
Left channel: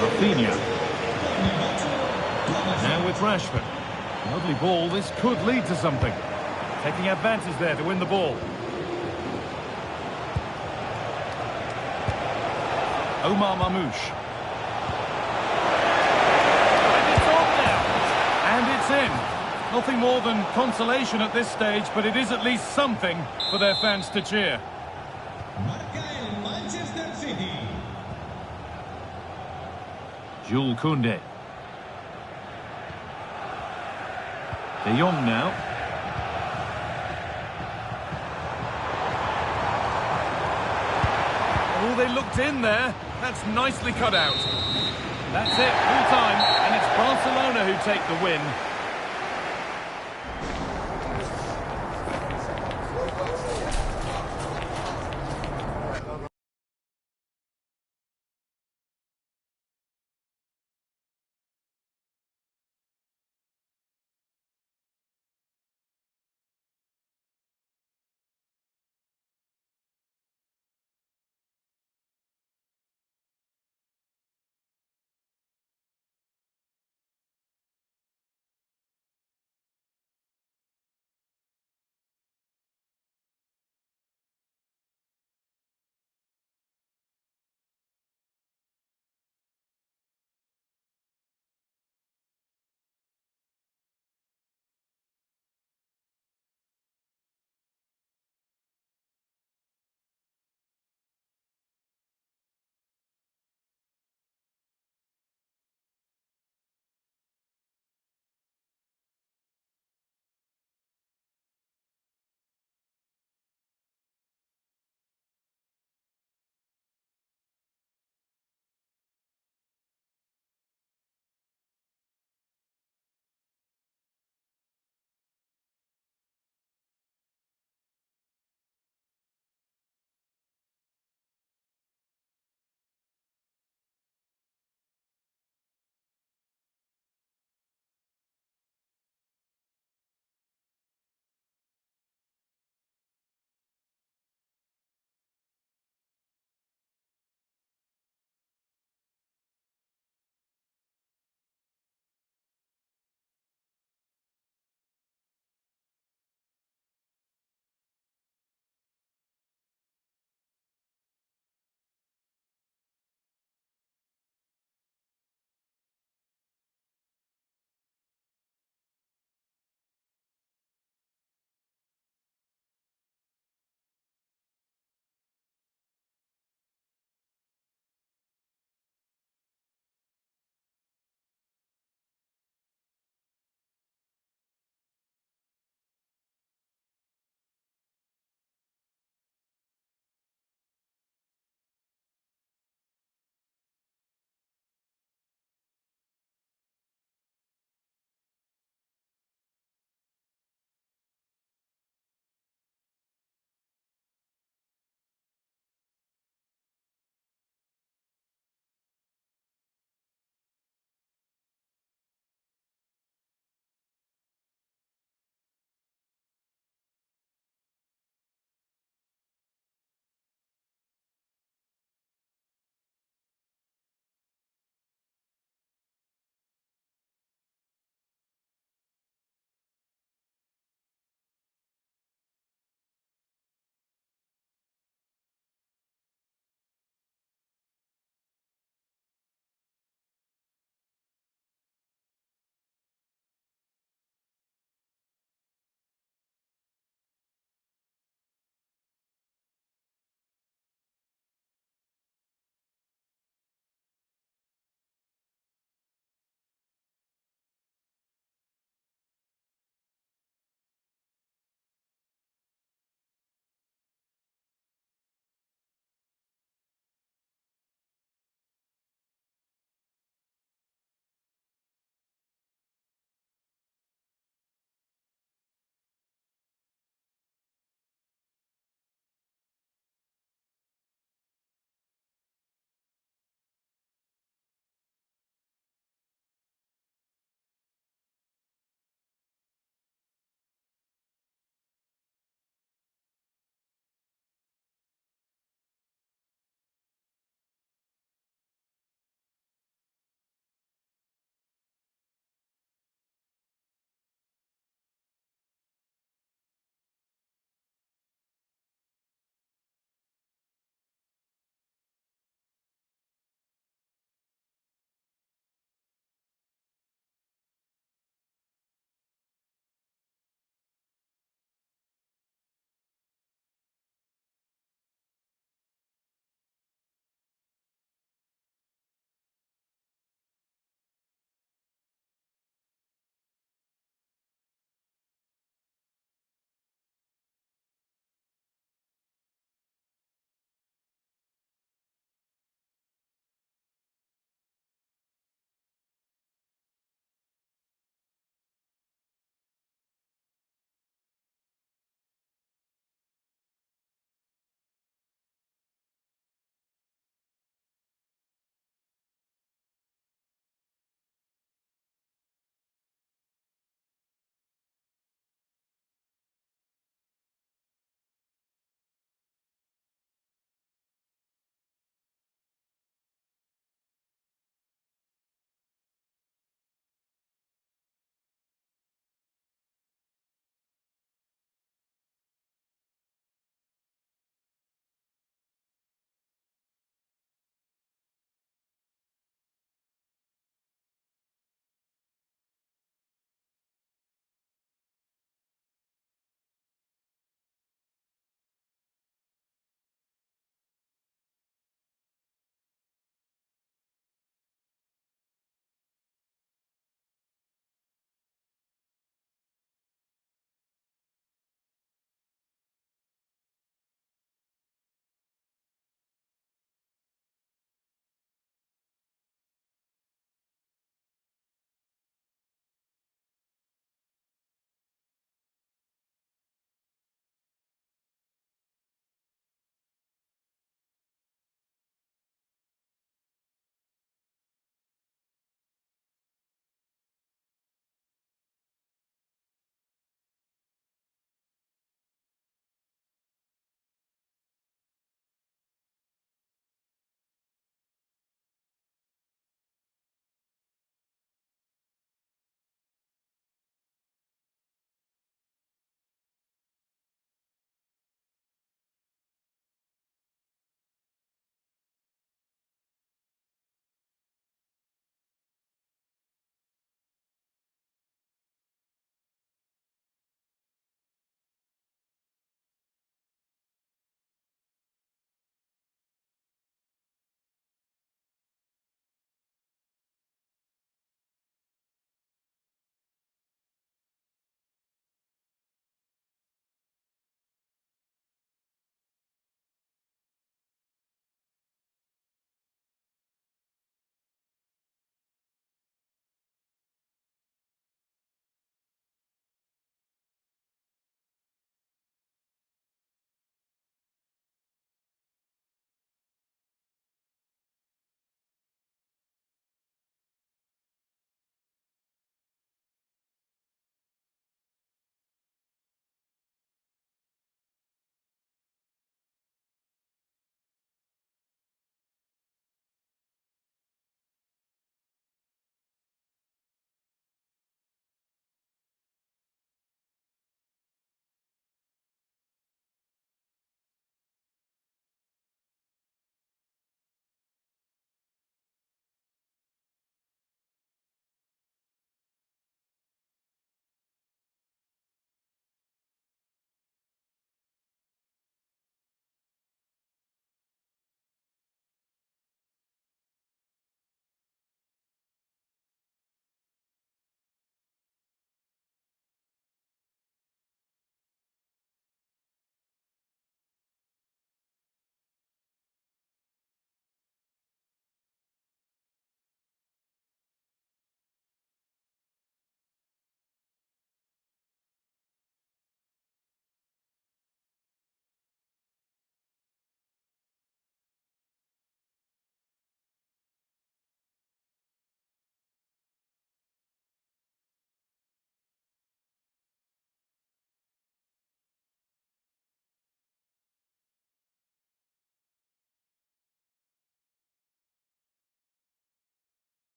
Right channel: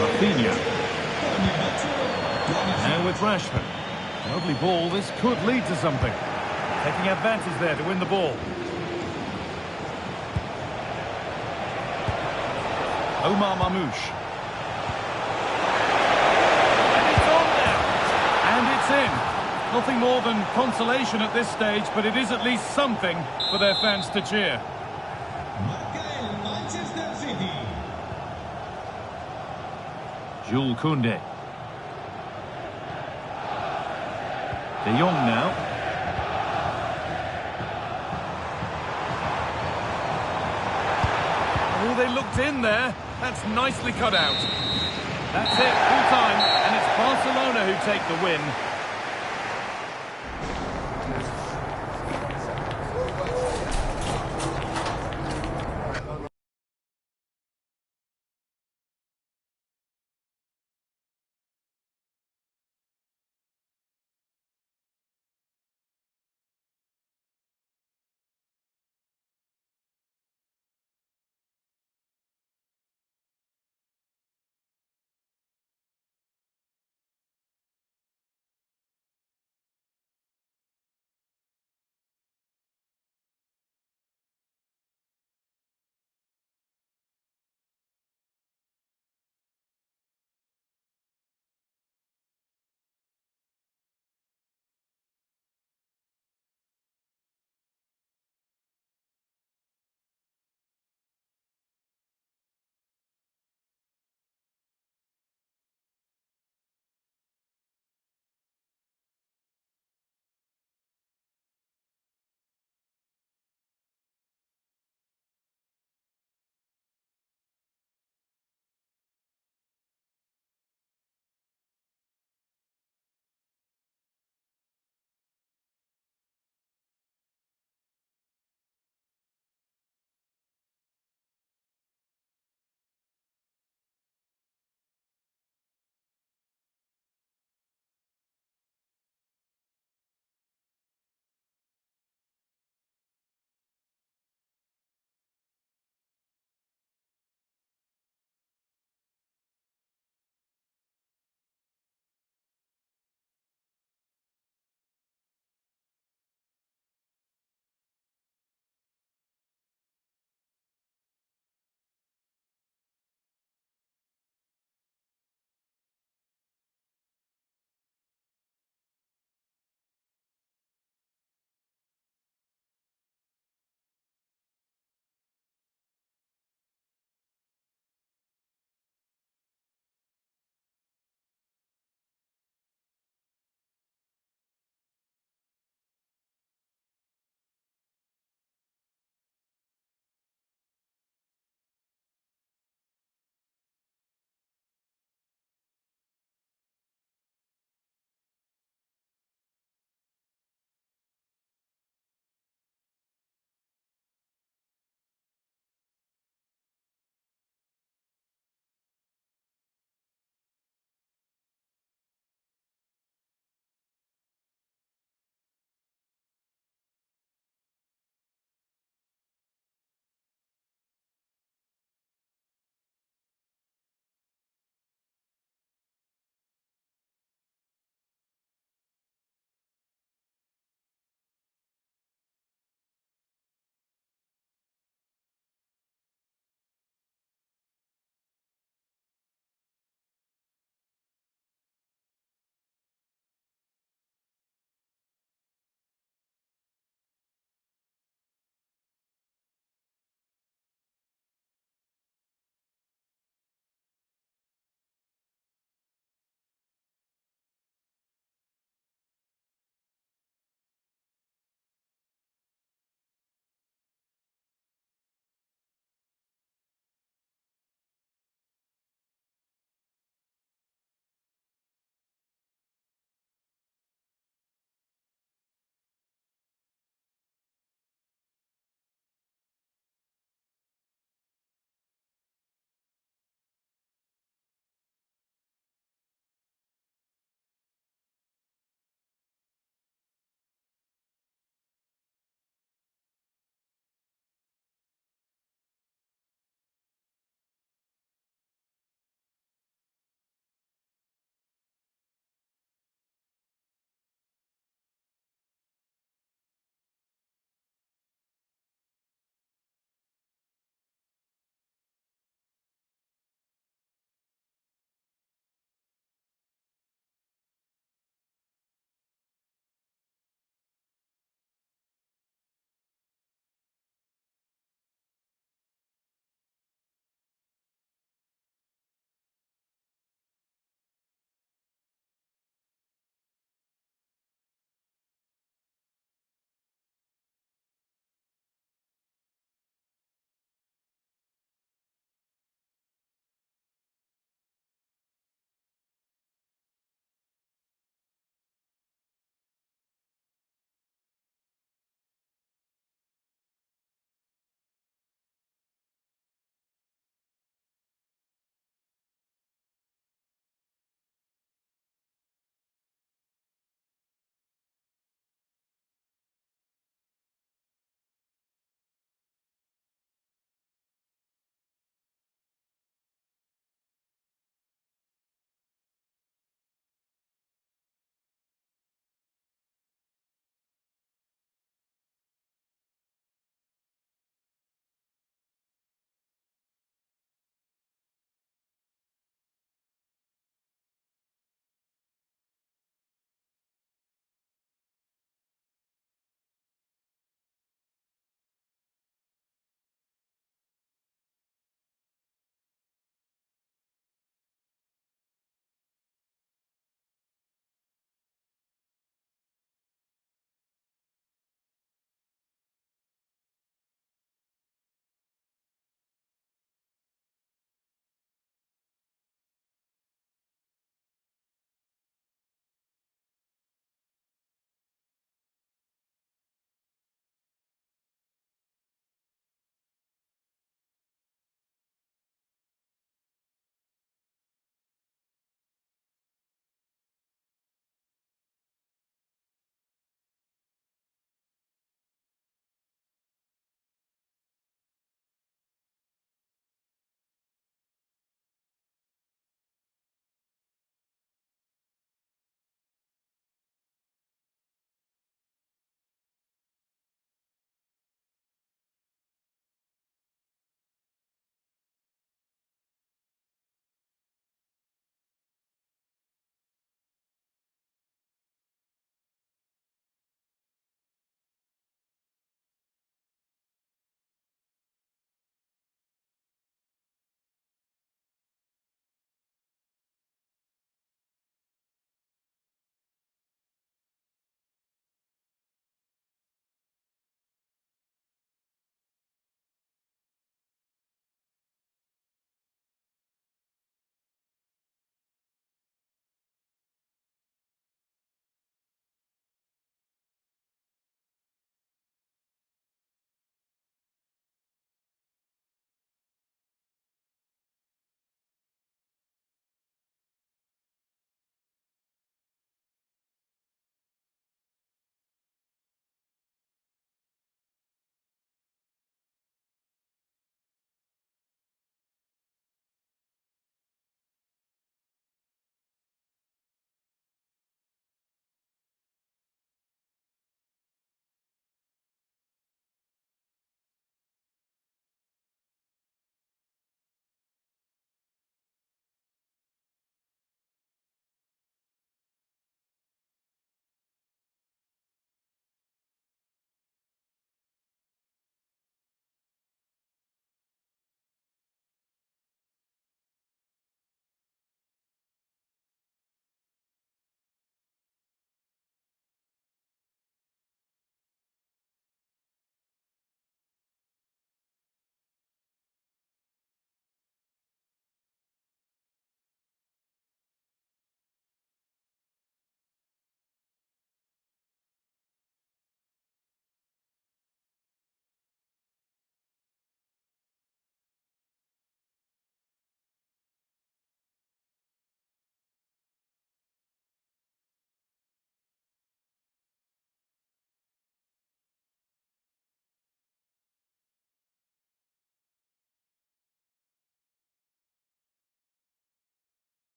Rafinha. Now with Rashford. Lovely ball, this could lead to something. Taking advantage there to win the ball. Omar Mamouche. And it's on now. And it's in. Nothing more than consolation at this stage, but it is at least something for their fans to cheer. Manchester City. Jules Koundé. De Jong now. Oh, they looked in there. That's nicely cut out. That's it, full time, and it's Barcelona who take the win.